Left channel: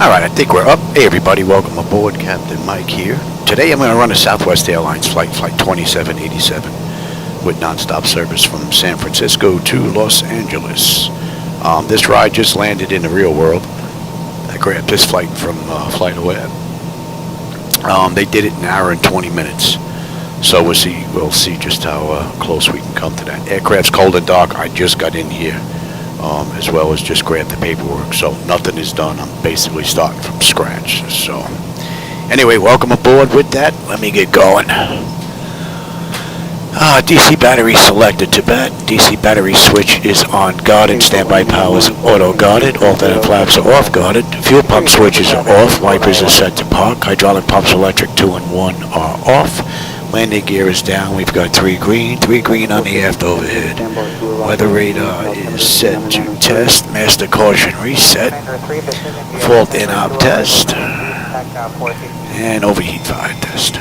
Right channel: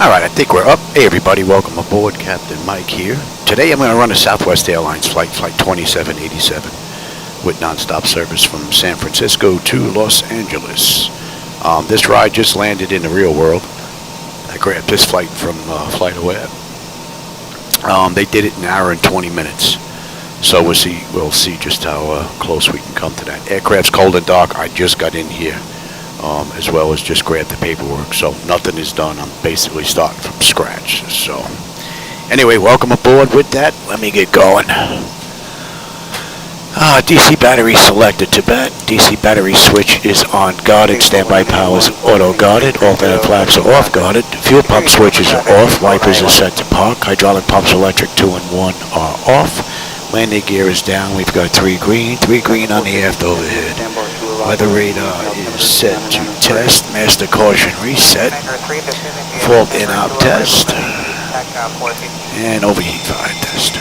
Alright, I think we're up. Hey everybody, welcome aboard. Captain Mike here. Today I'm going to run a Southwest Airlines flight 2787 with nonstop service from San Francisco to Los Angeles. This ride just landed in the real world. I grabbed this flight from Flightdeck. They did it in an hour and 20 minutes. So we'll see just how close we can come to that. Aircraft's cold and dark. I just got in here. As well as just grab the paperwork, so nothing is done. I'm basically starting from scratch. So anyway, welcome aboard. With that, let me get going. DC battery selected to bat. DC battery switch is on guarded. Standby power is auto guarded. Alternate flaps are off guarded. Fuel pump switches are off. Wipers are set to park. Hydraulic pumps electric 2 and 1 are off. Landing gear is down. We've got 3 green on the aft overhead. Weather radar is set to test. Master caution reset. Fault in-op test. And overheat fire test.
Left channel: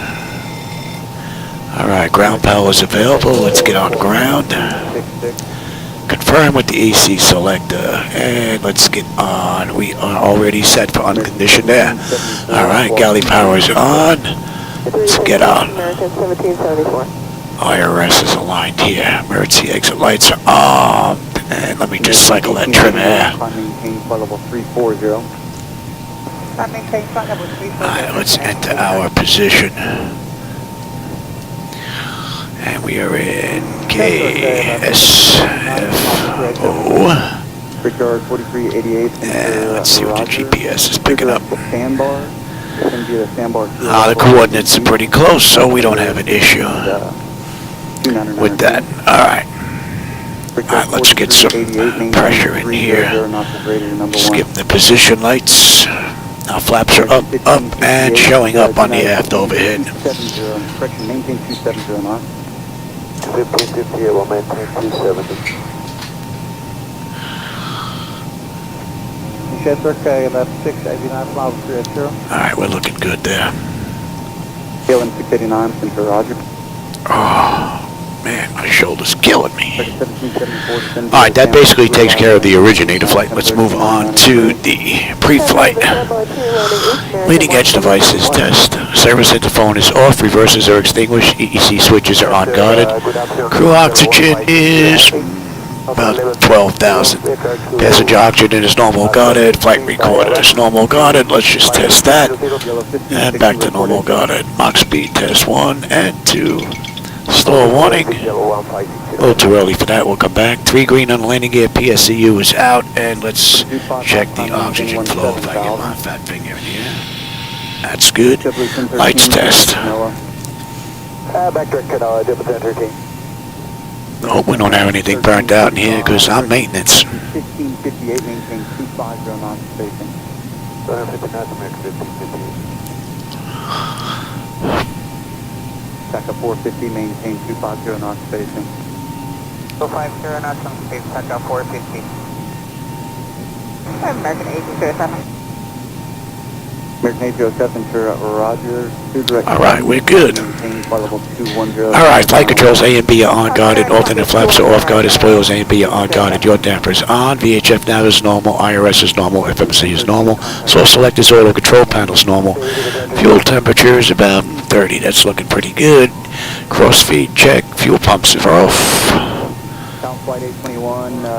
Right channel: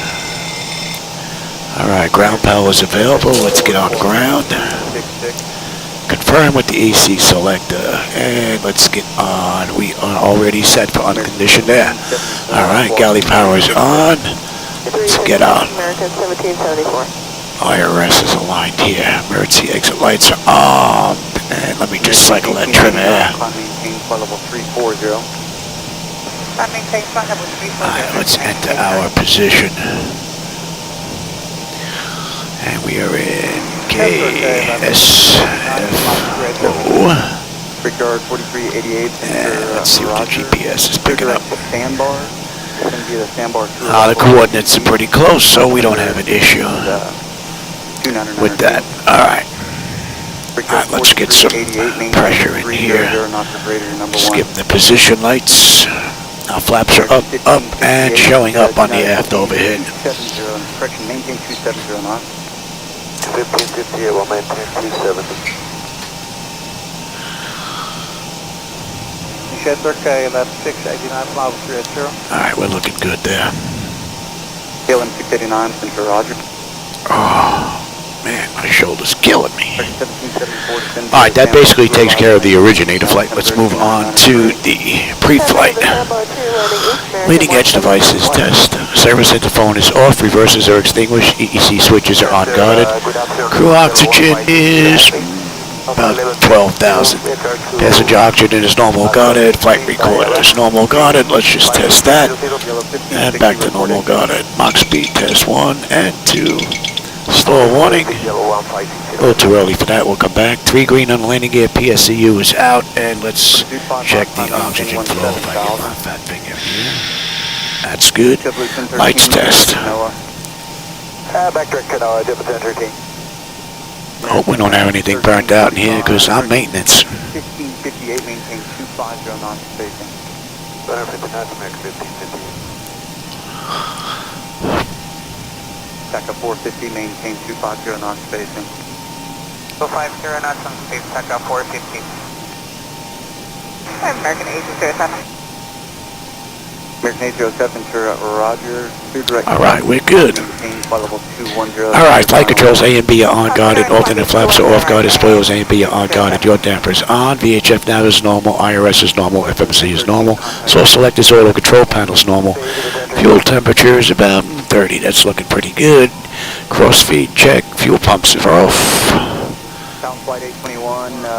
Alright, ground power is available. Let's get on ground. Confirm with the AC selector. And let's get on. We are already set for unconditioned there. Alright, galley power is on. Let's get on. IRS is aligned here. Emergency exit lights are on. And let me just cycle that trim air. Alright, let's enter our position. And we are in KSFO. And let's see what the GPS is picking up. The coordinates are pretty close, so we don't have an issue with that. Alright, let's get some pressure in here. Skip the position lights. Now flaps are up, and showing up on the aft overhead. Alright, we're looking good there. Oh, man, my shoulder's killing me. Alright, that basically takes care of the originator flight. Let's move on to the pre-flight. Leading edge devices test. Service interphone is off. Reversers are extinguished. EEC switches are unguarded. Crew oxygen is about 12,000. Passenger oxygen is normal guarded. Flight recorder is normal guarded. Let's just test that. And back to normal guarded. Mach speed test 1 and 2. Stall warning. A little too early for that. We'll come back. 3 green on the landing gear. PSCU is out. And let's check the oxygen flow if I get my fat finger in here. That's good. Lights test. I hope we don't have anything burnt out in here because I'm maintenance. Sector 450, maintain 250 knots station. 250 knots on space, Sector 450. American 807. American 807, sir, Roger. Alright, we're good. Alright, flight controls A and B are on guarded. Alternate flaps are off guarded. Spoilers A and B are on guarded. Your damper is on. VHF nav is normal. IRS is normal. FMC is normal. Source select is auto. Control panel is normal. Fuel temperature is about 30. That's looking pretty good. Cross feed check. Fuel pumps are off.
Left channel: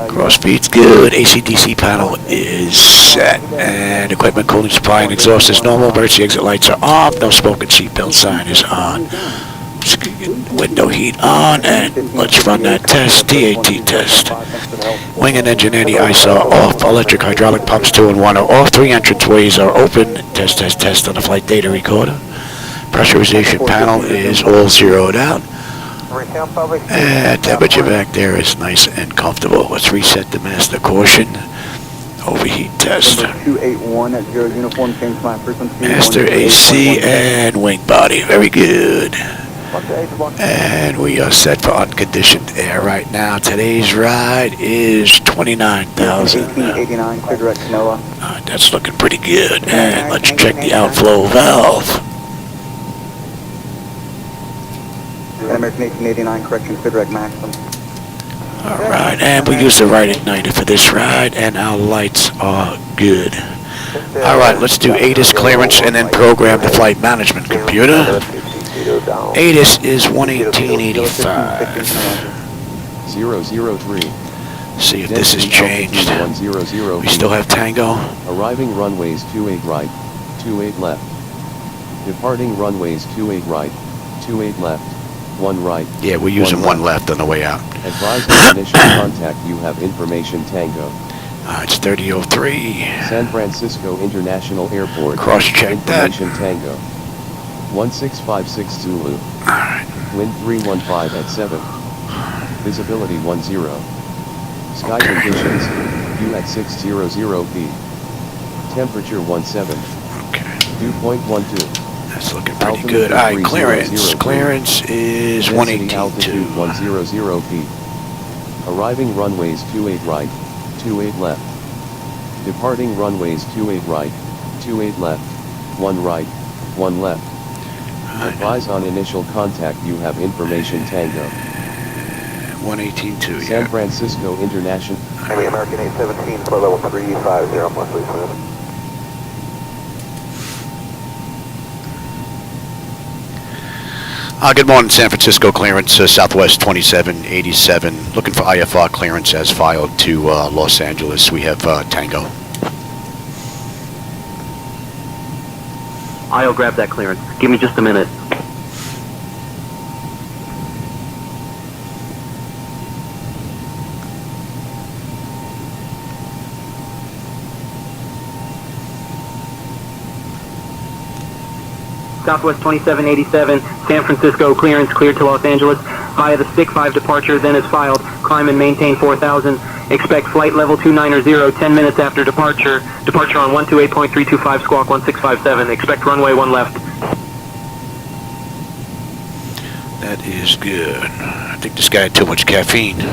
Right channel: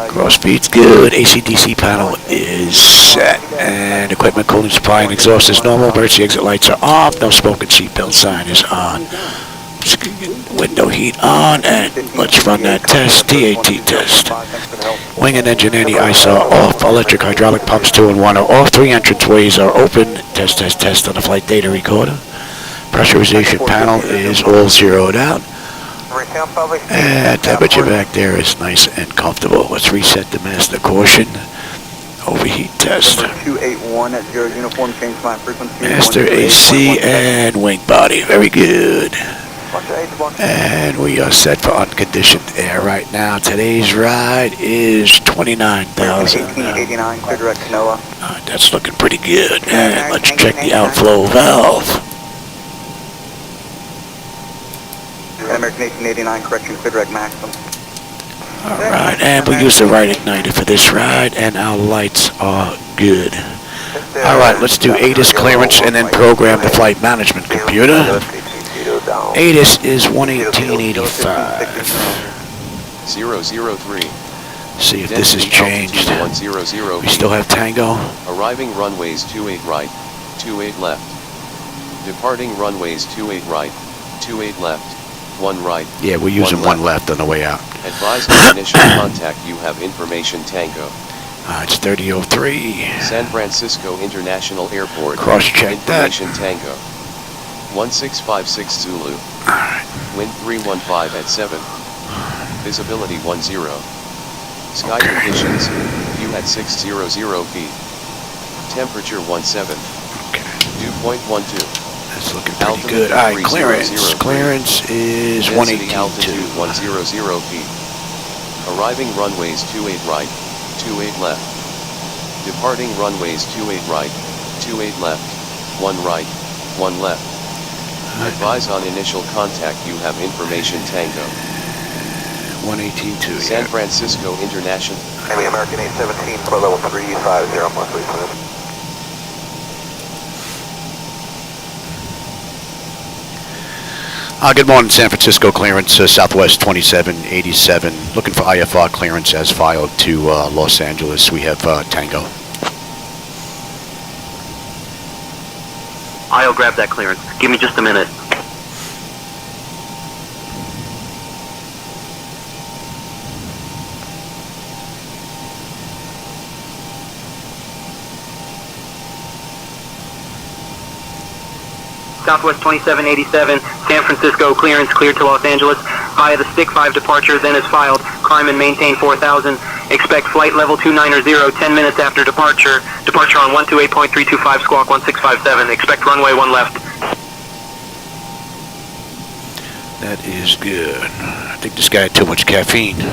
Cross feed's good. AC/DC panel is set. And equipment cooling supply and exhaust is normal. Emergency exit lights are off. No smoke and seatbelt sign is on. Window heat on. And let's run that test. TAT test. Wing and engine anti-ISO off. Electric hydraulic pumps 2 and 1 are off. 3 entranceways are open. Test on the flight data recorder. Pressurization panel is all zeroed out. And temperature back there is nice and comfortable. Let's reset the master caution. Overheat test. Master AC and wing body. Very good. And we are set for unconditioned air right now. Today's ride is 29,000. That's looking pretty good. And let's check the outflow valve. American 1889, correction, Flightdeck maximum. Alright, and we use the right igniter for this ride, and our lights are good. All right, let's do ATIS clearance and then program the flight management computer. ATIS is 11885. 003. See if this has changed. We still have Tango. Arriving runways 28 right, 28 left. Departing runways 28 right, 28 left, 1 right. Yeah, we're using one left on the way out. Advise on initial contact you have information Tango. It's 3003. San Francisco International Airport. Cross-check that. Information Tango. 1656 Zulu. Alright. Wind 315 at 7. Visibility 10. Sky Okay. conditions, view at 600 feet. Temperature 17. Okay. Dew point 12. That's looking pretty good. Alright, clearance. Clearance is 118.2. 100 feet. Arriving runways 28 right, 28 left. Departing runways 28 right, 28 left, 1 right, 1 left. Advise on initial contact you have information Tango. 118.2, San yeah. Francisco International. American 817 for level 350 plus 3. Good morning, San Francisco clearance, Southwest 2787. Looking for IFR clearance as filed to Los Angeles. We have Tango. I'll grab that clearance. Give me just a minute. Southwest 2787, San Francisco clearance cleared to Los Angeles via the stick 5 departure, then is filed. Climb and maintain 4000. Expect flight level 290, 10 minutes after departure. Departure on 128.325, squawk 1657. Expect runway 1 left. That is good. I think this guy had too much caffeine.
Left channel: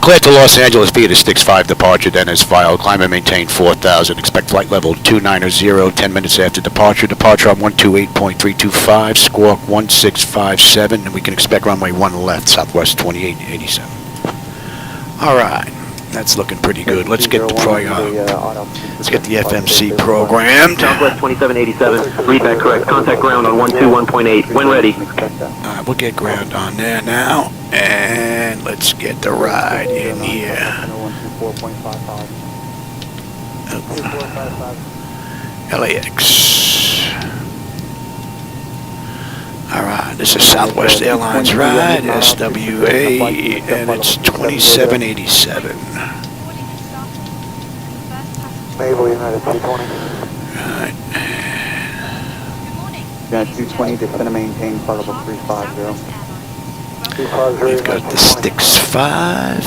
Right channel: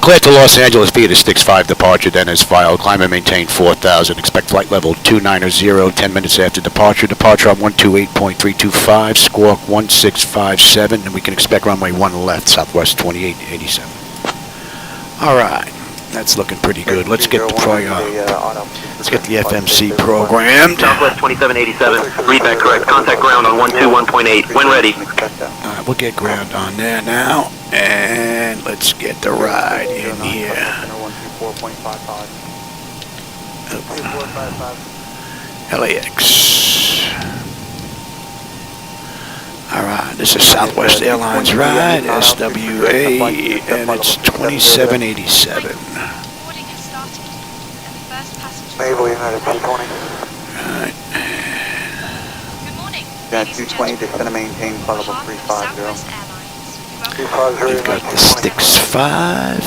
Cleared to Los Angeles via the Sticks 5 departure, then is filed. Climb and maintain 4000. Expect flight level 290, 10 minutes after departure. Departure on 128.325, squawk 1657, and we can expect runway 1 left, Southwest 2887. Alright, that's looking pretty good. Let's get the FMC programmed. Southwest 2787, read that correct. Contact ground on 121.8. When ready. We'll get ground on there now, and let's get the ride in here. LAX. Alright, this is Southwest Airlines ride, SWA, and it's 2787. Naval United 220. Alright. Got 220, just gonna maintain flight level 350. We've got the Sticks 5.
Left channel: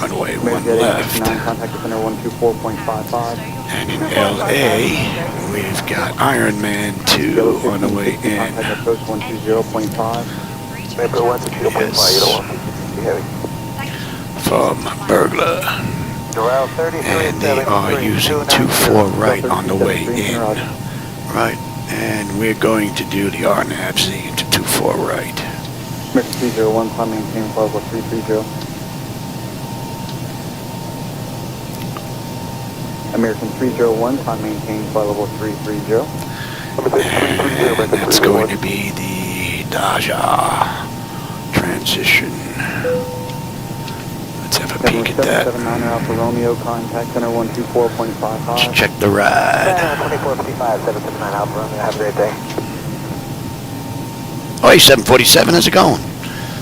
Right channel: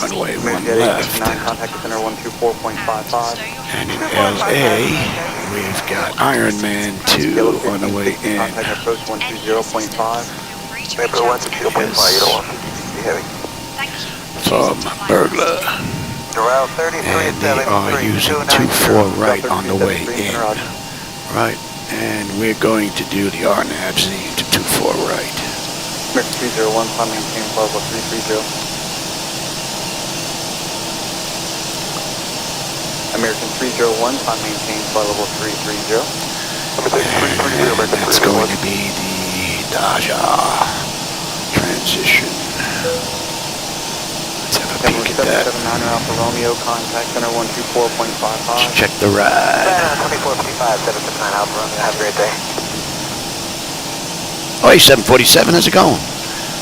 Runway 1 left. And in LA, we've got Ironman 2 on the way in. Yes. From Burglar. And they are using 24 right on the way in. Right. And we're going to do the RNAV-Z into 24 right. American 301, climb maintain flight level 330. American 301, climb maintain flight level 330. And that's going to be the Daja transition. Let's have a peek at that. Let's check the ride. Oh, hey, 747, how's it going?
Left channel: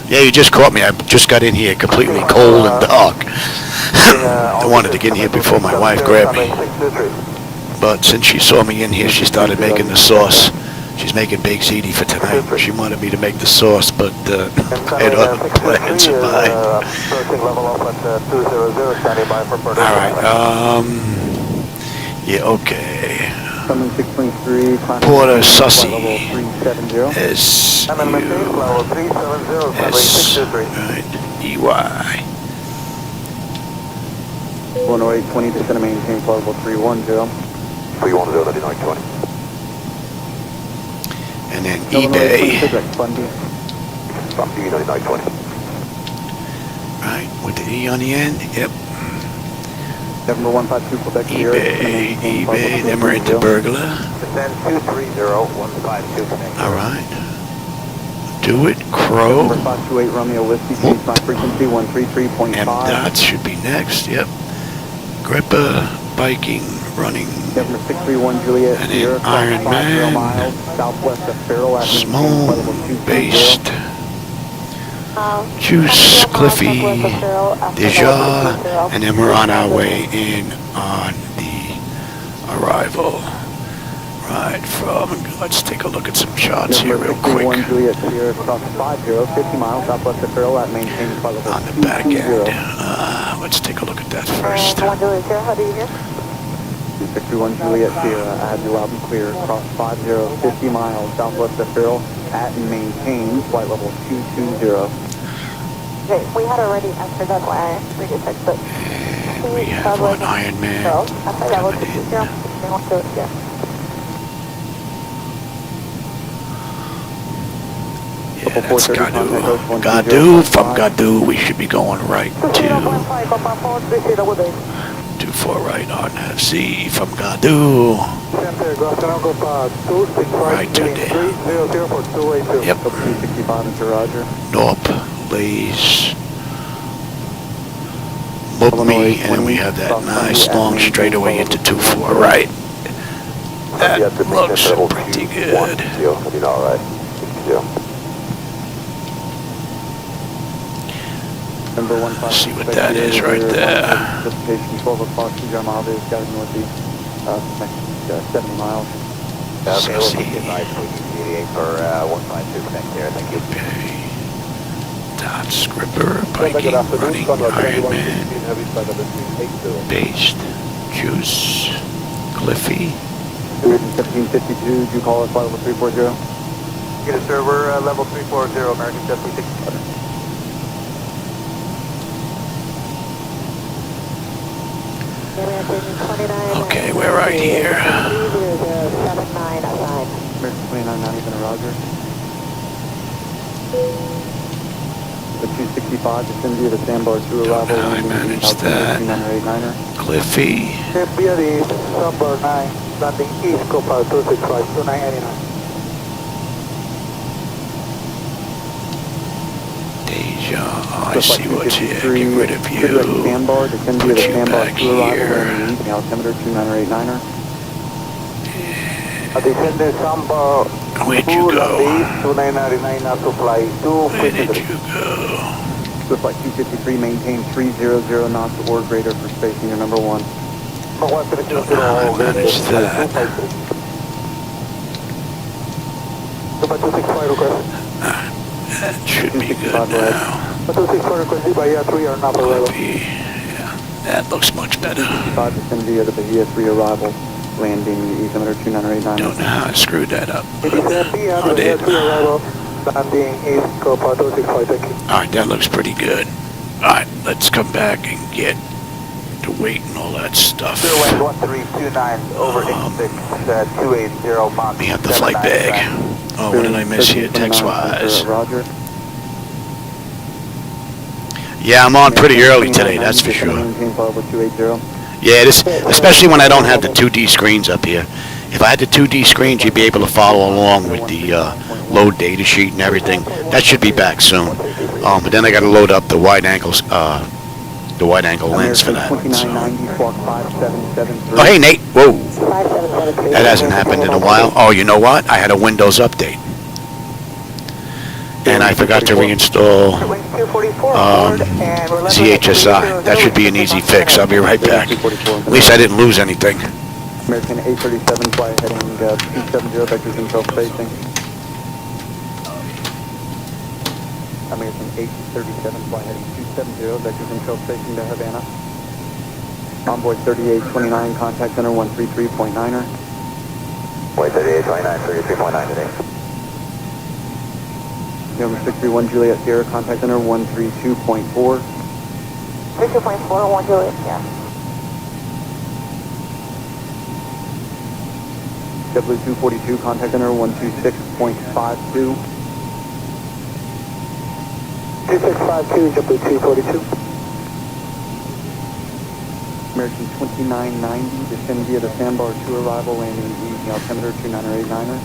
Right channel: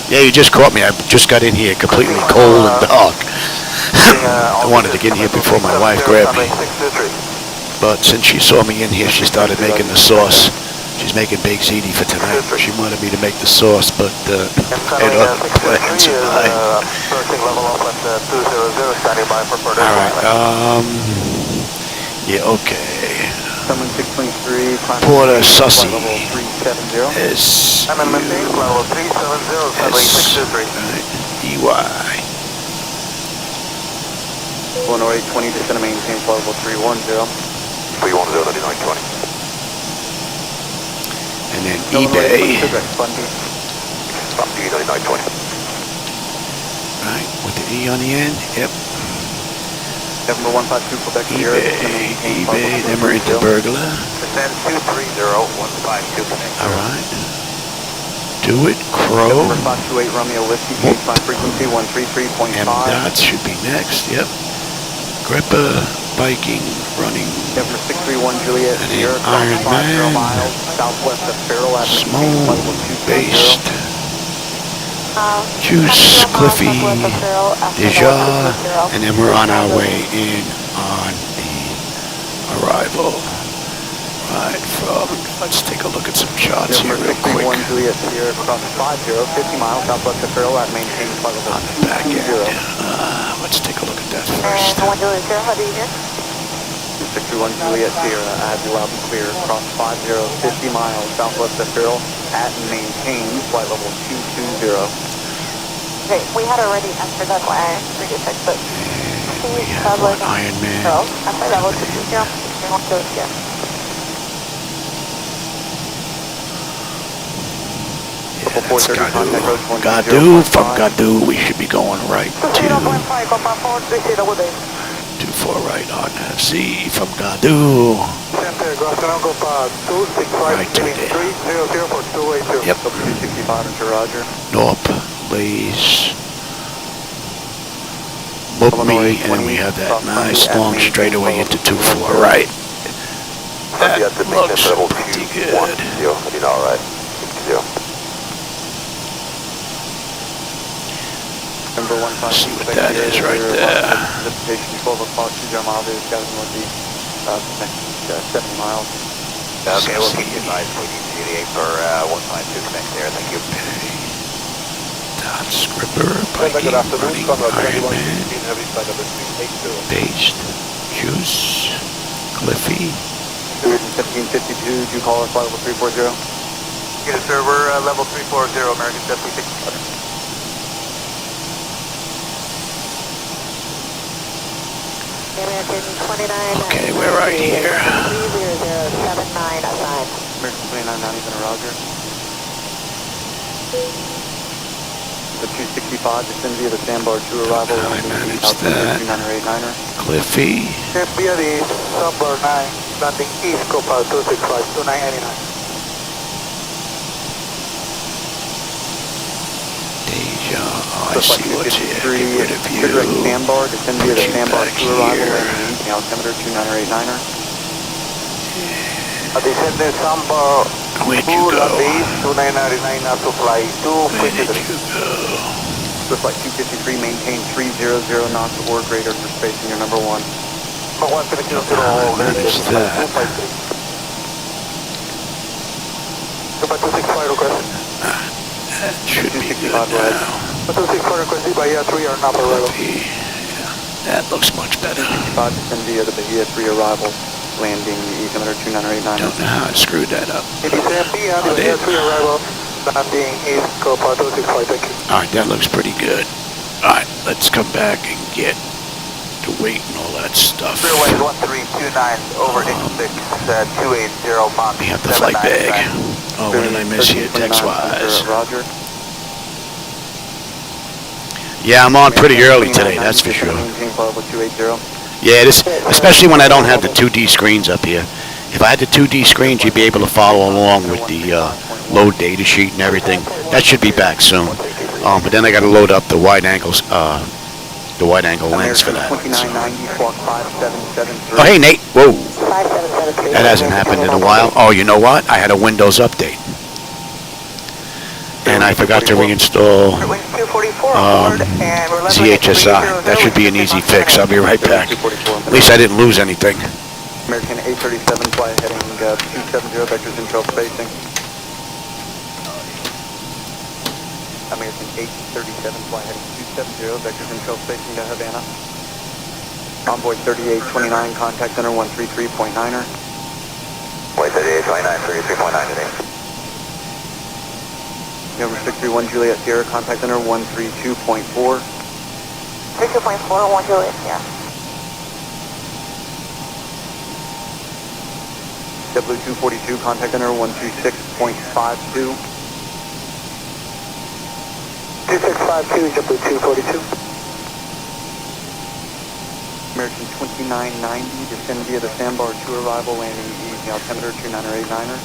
Yeah, you just caught me. I just got in here completely cold and dark. I wanted to get in here before my wife grabbed me. But since she saw me in here, she started making the sauce. She's making baked ziti for tonight. She wanted me to make the sauce, but I had other plans in mind. Alright, yeah, okay. Porter Sussy. S-U-S, right, E-Y. 10820, just gonna maintain flight level 310. 310, 3920. And then eBay. Right, with the E on the end, yep. November 152 Quebec eBay, then we're into burglar. Descend 230, 152. Alright. Do it, Crow. 528 Romeo Whiskey, change my frequency 133.5. M dots should be next, yep. Gripper, biking, running, November 631 Juliet, and then Sierra, Iron 5 Man, miles, southwest of Farrell Avenue, Small, 220. Based, Juice, Cliffy, Deja, and then we're on our way in on the arrival. Right from, let's take a look at some shots here real quick. On the back end. Let's take a look at that first. 261 Juliet Sierra, add you loud and clear, cross 50, 50 miles southwest of Farrell, at and maintain flight level 220. Okay, we had already answered that why I fixed it. And we have one Iron Man coming in. Yeah, that's Gadu. Gadu, from Gadu, we should be going right to 24 right on Z from Gadu. Right to there. Yep. Norp, Lays, me, and then we have that nice long straightaway into 24 right. That looks pretty good. Let's see what that is right there. Okay. Dots, Gripper, biking, running, Iron Man, Based, Juice, Cliffy. 1752, did you call us level 340? Yes, sir, we're level 340, American 767. Okay, we're right here. The 265, descend via the sandbar to Don't arrival. know how I managed that. Cliffy. Descend via the sandbar 9, landing east, Copilot 265, 2999. Deja, oh, I see what's here. Get rid of you. Put you back here. Where'd you go? Where did you go? Looks like 253, maintain 300 knots or greater for spacing your number 1. Don't know how I managed that. That should be good now. Clippy, yeah, that looks much better. Don't know how I screwed that up, but I did. Alright, that looks pretty good. Alright, let's come back and get the weight and all that stuff. We have the flight bag. Oh, what did I miss here, text-wise? Yeah, I'm on pretty early today, that's for sure. Yeah, this, especially when I don't have the 2D screens up here. If I had the 2D screens, you'd be able to follow along with the load data sheet and everything. That should be back soon. But then I got to load up the wide angles, the wide angle lens for that. So. Oh, hey, Nate. Whoa. That hasn't happened in a while. Oh, you know what? I had a Windows update. And I forgot to reinstall ZHSI. That should be an easy fix. I'll be right back. At least I didn't lose anything. American 837 fly heading 270 vectors control spacing. American 837 fly heading 270 vector control spacing to Havana. Envoy 3829, contact center 133.9er. Wait, 3829, 33.9 today. Number 631 Juliet Sierra, contact center 132.4. 32.4, 1 Juliet, yeah. W242, contact center 126.52. 2652, W242. American 2990, descend via the Sandbar 2 arrival, landing east, altimeter 29089er.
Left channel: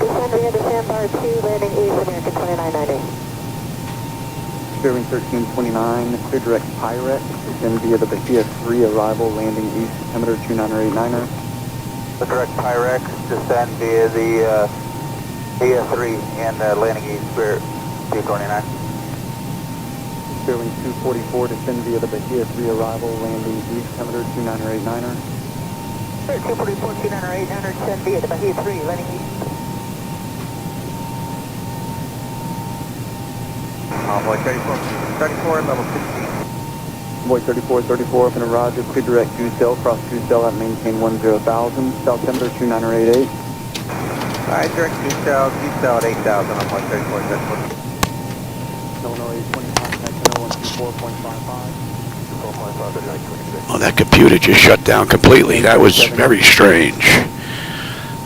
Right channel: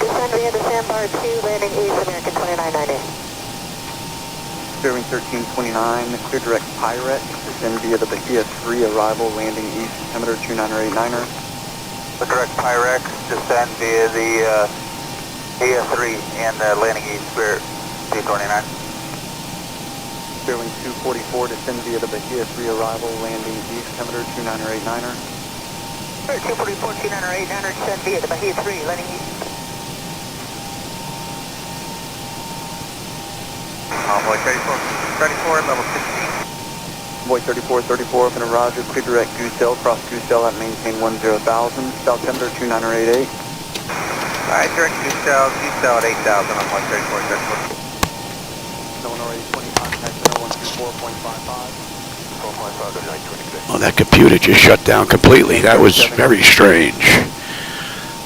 Descend via the Sandbar 2, landing east, American 2990. Clearing 1329, clear direct Pirate, descend via the Bahia 3 arrival, landing east, altimeter 29089er. The direct Pyrex, descend via the AS3 and landing east, Spirit C29. Clearing 244, descend via the Bahia 3 arrival, landing east, altimeter 29089er. 244, 29089er, descend via the Bahia 3, landing east. Envoy 34, level 16. Envoy 3434 up in a Roger, clear direct 2 cell, cross 2 cell at maintain 10,000, south altimeter 29088. Alright, direct 2 cell at 8,000 on 134, 34. Well, that computer just shut down completely. That was very strange.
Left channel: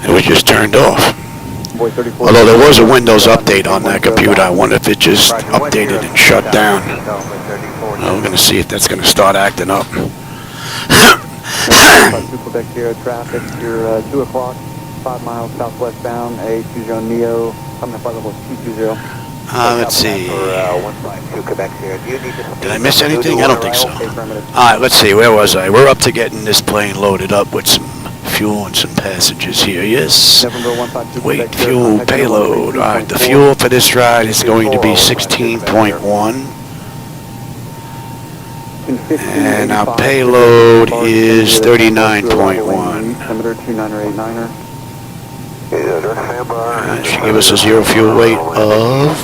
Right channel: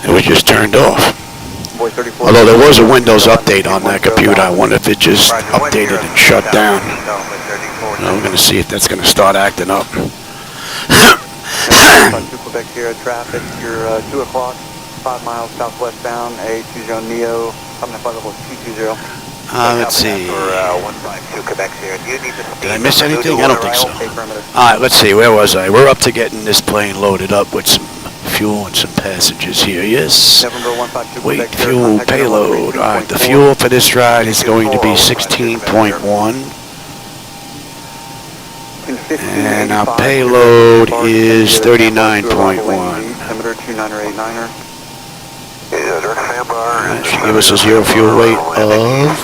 It was just turned off. Although there was a Windows update on that computer, I wonder if it just updated and shut down. Well, we're going to see if that's going to start acting up. Quebec Sierra traffic, you're 2 o'clock, 5 miles southwest bound, A20 Neo, coming up by level 220. Let's see. 152 Quebec Sierra. Did I miss anything? I don't think so. Alright, let's see. Where was I? We're up to getting this plane loaded up with some fuel and some passengers here. Yes. Weight, fuel, payload. Alright, the fuel for this ride is going to be 16.1. And our payload is 39.1. Should give us a zero fuel weight of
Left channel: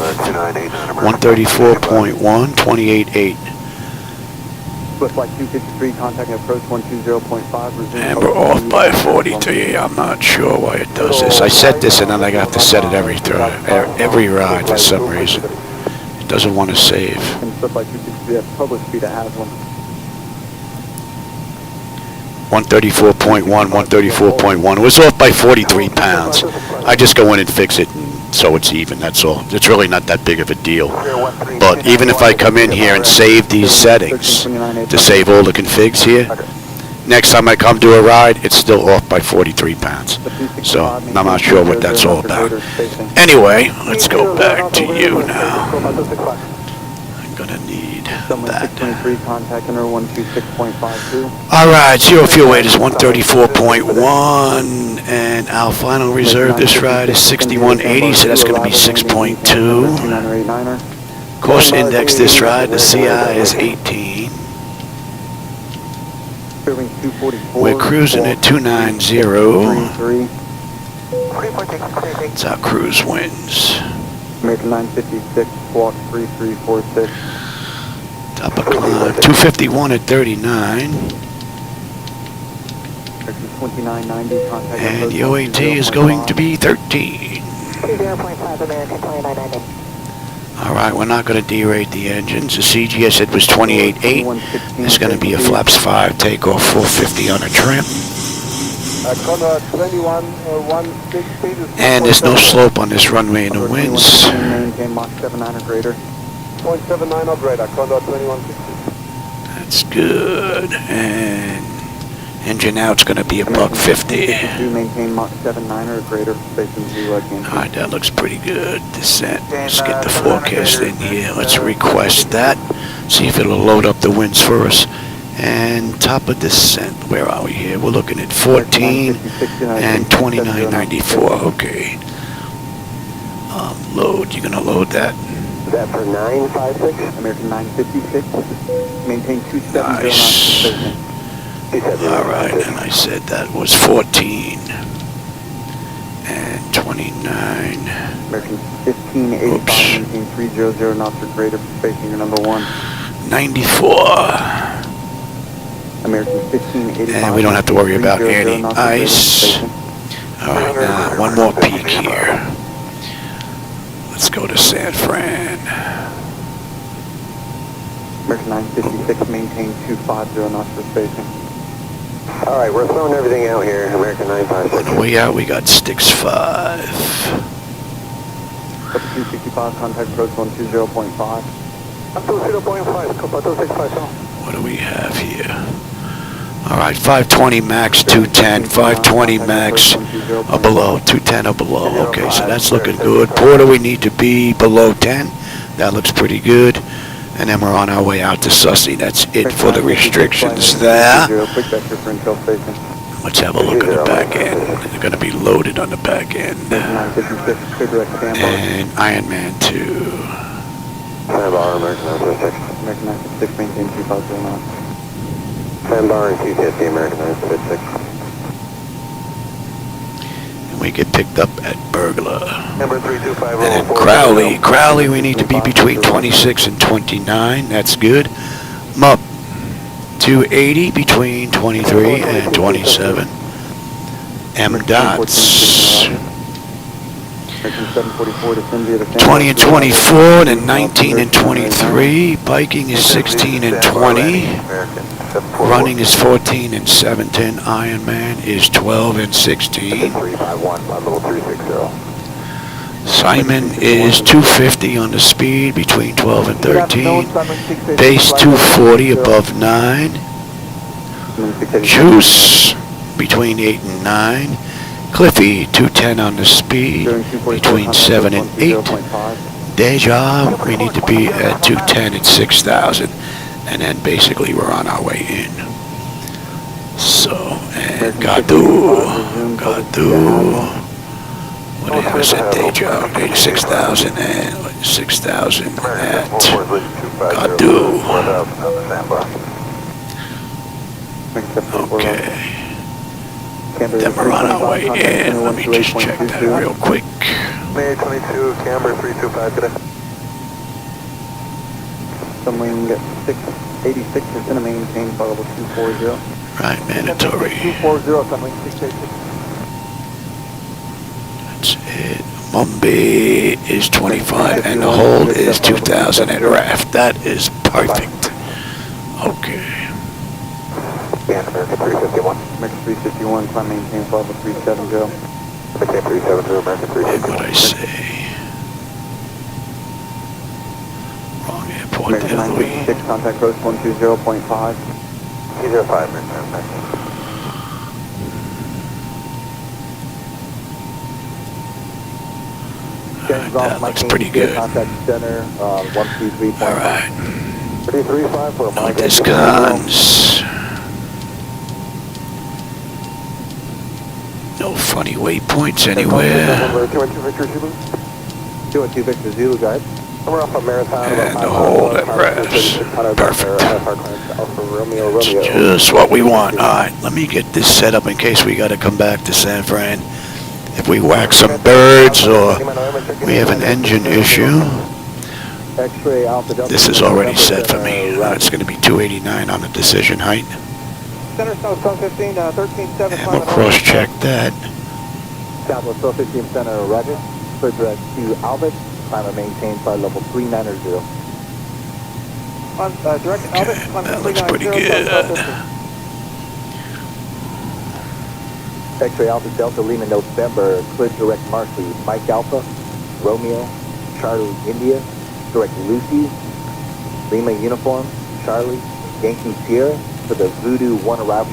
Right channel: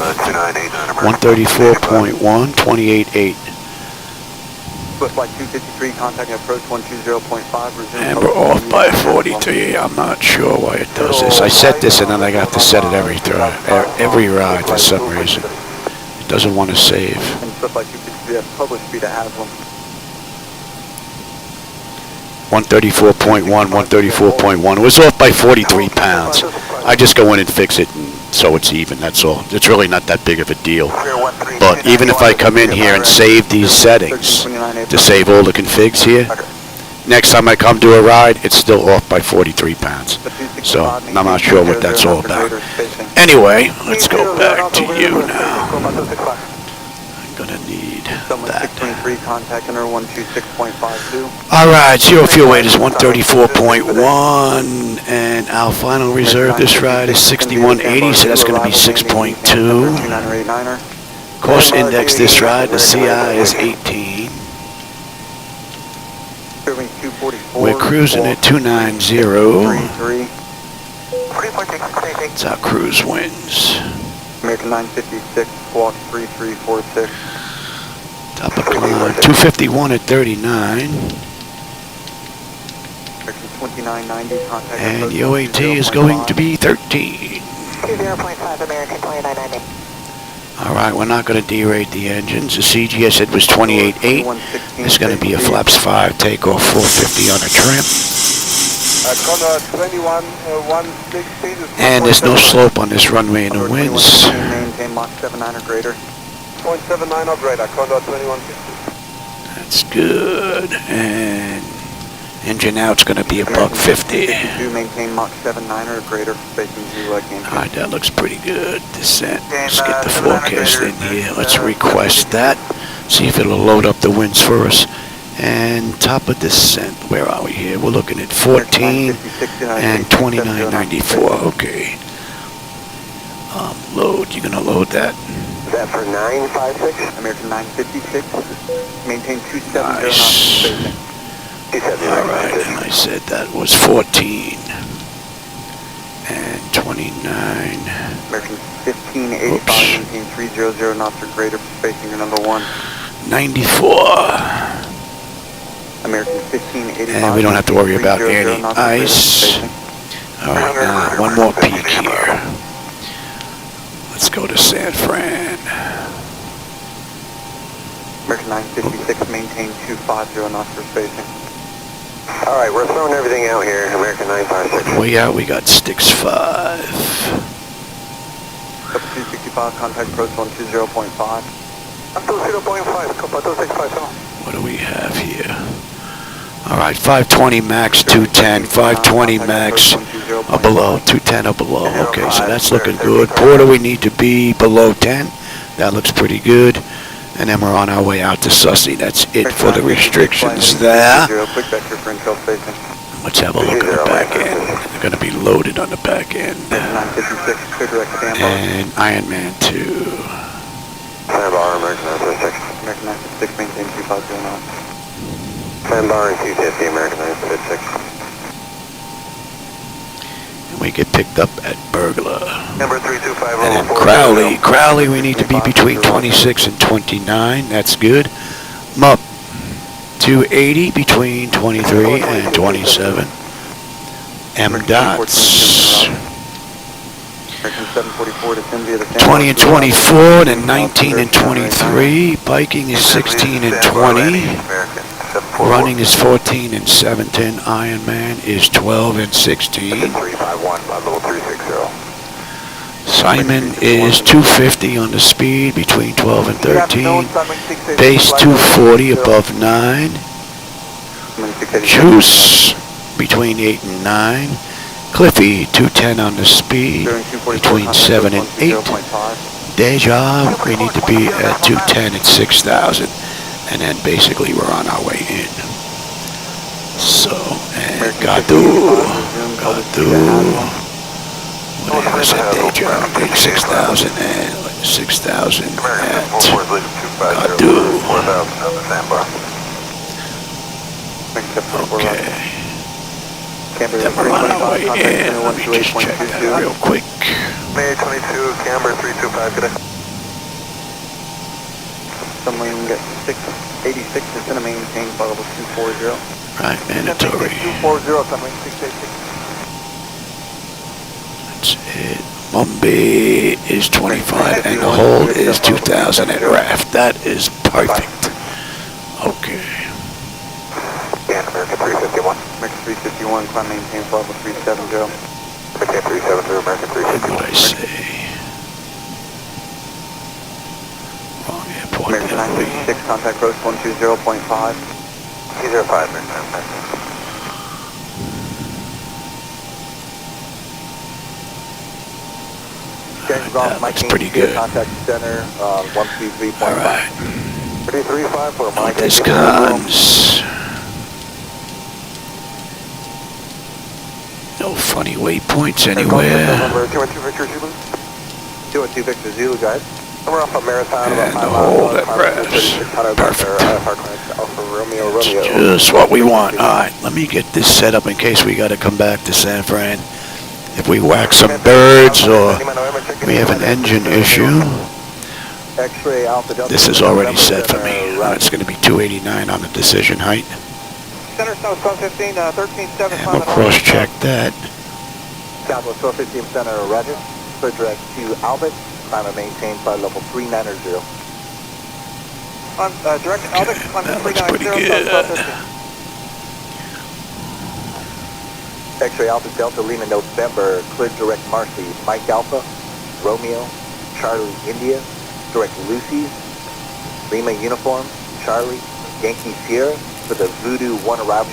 134.1, 28.8. And we're off by 43. I'm not sure why it does this. I set this and then I have to set it every ride for some reason. It doesn't want to save. 134.1, 134.1. It was off by 43 pounds. I just go in and fix it, and so it's even, that's all. It's really not that big of a deal. But even if I come in here and save these settings, to save all the configs here, next time I come to a ride, it's still off by 43 pounds. So I'm not sure what that's all about. Anyway, let's go back to you now. I'm gonna need that. Alright, zero fuel weight is 134.1, and our final reserve this ride is 6180, so that's going to be 6.2. Course index this ride, the CI is 18. We're cruising at 290. It's our cruise winds. American 956, squawk 3346. Top of climb, 251 at 39. And the OAT is going to be 13. Alright, we're not going to derate the engines. The CG I said was 28.8. It's going to be a flaps 5 takeoff, 450 on a trim. And there's no slope on this runway in the winds. That's good. And engine out's going to be $150. Alright, that looks pretty good. Descent. Let's get the forecast in here. Let's request that. See if it'll load up the winds for us. And top of descent, where are we here? We're looking at 14 and 29.94. Okay. Load. You're gonna load that. That for 956? American 956. Maintain 270. Nice. All right, and I said that was 14 and 29. American 1585. Oops. Maintain 300 knots or greater, spacing your number 1. 94. American 1585. And we don't have to worry about any ice. All right, now one more peak here. Let's go to San Fran. American 956, maintain 250 knots for spacing. All right, we're throwing everything out here. American 956. On the way out, we got sticks 5. 265, contact approach 120.5. What do we have here? All right, 520 max, 210, 520 max or below, 210 or below. Okay, so that's looking good. Porter, we need to be below 10. That looks pretty good. And then we're on our way out to Sussy. That's it for the restrictions there. Let's have a look at the back end. They're going to be loaded on the back end. And Ironman 2. And we get picked up at Burglar. And then Crowley. Crowley, we need to be between 26 and 29. That's good. Mup. 280 between 23 and 27. M dots. 20 and 24, then 19 and 23. Biking is 16 and 20. Running is 14 and 17. Ironman is 12 and 16. Simon is 250 on the speed between 12 and 13. Base 240 above 9. Juice between 8 and 9. Cliffy 210 on the speed between 7 and 8. Deja, we need to be at 210 at 6,000. And then basically we're on our way in. So, and Gadu. What do I have? I said Deja. 6,000 and 6,000 at Gadu. Okay. Then we're on our way in. Let me just check that real quick. May 22, camber 325 today. Sunwing 686 is going to maintain level 240. Right, mandatory. 240, Sunwing 686. That's it. Mumbai is 25 and the hold is 2,000 at RAF. That is perfect. Okay. American 351. American 351, climb maintain level 370. Okay, 370, American 351. And what I say? Wrong airport there, Louis. 6, contact approach 120.5. 205, Alright, that looks pretty good. Contact center, 123. Alright. 335 No discons. No funny waypoints anywhere. 212 Victor Zulu, guys. We're off of Marathon. And the hold at RAFs. Perfect. That's just what we want. Alright, let me get this set up in case we got to come back to San Fran. If we whack some birds or we have an engine issue. This is already set for me. It's going to be 289 on the decision height. Center South 1215, 13.7. And we'll cross-check that. Southwest 1215 Center, Roger. Clear direct to Albert. Climb and maintain flight level 390. Okay, that looks pretty good. X-ray Alpha Delta Lima November. Clear direct Marcy. Mike Alpha. Romeo. Charlie India. Direct Lucy. Lima Uniform. Charlie. Yankee Sierra. For the Voodoo 1 arrival.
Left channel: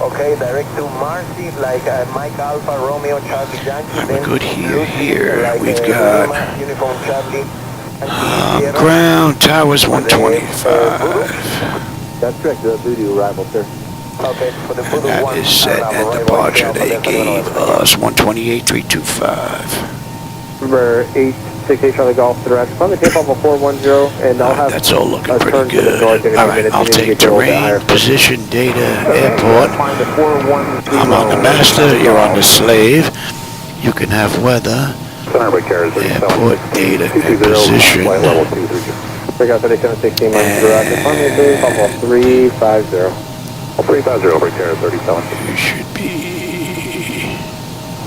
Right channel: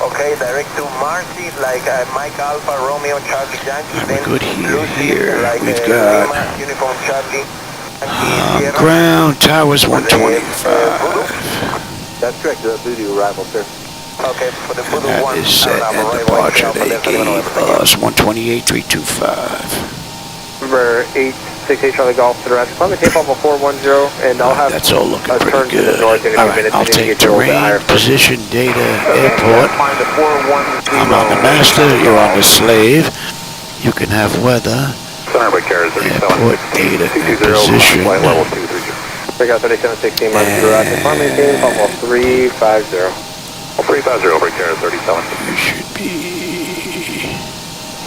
Okay, direct to Marcy, like Mike Alpha, Romeo, Charlie Yankee. Alright, we're good here. Like, We've got Uniform Charlie. ground towers 125. That's correct, the Voodoo arrival, sir. Okay, for the And that is set and departure. They gave us 128.325. Number 868 Charlie Golf to the rest. Climb and tape off a 410 and I'll have... That's all looking pretty good. Alright, I'll take terrain, position, data, airport. I'm on the master, you're on the slave. You can have weather, airport, data, and position. And 350. 350 over Carrier 37. you should be...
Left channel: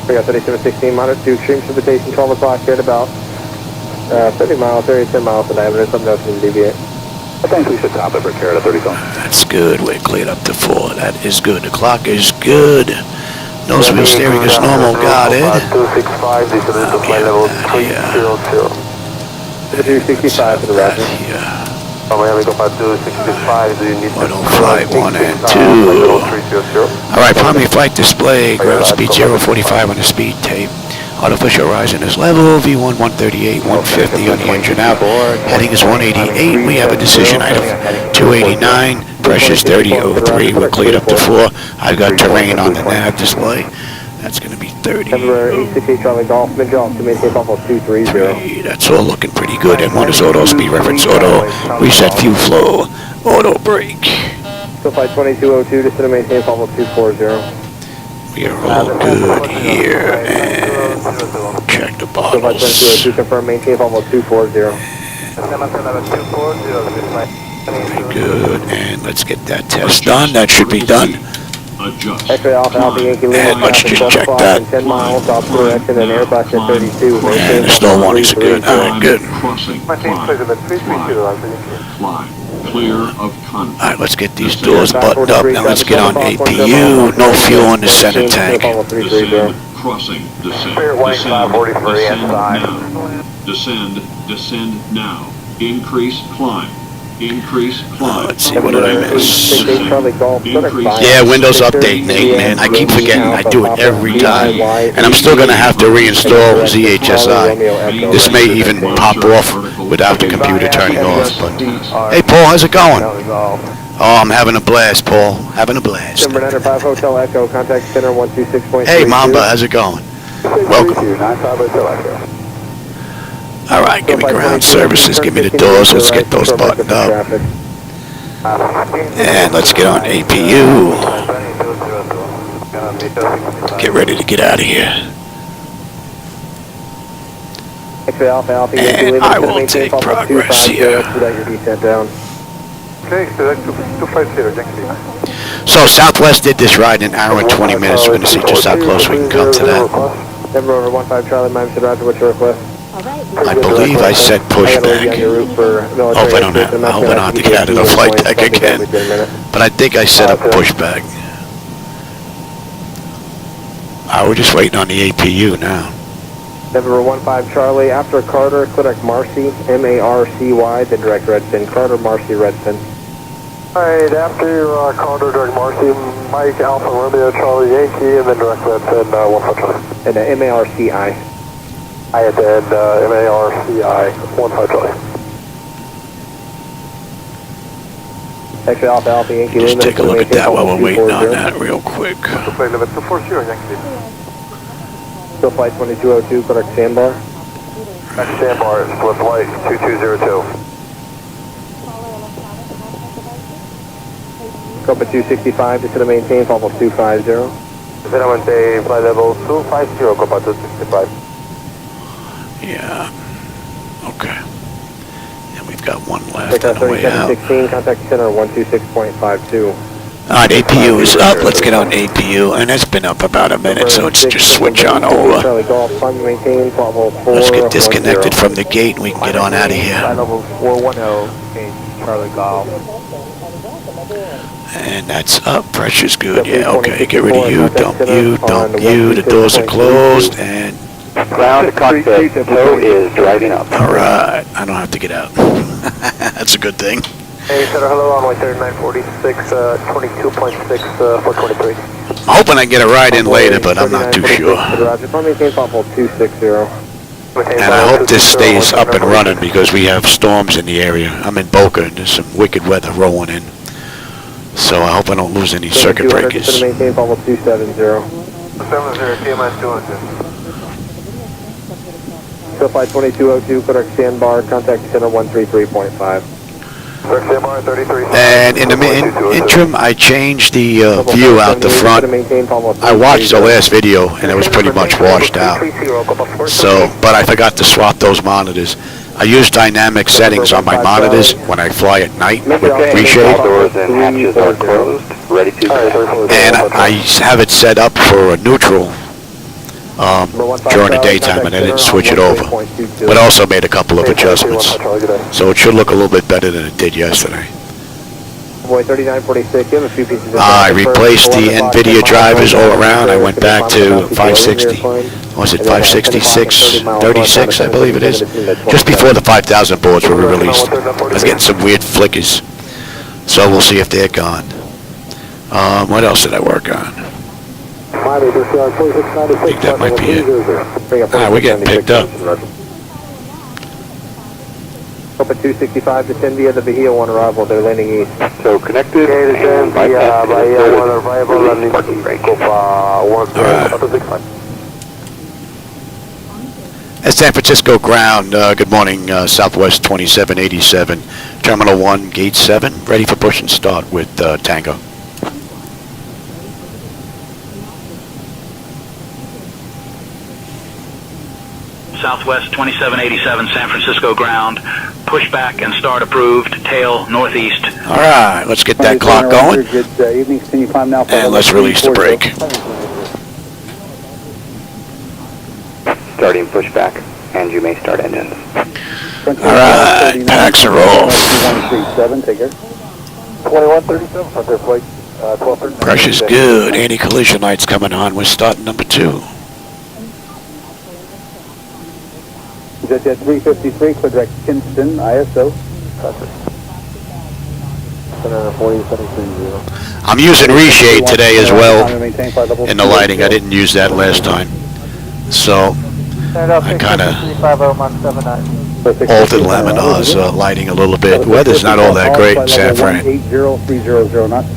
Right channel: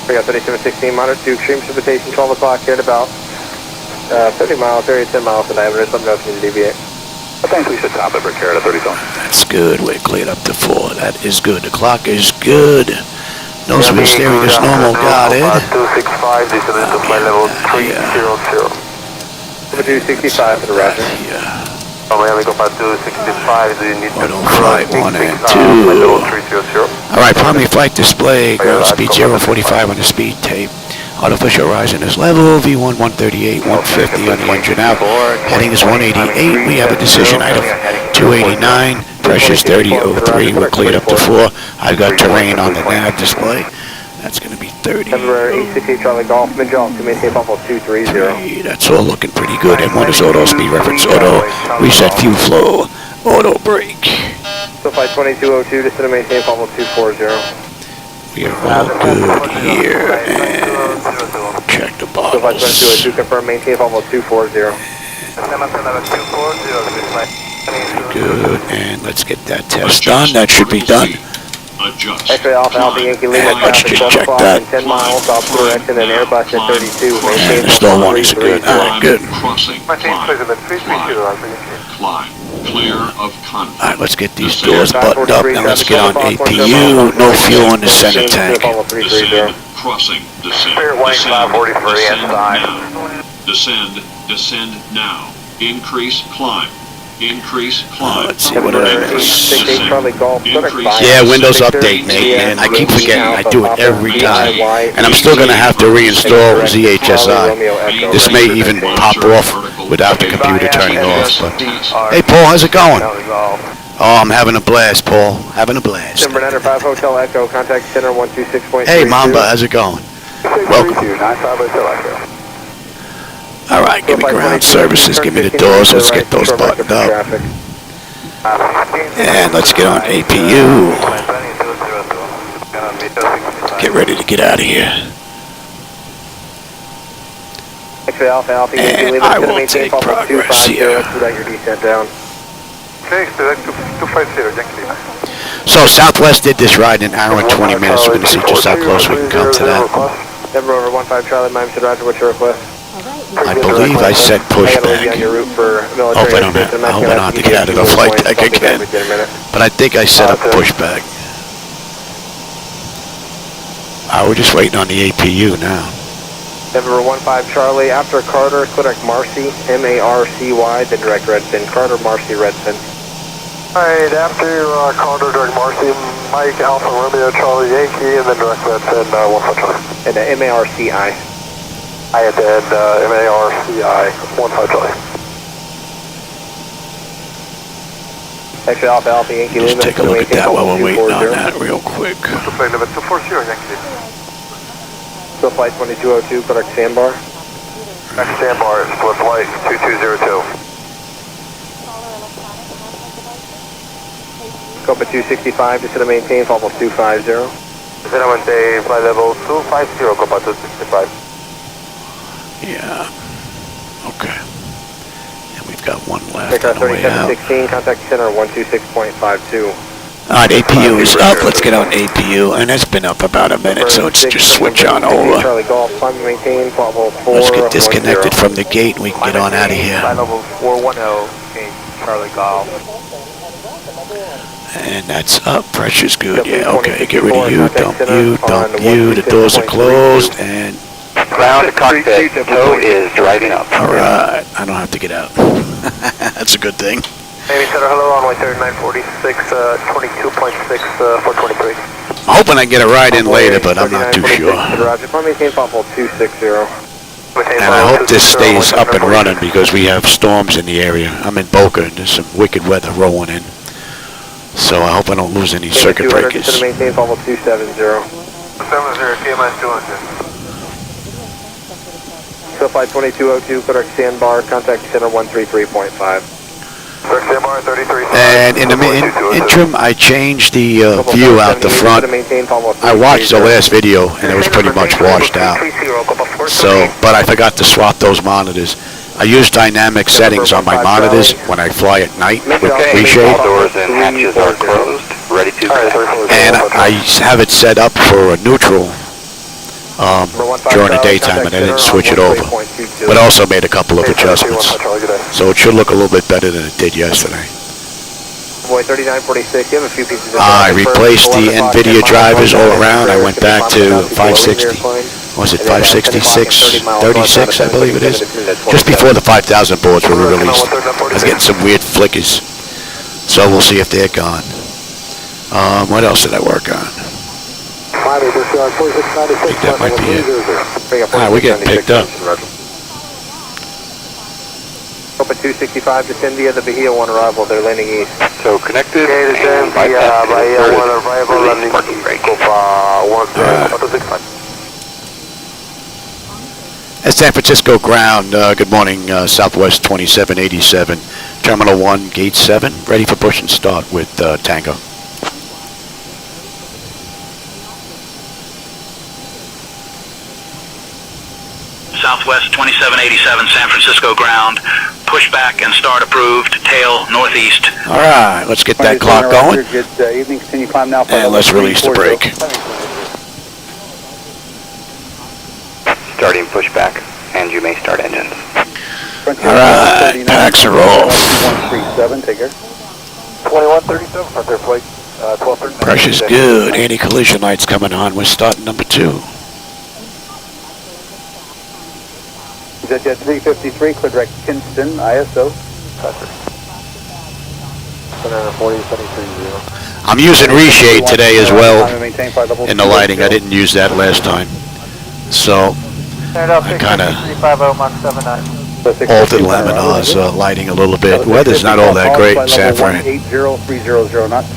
We got 3716 monitor to extreme precipitation, 12 o'clock at about 30 miles, area 10 miles in diameter, something else needs to deviate. I think we should top it for Carrier 37. That's good, we're cleared up to 4. That is good, the clock is good. Nose wheel steering is normal, got it. $265, this is Let me have that here. Let's have that here. Auto flight 1 and 2. Alright, primary flight display, ground speed 045 on the speed tape. Artificial horizon is level, V1 138, 150 on the engine out. Heading is 188, we have a decision item 289, pressure's 3003, we're cleared up to 4. I've got terrain on the nav display. That's going to be 30. That's all looking pretty good. And one is auto speed reference, auto reset fuel flow, auto brake. Flight 2202, descend and maintain level 240. We are all good here. And check the bottles. Confirm maintain level 240. Very good. And let's get that test done. That should be done. And let's just check that. And the stall warnings are good. Alright, good. Alright, let's get these doors buttoned up. Now let's get on APU. No fuel in the center tank. Descend now. Increase climb. Let's see, what did I miss? Yeah, Windows Update, Nate, man. I keep forgetting. I do it every time. And I'm still going to have to reinstall ZHSI. This may even pop off without the computer turning off. But hey, Paul, how's it going? Oh, I'm having a blast, Paul. Having a blast. Hey, Mamba, how's it going? Welcome. Alright, give me ground services, give me the doors, let's get those buttoned up. And let's get on APU. Get ready to get out of here. And I will take progress here. So Southwest did this ride in an hour and 20 minutes. We're going to see just how close we can come to that. I believe I said pushback. I hope I don't have to get out of the flight deck again. But I think I set up pushback. We're just waiting on the APU now. Denver 15 Charlie, after Carter, click Marcy, M-A-R-C-Y, then direct Redfin. Carter, Marcy, Redfin. Alright, after Carter, direct Marcy, Mike, Alpha, Romeo, Charlie, Yankee, and then direct Redfin, 15 Charlie. And M-A-R-C-I. I had to end M-A-R-C-I, 15 Charlie. Extra Alpha, Alpha, Yankee. Just take a look at that while we're waiting on that real quick. Flight number 240, Yankee. So flight 2202, correct sandbar. Sandbar, split flight 2202. Cockpit 265, descend to maintain, level 250. Then I want to say flight level 250, Cockpit 265. Yeah. Okay. And we've got one left on the way out. 16, contact center 126.52. Alright, APU is up. Let's get on APU. And it's been up about a minute, so it's just switch on over. Let's get disconnected from the gate and we can get on out of here. And that's up. Pressure's good. Yeah, okay. Get rid of you. Dump you. Dump you. The doors are closed and... Ground cockpit, flow is driving up. Alright, I don't have to get out. That's a good thing. Hey, Center, hello, runway 3946, 22.6, 423. I'm hoping I get a ride in later, but I'm not too sure. And I hope this stays up and running because we have storms in the area. I'm in Boca and there's some wicked weather rolling in. So I hope I don't lose any circuit breakers. So flight 2202, correct sandbar, contact center 133.5. And in the interim, I changed the view out the front. I watched the last video and it was pretty much washed out. So, but I forgot to swap those monitors. I use dynamic settings on my monitors when I fly at night with reshade. And I have it set up for a neutral during the daytime, and I didn't switch it over, but also made a couple of adjustments, so it should look a little bit better than it did yesterday. Boy 3946, you have a few pieces of I replaced the NVIDIA drivers all around. I went back to 560. Was it 566, 36, I believe it is? Just before the 5,000 boards were released. I was getting some weird flickers. So we'll see if they're gone. What else did I work on? I think that might be it. We're getting picked up. Open 265 to India, the Bahia 1 arrival, they're landing east. So connected and bypass arrival on the parking brake. All right. At San Francisco ground, good morning, Southwest 2787, Terminal 1, Gate 7, ready for push and start with Tango. Southwest 2787, San Francisco ground, pushback and start approved, tail northeast. All right, let's get that clock going, and let's release the brake. Starting pushback, and you may start engines. All right, packs are off. 2137, Pressure's good. Anti-collision lights coming on. We're starting number 2. ZJ 353, clear direct Kinston, ISO. I'm using reshade today as well in the lighting. I didn't use that last time. So I kind of altered Laminar's lighting a little bit. Weather's not all that great in San Fran. 180 knots.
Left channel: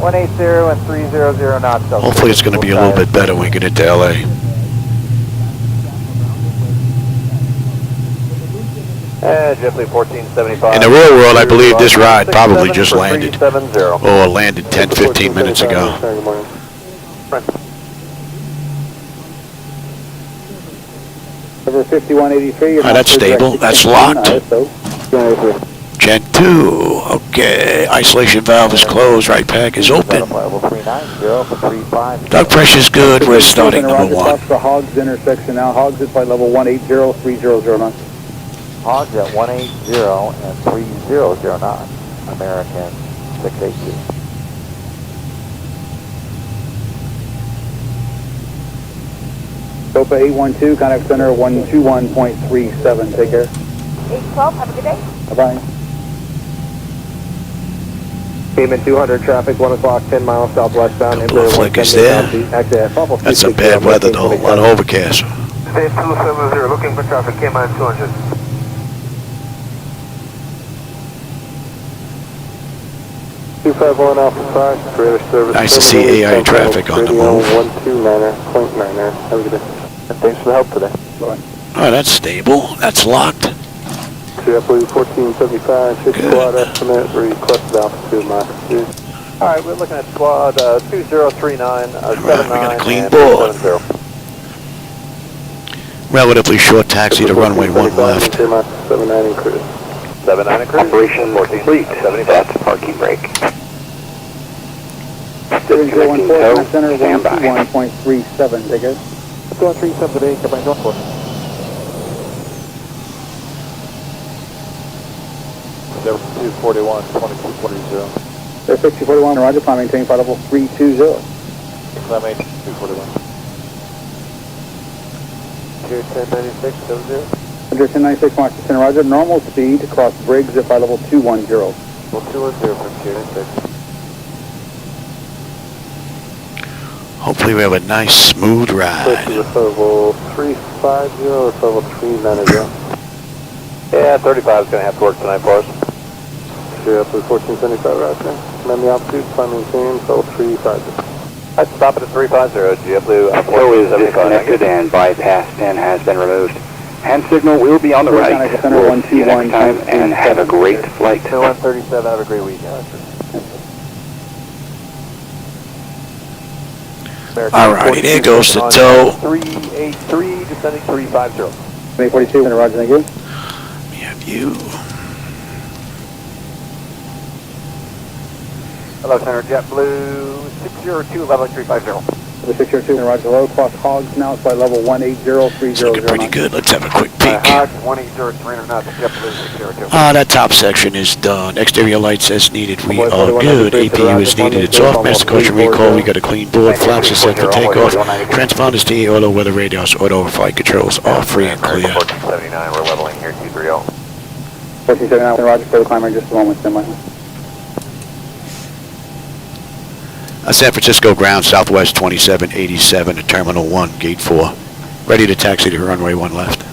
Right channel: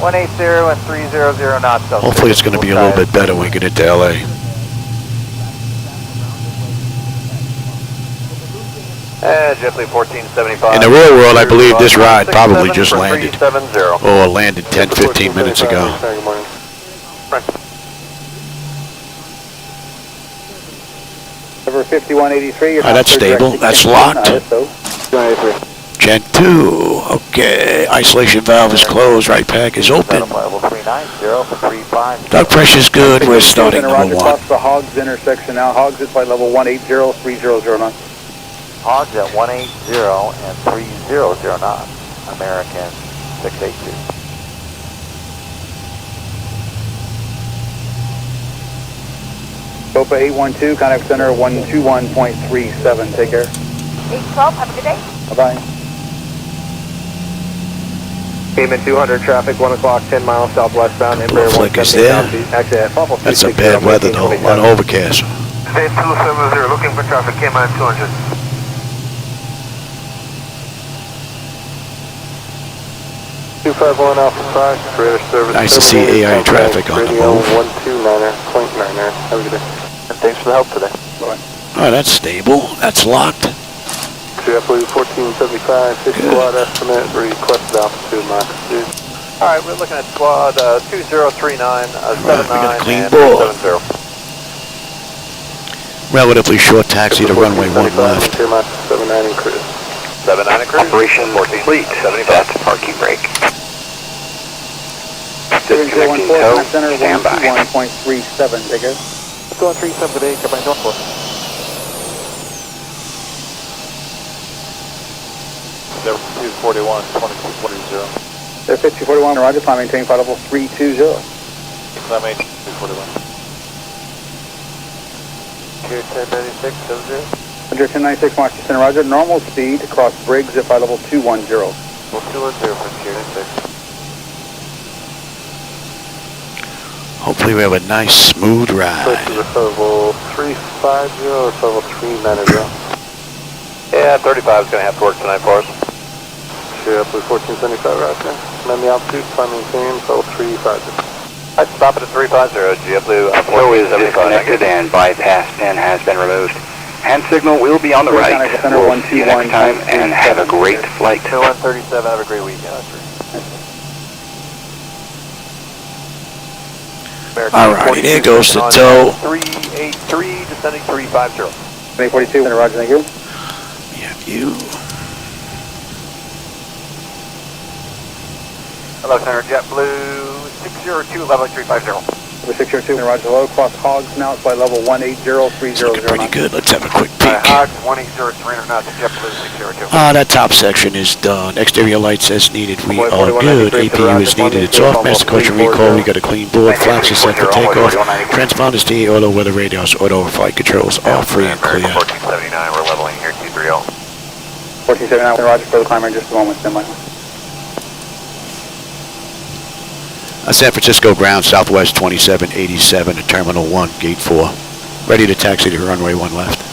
180 and 300 knots. Hopefully it's going to be a little bit better when we get into LA. JetBlue 1475. In the real world, I believe this ride probably just landed. Or landed 10, 15 minutes ago. Over 5183. All right, that's stable. That's locked. Gen 2. Okay. Isolation valve is closed. Right pack is open. Duct pressure's good. We're starting number 1. The Hogs intersection now. Hogs at flight level 180, 300 knots. Hogs at 180 and 300 knots. American 682. Delta 812, contact center 121.37. Take care. 812, have a good day. Bye-bye. Cayman 200 traffic, 1 o'clock, 10 miles southwestbound. Couple of flickers there. That's some bad weather though. A lot of overcast. State 270, looking for traffic, Cayman 200. Nice to see AI traffic on the move. Thanks for the help today. Oh, that's stable. That's locked. JetBlue 1475, 6 squad estimate, requested altitude Mach 2. Alright, we're looking at squad 2039. Alright, we got a clean board. Relatively short taxi to runway 1 left. 79 and cruise. 79 and cruise. Operation complete. 75 parking brake. 7014, contact center 121.37. Take care. Let's go on 37 today, come back Norfolk. Level 241, 2240. Air 5241, roger, climb maintain flight level 320. Climb maintain 241. Here, 1096, 70. Under 1096, Mark Center, roger, normal speed, across Briggs at flight level 210. 210 from Tier 96. Hopefully we have a nice smooth ride. Level 350 or level 390. Yeah, 35 is going to have to work tonight for us. JetBlue 1475 right there. Command the altitude, climb maintain, level 350. Alright, stop it at 350, JetBlue. Flow is disconnected and bypass pin has been removed. Hand signal will be on the right. We'll see you next time and have a great flight. 137, have a great weekend. Alrighty, there goes the tow. 383, descending 350. 342, roger, thank you. We have you. Hello, Center JetBlue 602, level 350. The 602, roger, low, cross hogs now, flight level 18030. It's looking pretty good. Let's have a quick peek. Hogs, 18030 knots, That top section is done. Exterior lights as needed. We are good. APU is needed. It's off. Master caution recall. We got a clean board. Flaps are set for takeoff. Transponders TA auto. Weather radios auto. Flight controls are free and clear. 1479, we're leveling here, 230. 1479, roger, for the climber, just a moment, stand by. San Francisco ground, Southwest 2787 to Terminal 1, Gate 4. Ready to taxi to runway 1 left.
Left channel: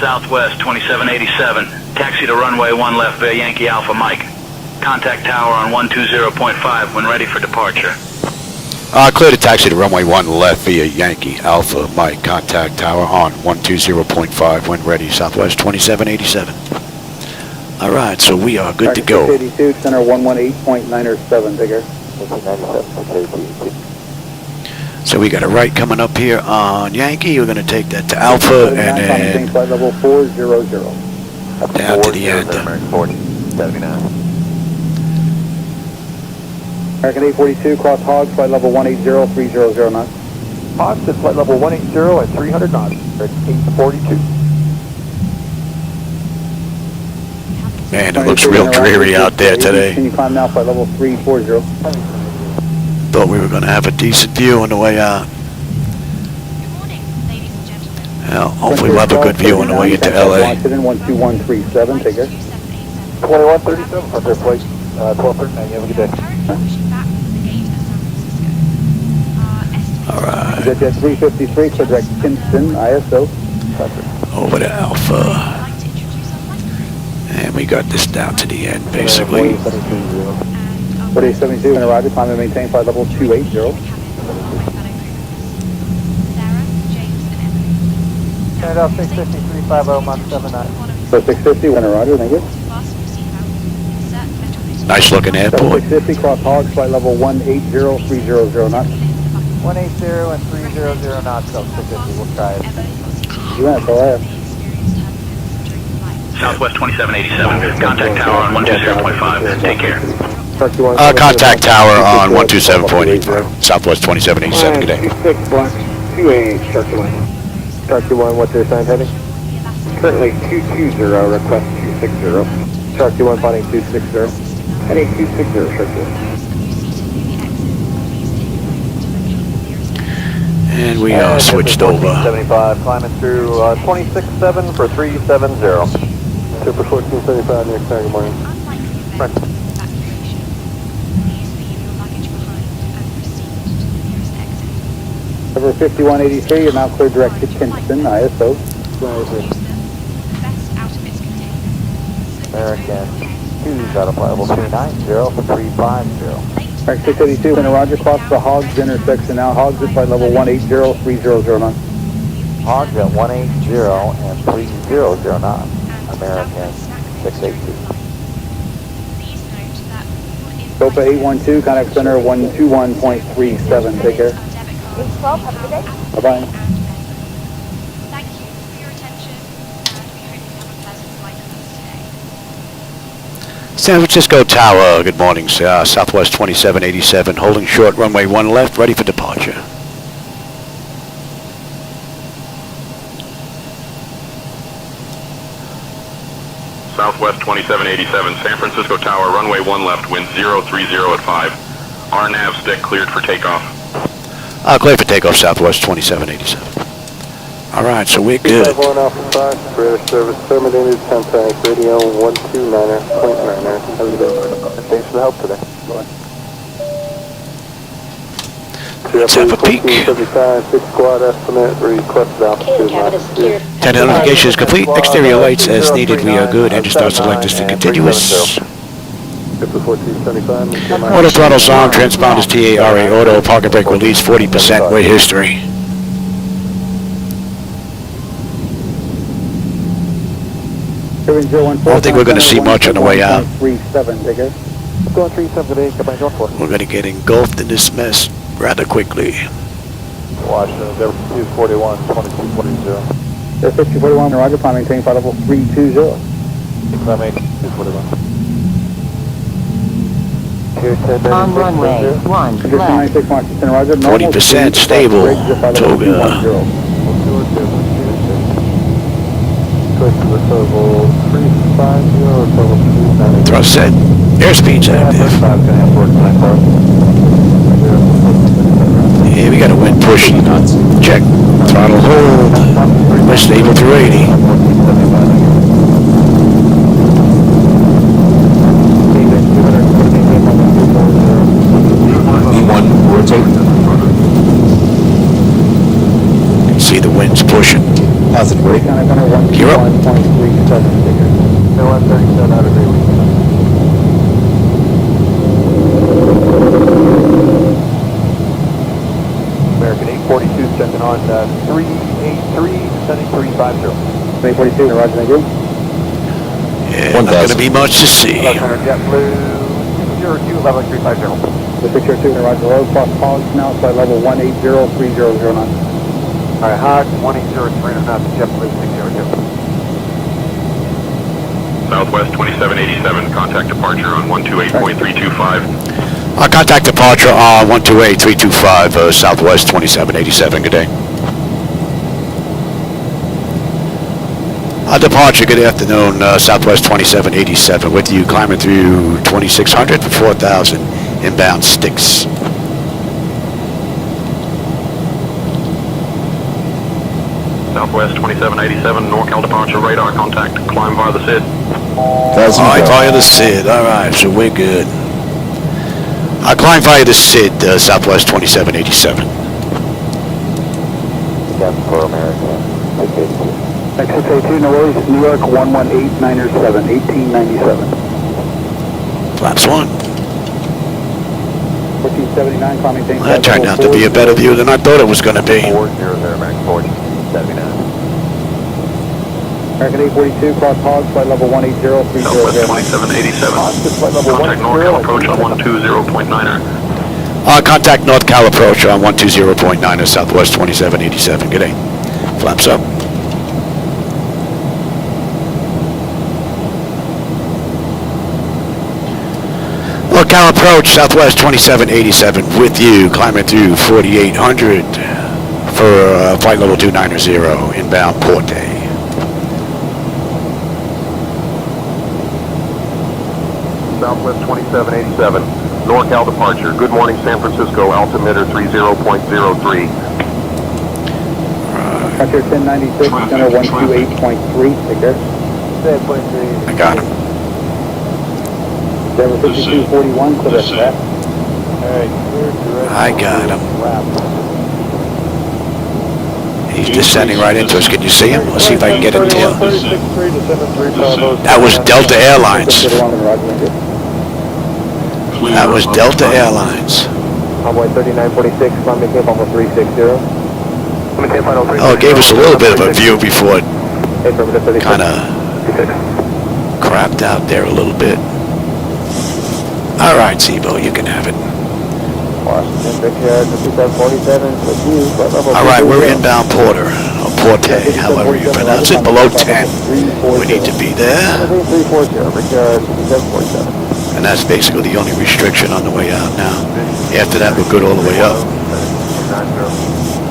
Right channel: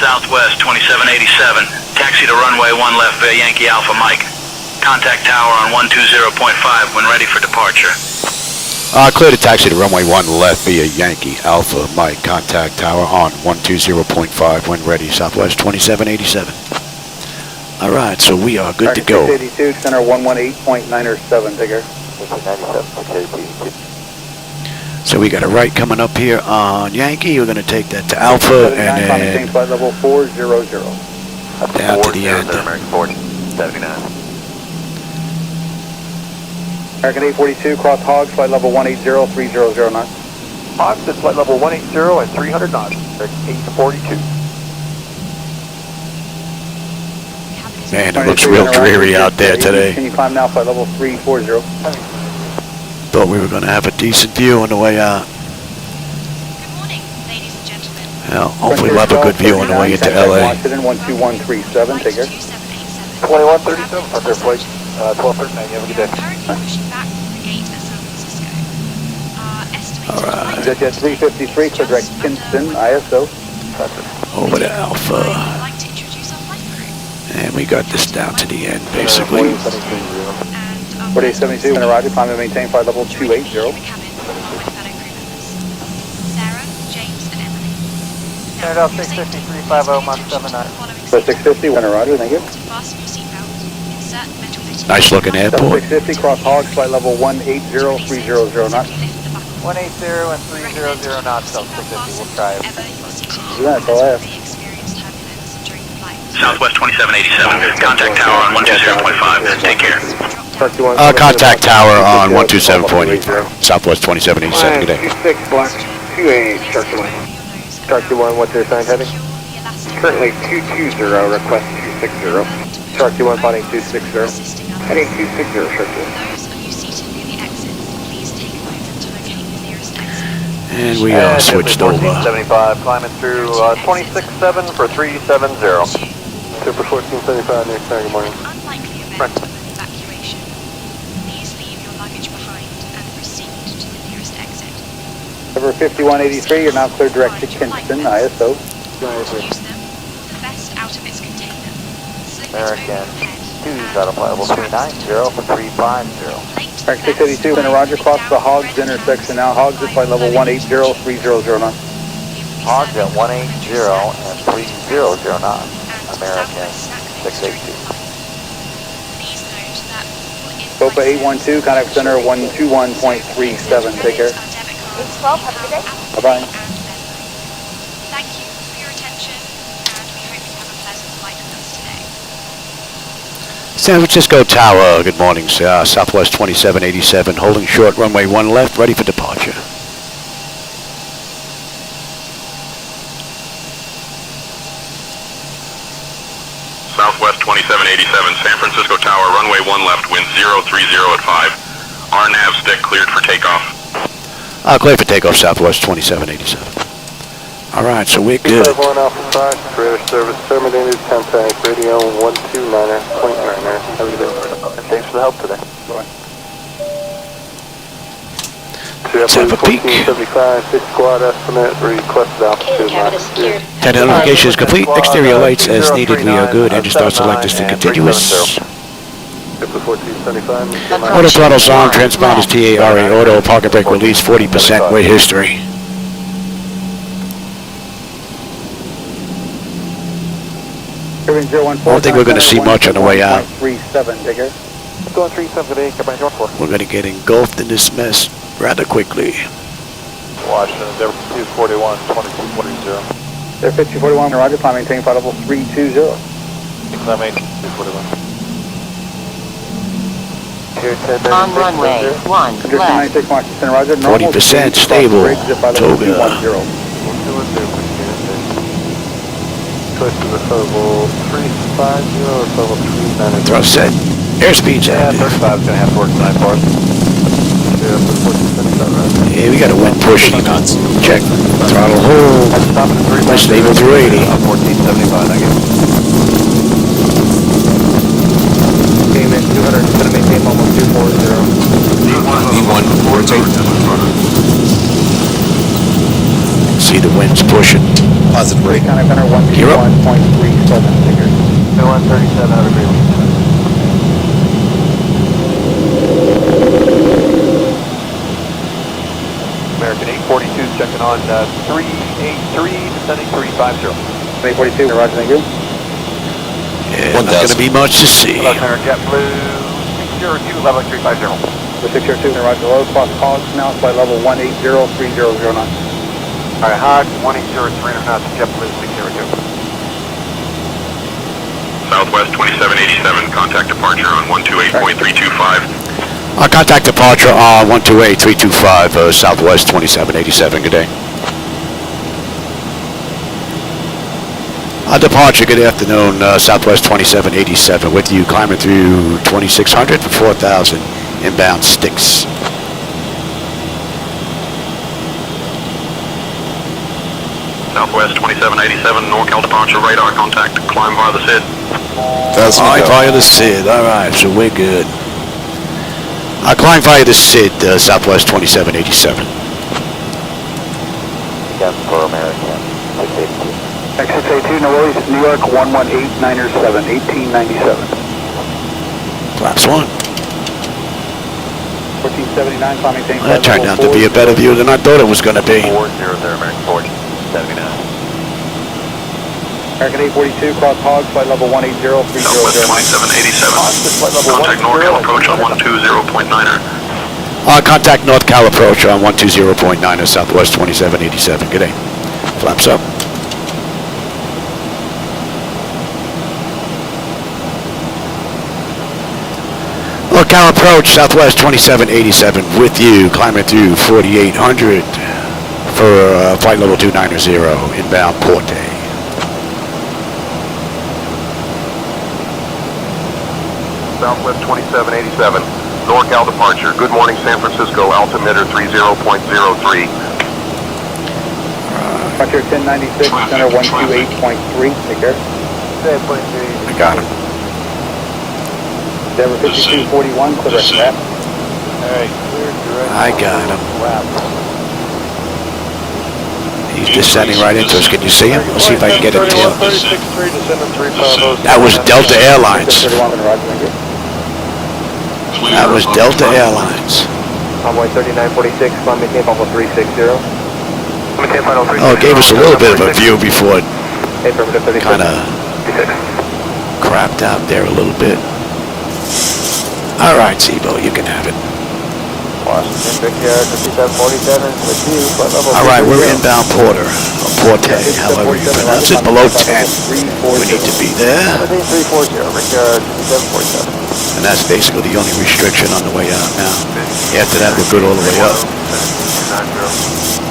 Southwest 2787, taxi to runway 1 left via Yankee Alpha Mike. Contact tower on 120.5 when ready for departure. Clear to taxi to runway 1 left via Yankee Alpha Mike. Contact tower on 120.5 when ready. Southwest 2787. All right, so we are good to go. 82, center 118.907, digger. So we got a right coming up here on Yankee. We're going to take that to Alpha and then Flight level 400. down to the end. American 842, cross hogs, flight level 180, 300 knots. Hogs at flight level 180 at 300 knots. 842. Man, it looks real dreary out there today. Can you climb now, flight level 340? Thought we were going to have a decent view on the way out. Well, hopefully we'll have a good view on the way into LA. 12137, take care. 2137, under flight 1239, have a good day. All right. Jet 353, for direct Kinston, ISO. Over to Alpha. And we got this down to the end, basically. 4872, and arrive, climb and maintain flight level 280. Turn off 650, 350, Mach 79. For 650, when arrive, thank you. Nice looking airport. 650, cross hogs, flight level 180, 300 knots. 180 and 300 knots, so 650, we'll try it. Yeah, that's all I have. Southwest 2787, contact tower on 120.5. Take care. Contact tower on 127.85. Southwest 2787, good day. 26 block 288, Sharky 1. Sharky 1, what's your assigned heading? Currently 220, request 260. Sharky 1, flying 260. Heading 260, Sharky 1. And we are switched over. 75, climbing through 26.7 for 370. Super 1475, near good morning. Right. Over 5183, you're now clear direct to Kinston, ISO. American 2's out of flight level 390 for 350. American 682, and Roger, cross the Hogs intersection now. Hogs at flight level 180, 300 knots. Hogs at 180 and 300 knots. American 682. Sofa 812, contact center 121.37. Take care. Have a good day. Bye-bye. Thank you for your attention, and we hope you have a pleasant flight with us today. San Francisco Tower, good morning, Southwest 2787, holding short, runway 1 left, ready for departure. Southwest 2787, San Francisco Tower, runway 1 left, wind 030 at 5. RNAV-Z cleared for takeoff. Clear for takeoff, Southwest 2787. All right, so we're good. British service terminated, contact radio 129.9. Thanks for the help today. Let's have a peek. 6 squad estimate, requested altitude. Tent identification is complete. Exterior lights as needed. We are good. Engine start selectors to continuous. Auto throttles on. Transponders TARA auto. Parking brake release 40% way history. I don't think we're going to see much on the way out. 37, digger. Going 37 today, we're going to get engulfed in this mess rather quickly. Washington, 241, 2240. Air 5041, roger, climb maintain flight level 320. Climb maintain 341. On runway 1 left. 40% stable. Toga. Thrust set. Airspeed's active. Yeah, we got a wind push. Check. Throttle hold. We're stable through 80. E1, rotate. See the winds pushing. Positive brake. Gear up. American 842, checking on 383, descending 350. 842, roger, thank you. Yeah, not going to be much to see. JetBlue, 02, level 350. 602, roger, low, cross pause now, flight level 1803009. All right, hot, 18030 knots, JetBlue, 602. Southwest 2787, contact departure on 128.325. Contact departure on 128.325, Southwest 2787. Good day. Departure, good afternoon, Southwest 2787. With you, climbing through 2600 for 4,000 inbound sticks. Southwest 2787, NorCal departure radar contact, climb via the SID. Alright, via the SID. Alright, so we're good. I'll climb via the SID, Southwest 2787. Exit A2, no worries, New York 11897, 1897. Flaps 1. 1479, climbing Well, that turned out to be a better view than I thought it was going to be. American 842, cross hogs, flight level 18030. Southwest 2787, contact NorCal approach on 120.9er. Contact North Cal approach on 120.9 Southwest 2787. Good day. Flaps up. North Cal approach, Southwest 2787 with you, climbing through 4800 for flight level 290 inbound Porte. Southwest 2787, NorCal departure. Good morning, San Francisco, altimeter 30.03. After 1096, center 128.3, take care. I got him. Denver 5241, correct that. I got him. He's descending right into us. Can you see him? Let's see if I can get a tail. That was Delta Airlines. That was Delta Airlines. Convoy 3946, climbing tape almost 360. Oh, it gave us a little bit of a view before it kind of crapped out there a little bit. All right, Zibo, you can have it. All right, we're inbound Porter, or Porte, however you pronounce it, below 10. We need to be there. And that's basically the only restriction on the way out now. After that, we're good all the way up.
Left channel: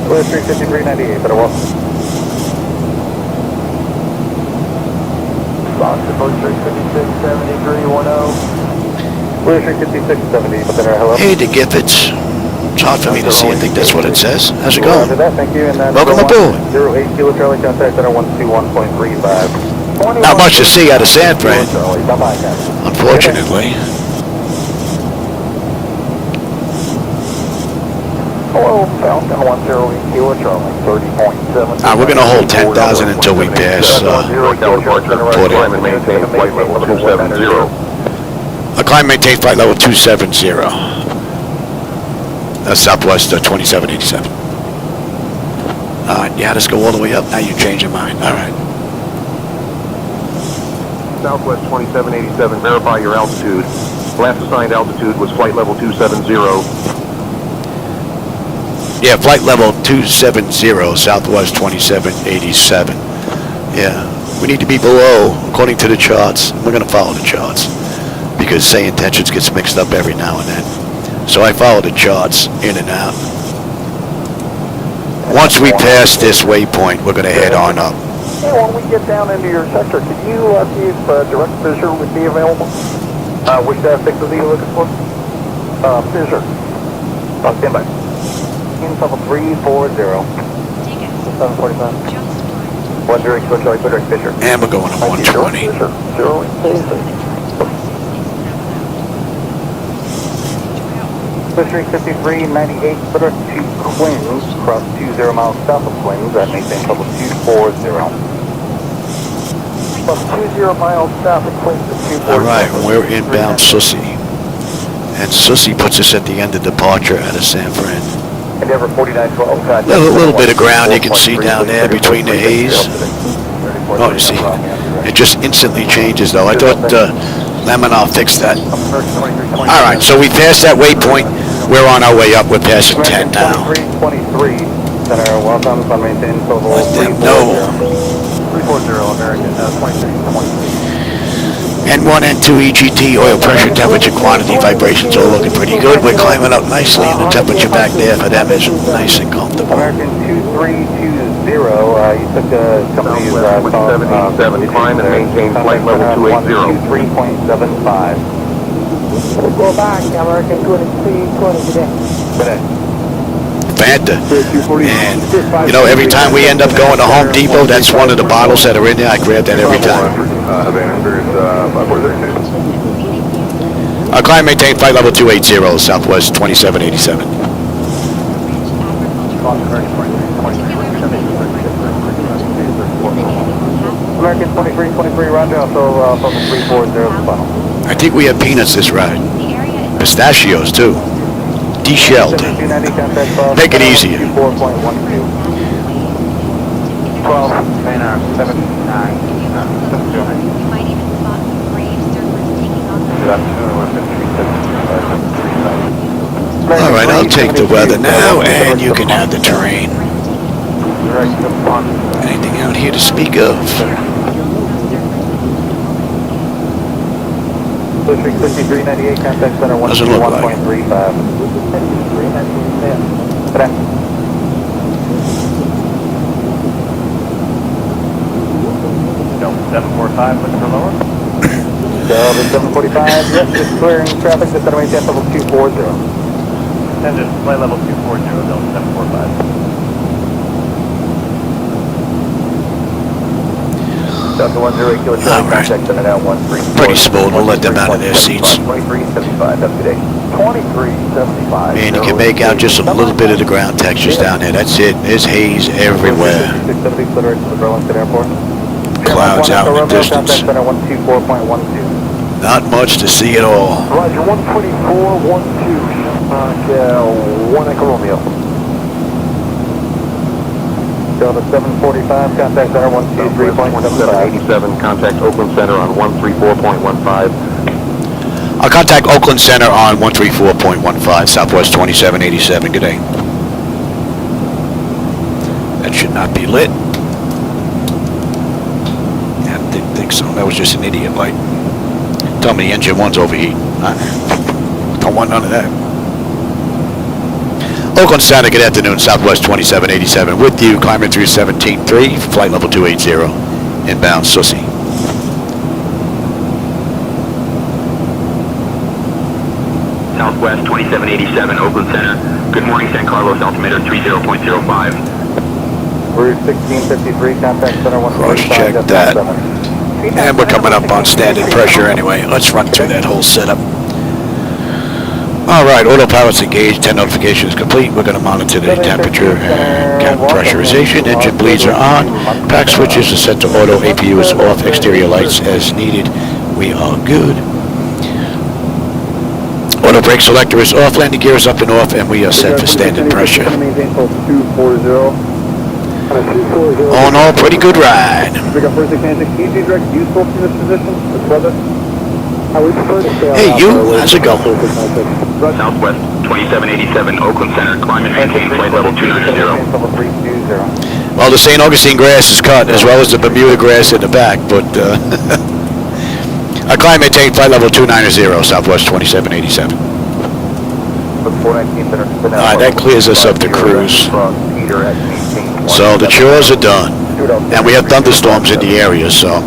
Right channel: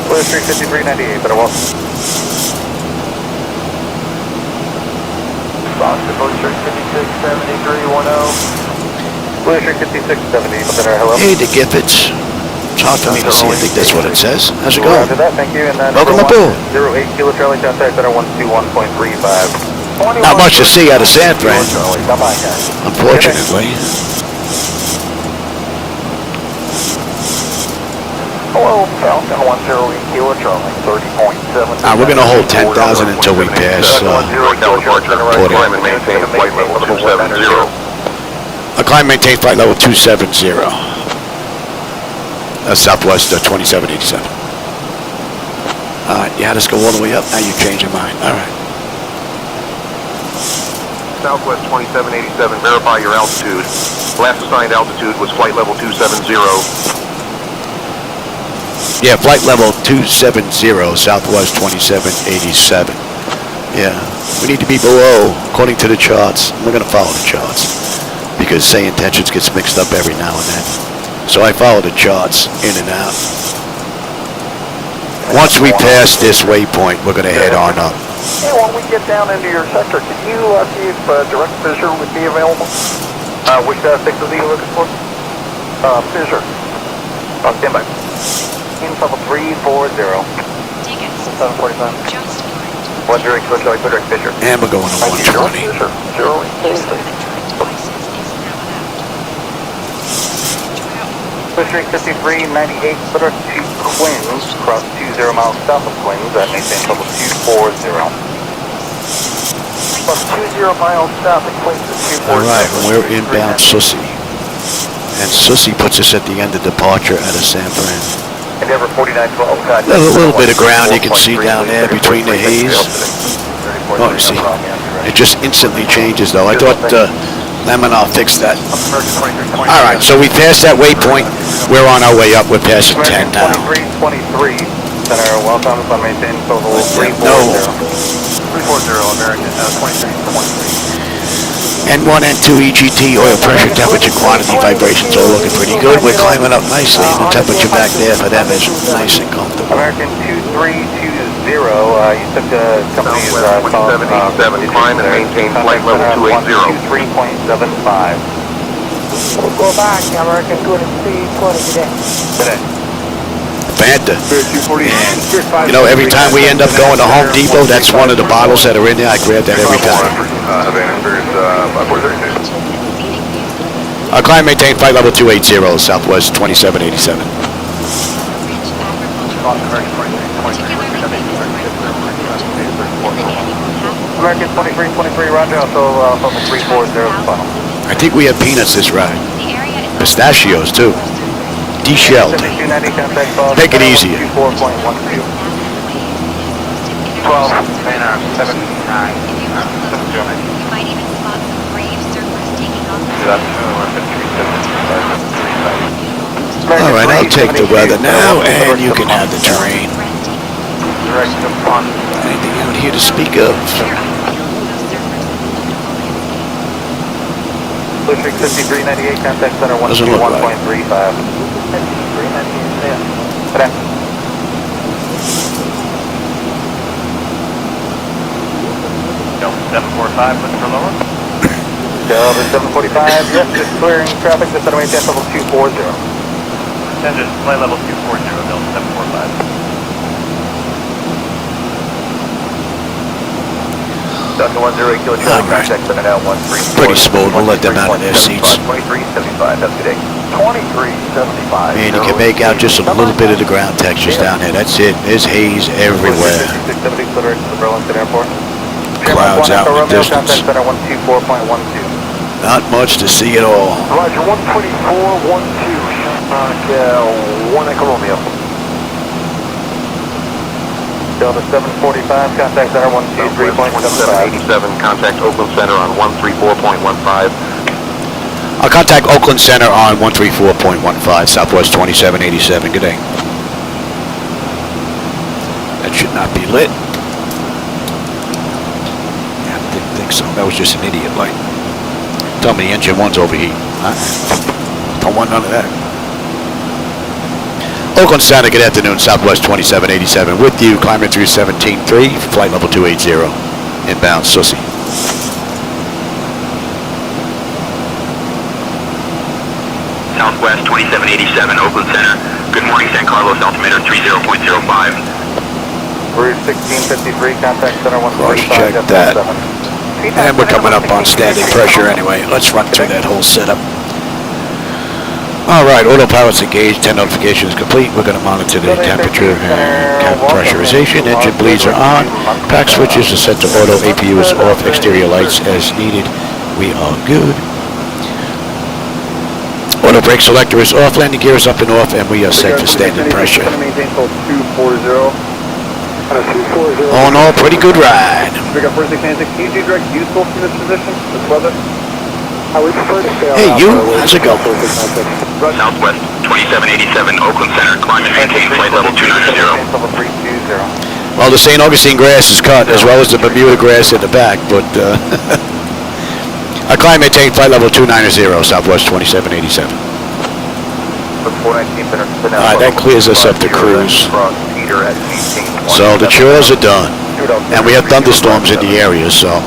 35398, better walk. Box departure 567310. 5670, hello. Hey, the Giffits. It's hard for me to see. I think that's what it says. How's it going? Thank you. Welcome aboard. 08 Kilo Charlie, contact center 121.35. Not much to see out of San Fran, unfortunately. Hello, Falcon 10 Kilo Charlie, 30.7. We're going to hold 10,000 until we pass Porter. Climb maintain flight level 270. That's Southwest 2787. All right, you had us go all the way up. Now you change your mind. All right. Southwest 2787, verify your altitude. Last assigned altitude was flight level 270. Yeah, flight level 270, Southwest 2787. Yeah, we need to be below, according to the charts. We're going to follow the charts because SayIntentions gets mixed up every now and then. So I follow the charts in and out. Once we pass this waypoint, we're going to head on up. Yeah, when we get down into your sector, can you see if direct fissure would be available? Which sector are you looking for? Fissure. Stand by. In level 340. 745. One direct fissure, direct fissure. And we're going to 120. Fishery 5398, footer to Queens, cross 20 miles south of Queens, that maintain level 240. From 20 miles south of Queens to 240. Alright, we're inbound Sussy. And Sussy puts us at the end of departure out of San Fran. A little bit of ground you can see down there between the haze. Oh, you see, it just instantly changes though. I thought Lemonov fixed that. Alright, so we passed that waypoint. We're on our way up. We're passing 10 now. Let them know. N1, N2, EGT, oil pressure, temperature, quantity, vibrations all looking pretty good. We're climbing up nicely, and the temperature back there for them is nice and comfortable. American 2320, you took the company's 2787, climb and maintain flight level 280. 23.75. We'll go back, American 2320 today. Fanta. And, you know, every time we end up going to Home Depot, that's one of the bottles that are in there. I grab that every time. Our climb maintain flight level 280, Southwest 2787. American 2323, roger, so from 340 I think we have peanuts this ride. Pistachios, too. De-shelled. Make it easier. Alright, I'll take the weather now, and you can have the terrain. Anything out here to speak of? Doesn't look like it. Delta 745, looking for lower. Delta 745, just clearing traffic to Federal Jet level 240. Attention, flight level 240, Delta 745. Alright. Pretty smooth. We'll let them out of their seats. Man, you can make out just a little bit of the ground textures down there. That's it. There's haze everywhere. Clouds out in the distance. Not much to see at all. Roger, 124.12. 1 Echo Romeo. Delta 745, contact center 123.75. Contact Oakland Center on 134.15. I'll contact Oakland Center on 134.15, Southwest 2787. Good day. That should not be lit. I didn't think so. That was just an idiot light. Tell me the engine one's overheating. Don't want none of that. Oakland Center, good afternoon, Southwest 2787 with you, climbing through 17.3, flight level 280, inbound Sussy. Southwest 2787, Oakland Center. Good morning, San Carlos, altimeter 30.05. Route 1653, contact center 1. Cross-check that. And we're coming up on standard pressure anyway. Let's run through that whole setup. Alright, autopilot's engaged, 10 notifications complete. We're going to monitor the temperature and cabin pressurization. Engine bleeds are on. Pack switches are set to auto. APU is off. Exterior lights as needed. We are good. Auto brake selector is off. Landing gear is up and off, and we are set for standard pressure. All in all, pretty good ride. Hey, you, how's it going? Southwest 2787, Oakland Center, climb and maintain flight level 290. Well, the St. Augustine grass is cut, as well as the Bermuda grass in the back, but our climb maintained flight level 290, Southwest 2787. Alright, that clears us up to cruise. So the chores are done. And we have thunderstorms in the area, so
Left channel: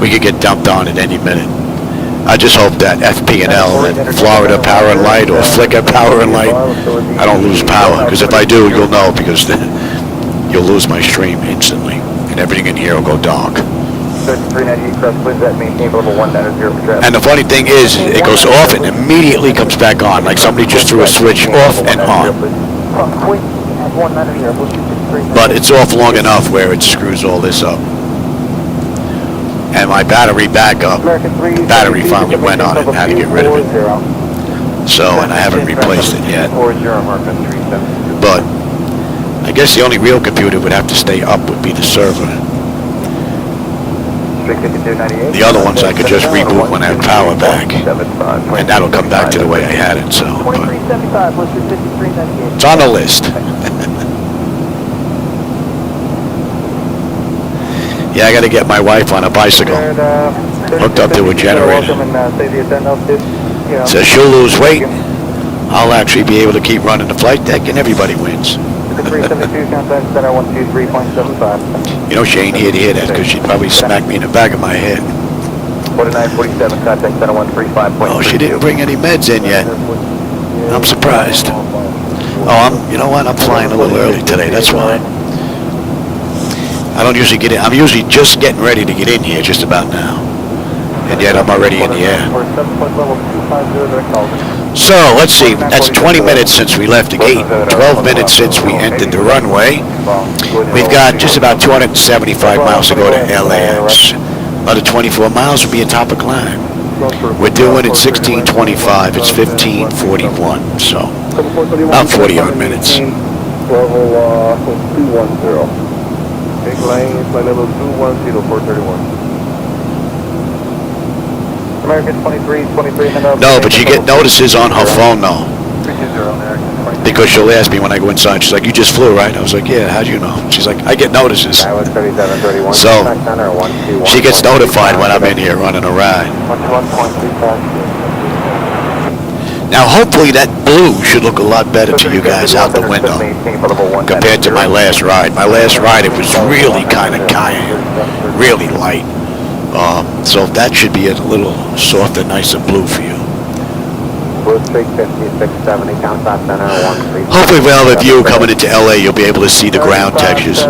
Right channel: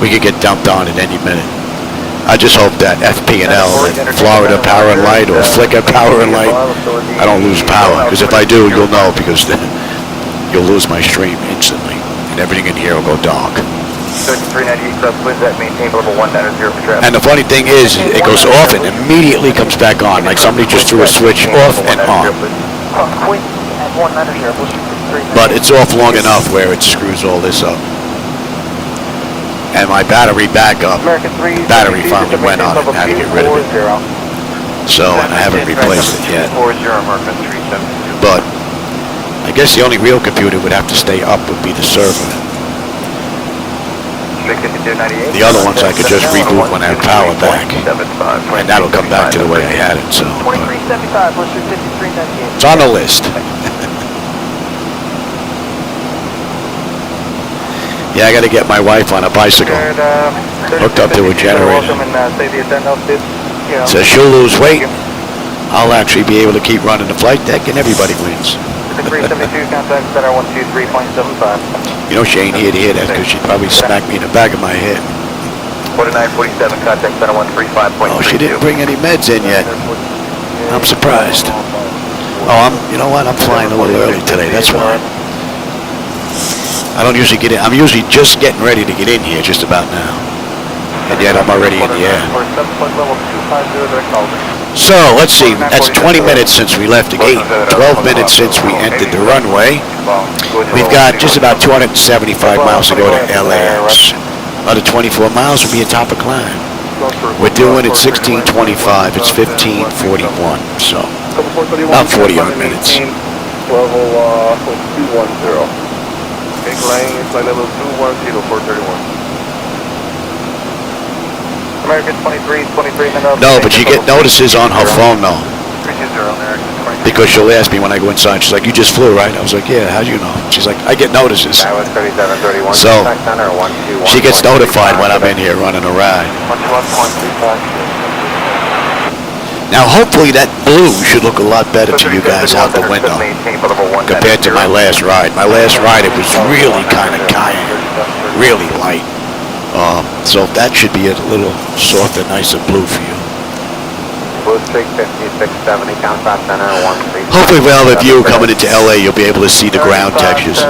we could get dumped on at any minute. I just hope that FP&L, that Florida Power and Light, or Flicker Power and Light, I don't lose power, because if I do, you'll know, because you'll lose my stream instantly, and everything in here will go dark. And the funny thing is, it goes off and immediately comes back on, like somebody just threw a switch off and on. But it's off long enough where it screws all this up. And my battery backup, the battery finally went on it and had to get rid of it. So, and I haven't replaced it yet. But I guess the only real computer would have to stay up would be the server. The other ones I could just reboot when I have power back, and that'll come back to the way I had it. So, but it's on the list. Yeah, I got to get my wife on a bicycle, hooked up to a generator. So she'll lose weight. I'll actually be able to keep running the flight deck, and everybody wins. You know, she ain't here to hear that, because she'd probably smack me in the back of my head. Oh, she didn't bring any meds in yet. I'm surprised. Oh, you know what? I'm flying a little early today, that's why. I don't usually get in. I'm usually just getting ready to get in here just about now. And yet I'm already in the air. So, let's see. That's 20 minutes since we left the gate. 12 minutes since we entered the runway. We've got just about 275 miles to go to LAX. Another 24 miles will be a top of climb. We're doing it 16:25. It's 15:41. So, about 40 odd minutes. Big lane, flight level 210, 431. American 23, No, but you get notices on her phone, though. Because she'll ask me when I go inside. She's like, you just flew, right? I was like, yeah, how'd you know? She's like, I get notices. So, she gets notified when I'm in here running a ride. Now, hopefully that blue should look a lot better to you guys out the window compared to my last ride. My last ride, it was really kind of cayenne, really light. So that should be a little softer, nicer blue for you. Hopefully we'll have a view coming into LA. You'll be able to see the ground textures.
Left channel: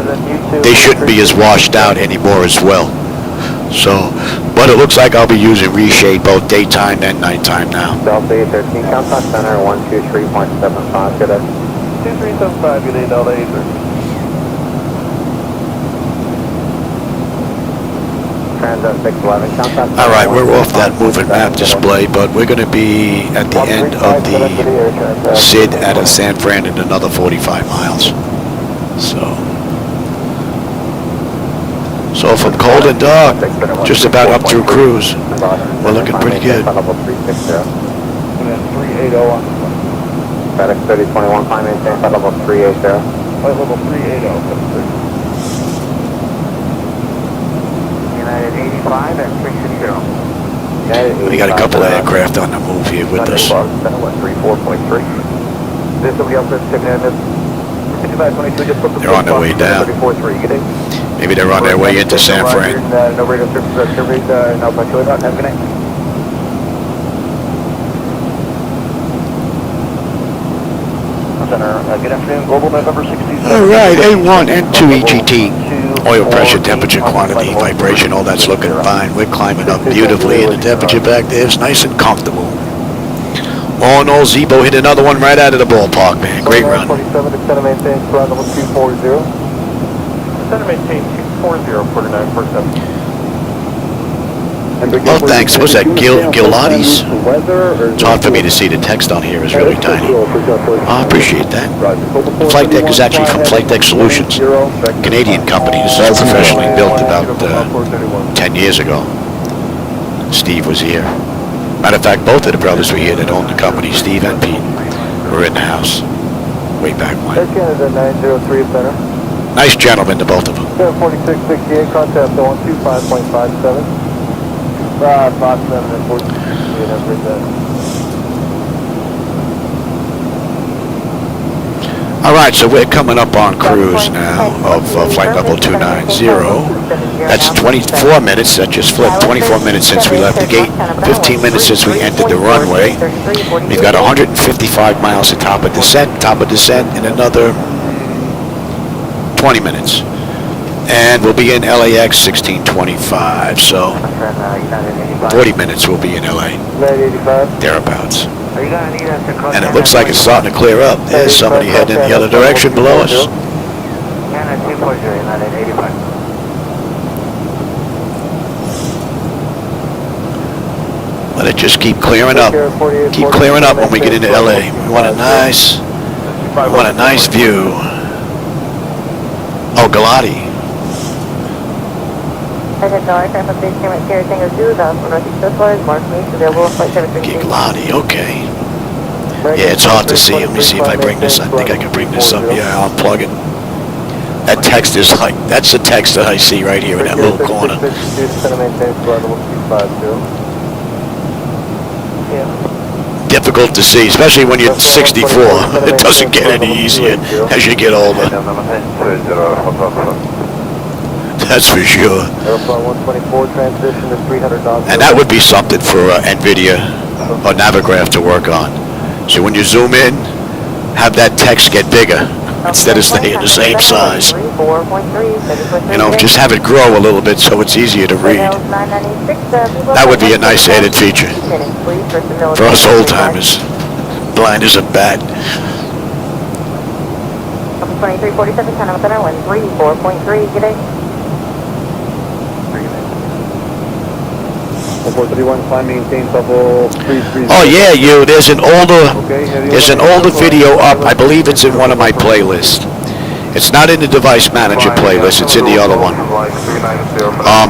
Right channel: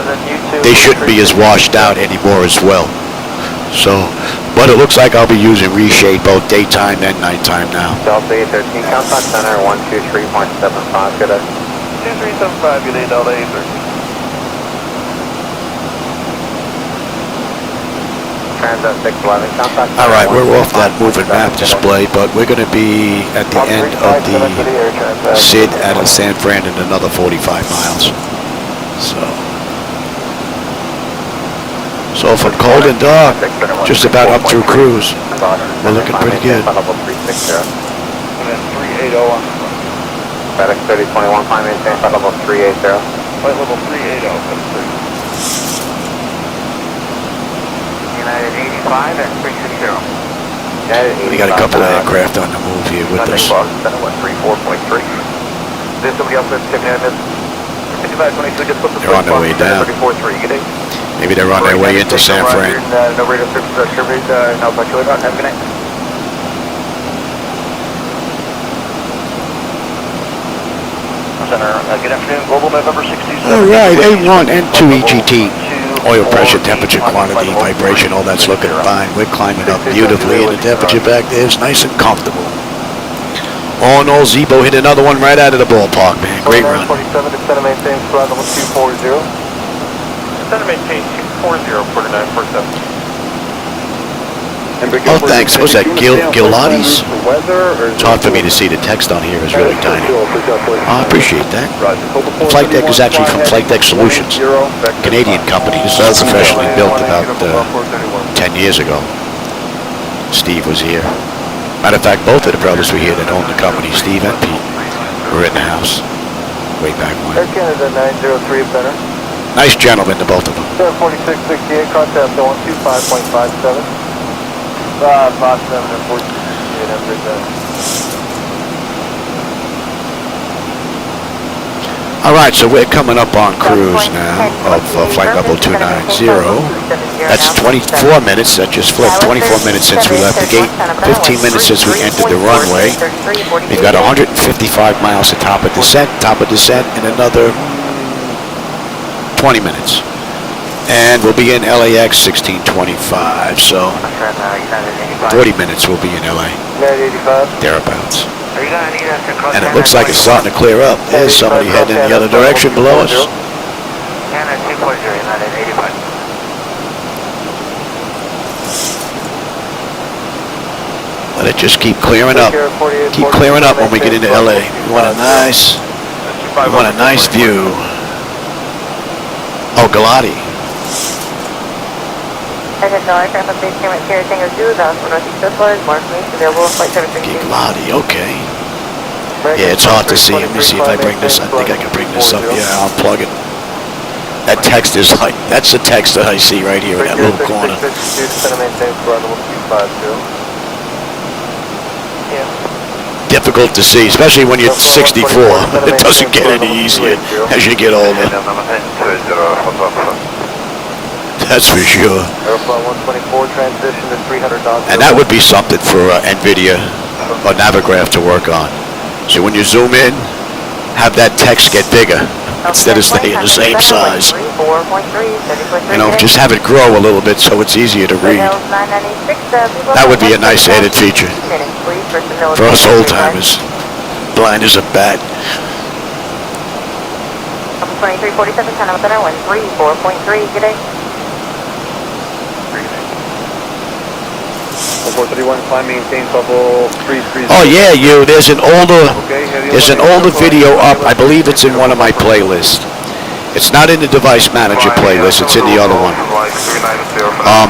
They shouldn't be as washed out anymore as well. So, but it looks like I'll be using reshade both daytime and nighttime now. Delta 13, countdown center 123.75, good. 2375, good day, Delta 813. All right, we're off that moving map display, but we're going to be at the end of the SID out of San Fran in another 45 miles. So from cold and dark, just about up through cruise, we're looking pretty good. FedEx 3021, climb maintain, flight level 380. Flight level 380. United 85 at 360. We got a couple of aircraft on the move here with us. They're on their way down. Maybe they're on their way into San Fran. All right, A1 and 2 EGT. Oil pressure, temperature, quantity, vibration, all that's looking fine. We're climbing up beautifully, and the temperature back there is nice and comfortable. All in all, Zibo hit another one right out of the ballpark, man. Great run. Oh, thanks. Was that Gilotti's? It's hard for me to see. The text on here is really tiny. I appreciate that. The flight deck is actually from Flightdeck Solutions, Canadian company. This is professionally built about 10 years ago. Steve was here. Matter of fact, both of the brothers were here that owned the company, Steve and Pete, were in the house way back when. Nice gentlemen, to both of them. 4668, contact 125.57. 557 and 1468, All right, so we're coming up on cruise now of flight level 290. That's 24 minutes. That just flipped. 24 minutes since we left the gate. 15 minutes since we entered the runway. We've got 155 miles to top of descent. Top of descent in another 20 minutes. And we'll be in LAX 1625. So 40 minutes we'll be in LA. Thereabouts. And it looks like it's starting to clear up. There's somebody heading in the other direction below us. Let it just keep clearing up. Keep clearing up when we get into LA. We want a nice view. Oh, Galati. Galati, okay. Yeah, it's hard to see. Let me see if I bring this. I think I can bring this up. Yeah, I'll plug it. That text is like, that's the text that I see right here in that little corner. Difficult to see, especially when you're 64. It doesn't get any easier as you get older. That's for sure. And that would be something for NVIDIA or Navigraph to work on. So when you zoom in, have that text get bigger instead of staying the same size. You know, just have it grow a little bit so it's easier to read. That would be a nice added feature for us old timers, blind as a bat. 2347, 10 up and 4.3, good day. 431, climb, maintain level 330. Oh yeah, there's an older video up. I believe it's in one of my playlists. It's not in the device manager playlist, it's in the other one.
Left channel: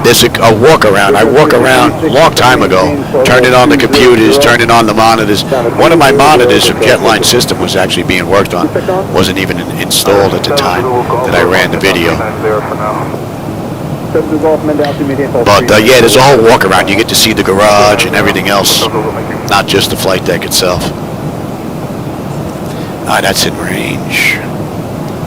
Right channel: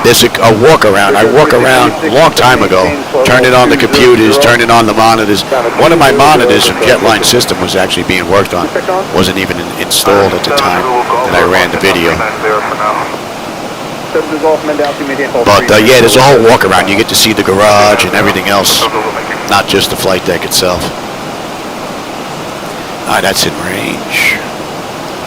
There's a walk around. I walk around a long time ago, turning on the computers, turning on the monitors. One of my monitors from Jetline System was actually being worked on. Wasn't even installed at the time that I ran the video. But yeah, there's a whole walk around. You get to see the garage and everything else, not just the flight deck itself. That's in range.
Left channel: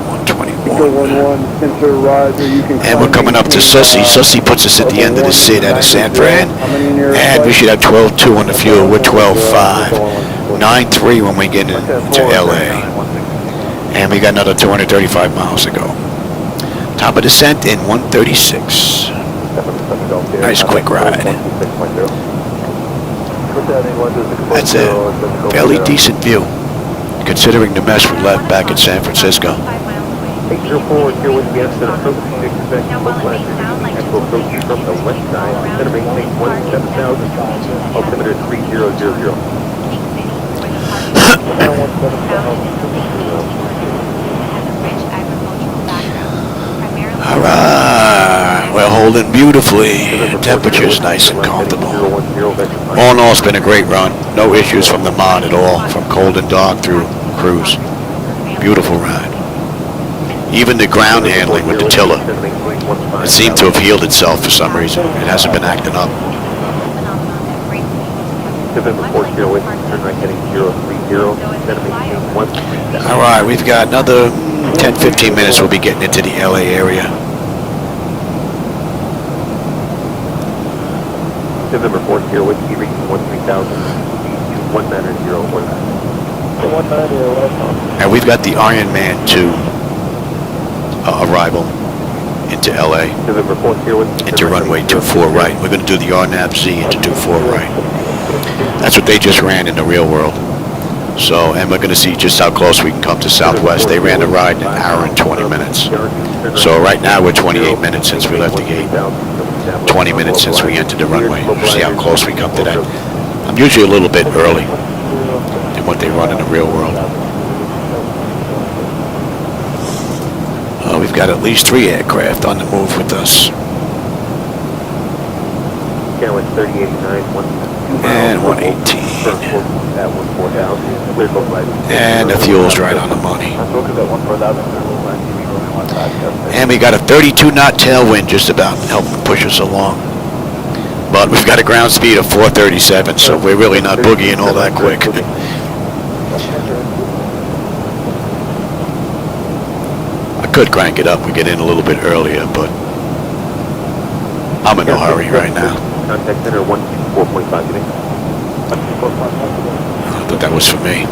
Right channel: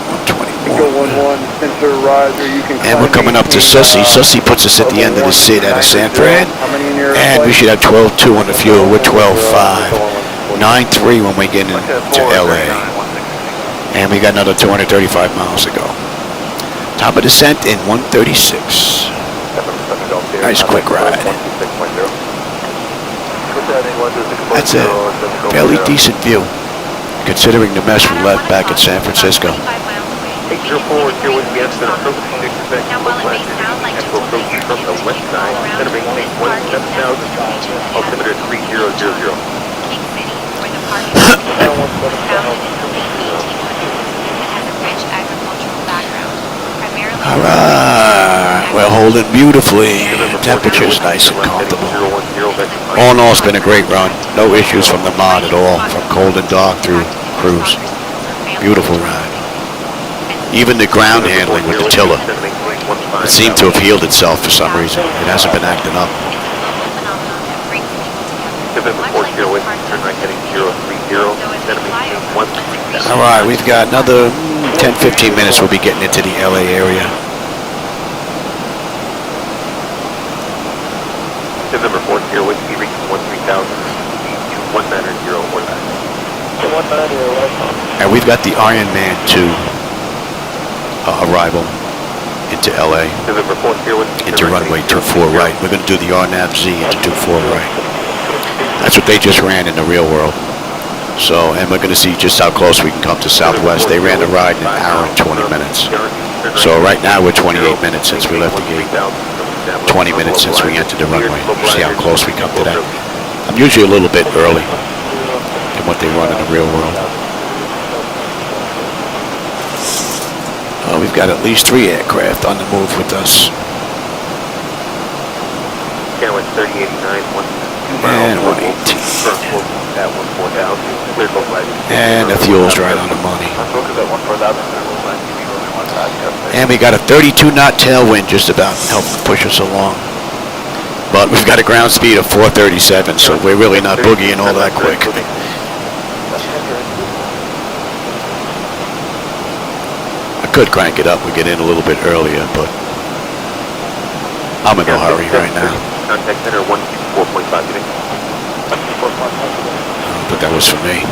121. And we're coming up to Sussy. Sussy puts us at the end of the SID out of San Fran. And we should have 12.2 on the fuel. We're 12.5. 9.3 when we get into LA. And we got another 235 miles to go. Top of descent in 136. Nice quick ride. That's a fairly decent view, considering the mess we left back in San Francisco. 804 here with the Amsterdam approach 66 Oakland and will approach from the west side, center maintain 17,000, altimeter 3000. Alright, we're holding beautifully. Temperature's nice and comfortable. All in all, it's been a great run. No issues from the mod at all, from cold and dark through cruise. Beautiful ride. Even the ground handling with the tiller, it seemed to have healed itself for some reason. It hasn't been acting up. Alright, we've got another 10-15 minutes. We'll be getting into the LA area. November 4th here with be reaching 13,000 19019. And we've got the Iron Man 2 arrival into LA, into runway 24 right. We're going to do the RNAV-Z into 24 right. That's what they just ran in the real world. So, and we're going to see just how close we can come to Southwest. They ran the ride in an hour and 20 minutes. So right now we're 28 minutes since we left the gate. 20 minutes since we entered the runway. See how close we come to that. I'm usually a little bit early in what they run in the real world. We've got at least 3 aircraft on the move with us. And 118. And the fuel's right on the money. And we got a 32 knot tailwind just about helping push us along. But we've got a ground speed of 437, so we're really not boogieing all that quick. I could crank it up. We get in a little bit earlier, but I'm in no hurry right now. Contact center 164.5. I thought that was for me.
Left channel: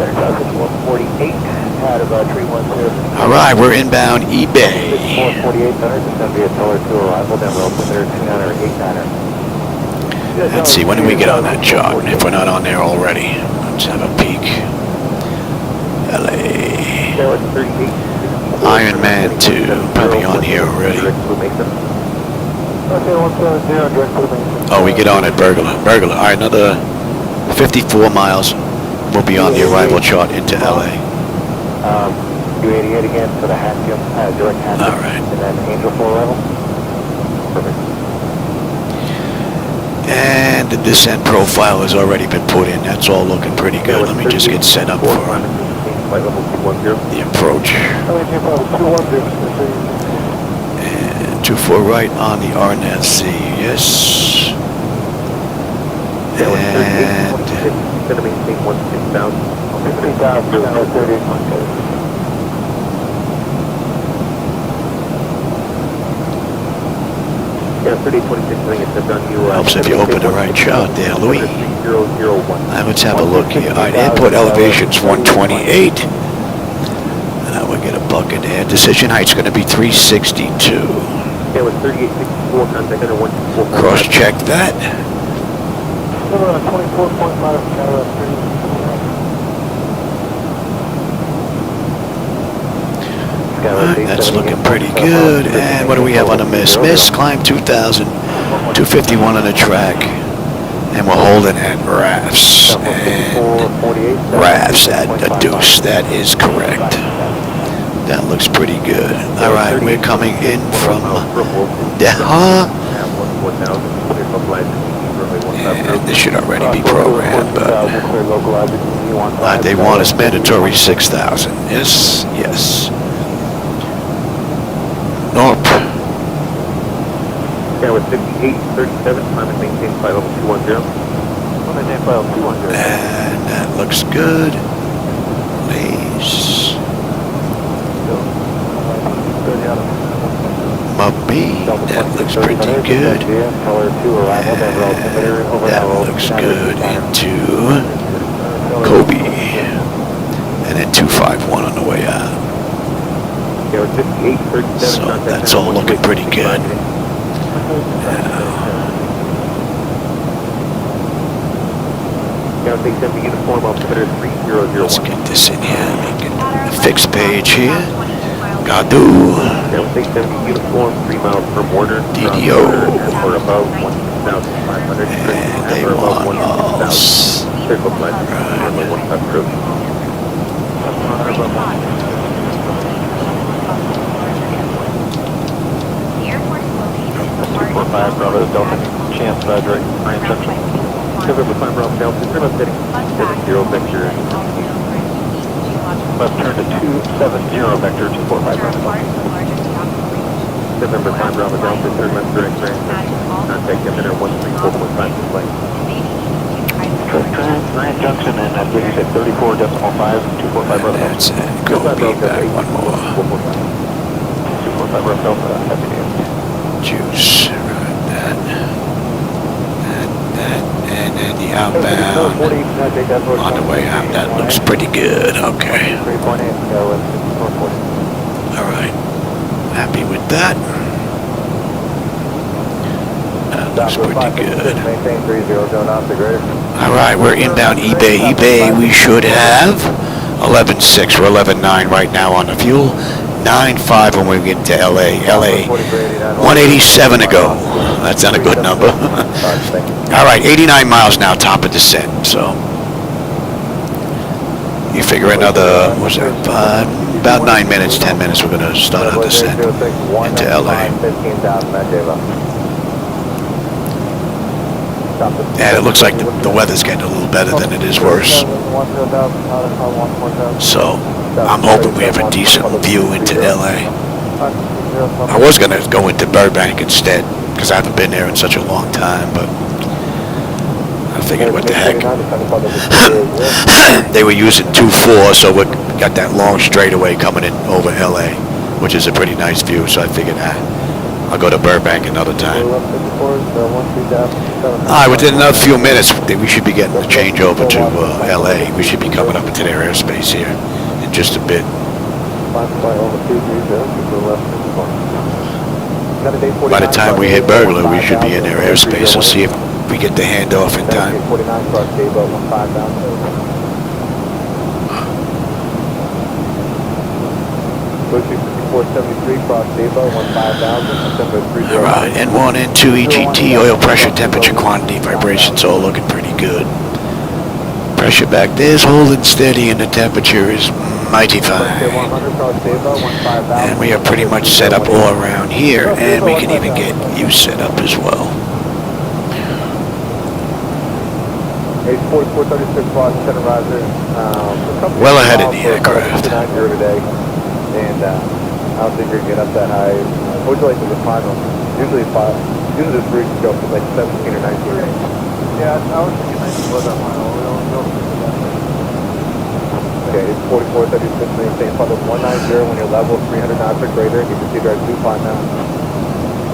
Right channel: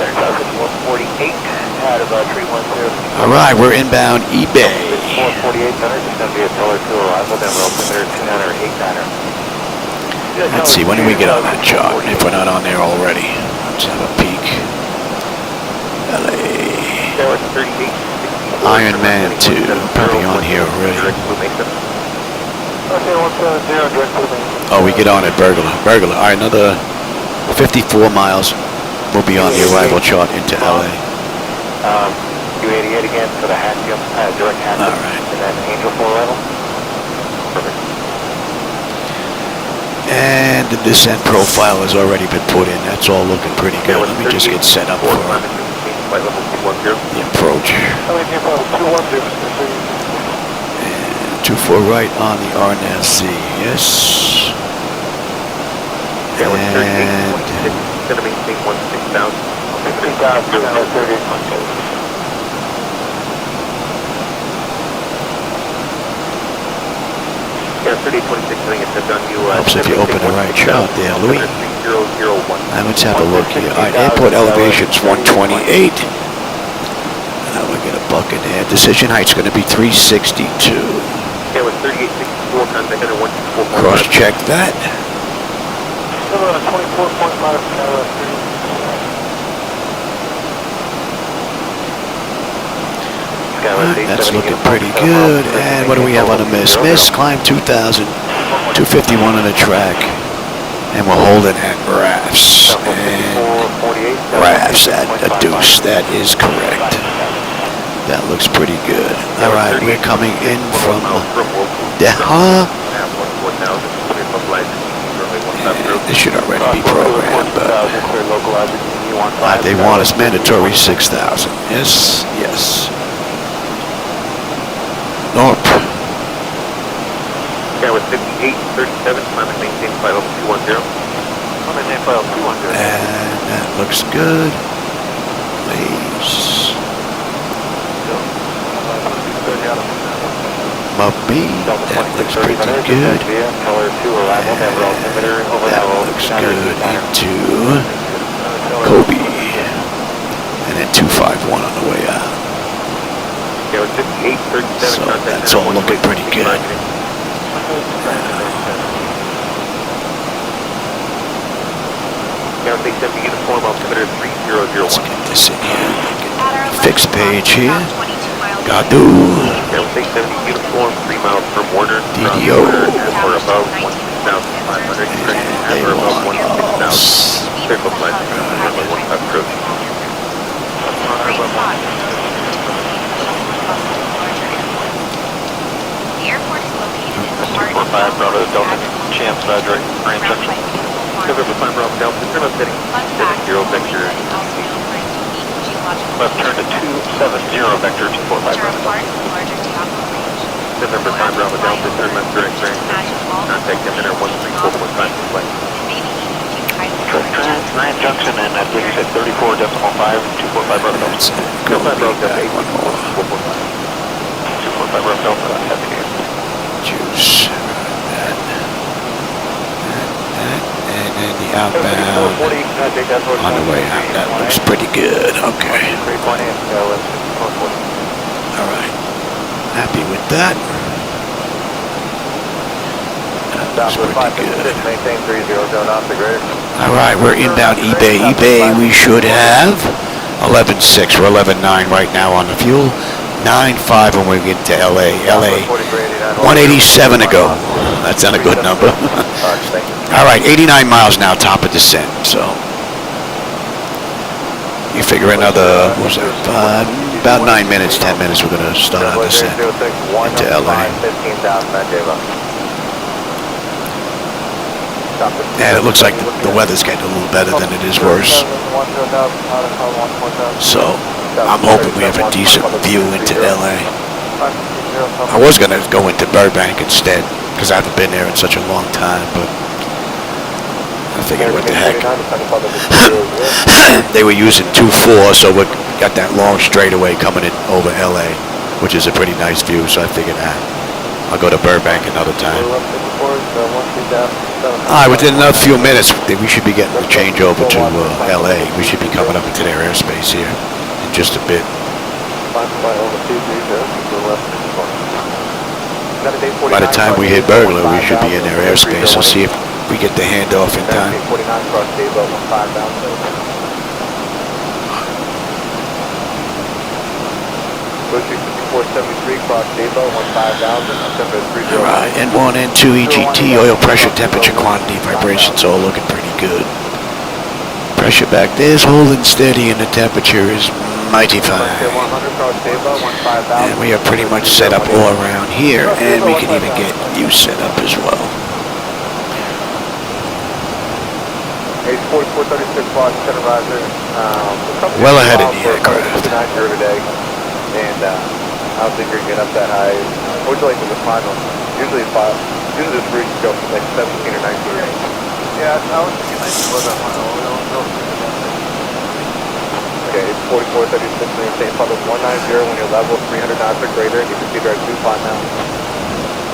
148 at about 310. All right, we're inbound eBay. 448 center, just going to be a color to arrival, then we'll consider 29er or 89er. Let's see, when do we get on that chart? If we're not on there already. Let's have a peek. LA. Iron Man 2, probably on here already. Oh, we get on at Burglar. Burglar, all right, another 54 miles. We'll be on the arrival chart into LA. U88 again for the half jump, direct half jump. All right. And then Angel full level. Perfect. And the descent profile has already been put in. That's all looking pretty good. Let me just get set up for the approach. And 24 right on the RNAV-Z. Yes. And Gonna maintain 16,000. Yeah, 3026, I think it says on you. Helps if you open the right chart there, Louis. 001. Let's have a look here. All right, airport elevation's 128. We'll get a bucket there. Decision height's going to be 362. Yeah, with 3864, contact center 164. Cross check that. Alright, that's looking pretty good. And what do we have on the miss? Miss, climb 2,000, 251 on the track. And we're holding at RAFs. And RAFs at a deuce. That is correct. That looks pretty good. Alright, we're coming in from Deha. And this should already be programmed, but they want us mandatory 6,000. Yes, yes. Nope. Yeah, with 5837, climb and maintain flight level 210. And that looks good. Please. Mubby, that looks pretty good. And that looks good into Kobe. And then 251 on the way out. So that's all looking pretty good. Now, let's get this in here. Make it a fixed page here. Gadu. DDO. And they want us. Bravo, Delta, Champ, direct Grand Junction. Cover the climb Bravo, Delta, trim up heading 70 vector. Left turn to 270 vector, 245 Bravo. November 5 Bravo, Delta, third left direct Grand Junction. Contact center 134.5 flight. Grand Junction, and I believe you said 34.5, 245 Bravo. That's it. Go be back one more. 245 Bravo, Delta, at the gate. Juice. Right, that, and then the outbound on the way out. That looks pretty good. Okay. All right. Happy with that. That looks pretty good. All right, we're inbound eBay. eBay, we should have 11.6. We're 11.9 right now on the fuel. 9.5 when we get to LA. LA, 187 to go. That's not a good number. All right, 89 miles now, top of descent. So you figure another, what's that, about 9 minutes, 10 minutes, we're going to start our descent into LA. And it looks like the weather's getting a little better than it is worse. So I'm hoping we have a decent view into LA. I was going to go into Burbank instead, because I haven't been there in such a long time, but I figured, what the heck. They were using 2-4, so we got that long straightaway coming in over LA, which is a pretty nice view, so I figured, I'll go to Burbank another time. Alright, within another few minutes, we should be getting the change over to LA. We should be coming up into their airspace here in just a bit. By the time we hit Burglar, we should be in their airspace, so see if we get the handoff in time. Alright, N1, N2, EGT, oil pressure, temperature, quantity, vibrations, all looking pretty good. Pressure back there's holding steady and the temperature is mighty fine. And we are pretty much set up all around here, and we can even get you set up as well. Well ahead of the aircraft. And I don't think you're going to get up that high. Unfortunately, for the final, usually this bridge goes to like 17 or 19. Yeah, I was thinking I should go that mile. Okay, it's 4436 when you're saying public 190 when you're level 300 knots or greater. You can see direct 2 climb now.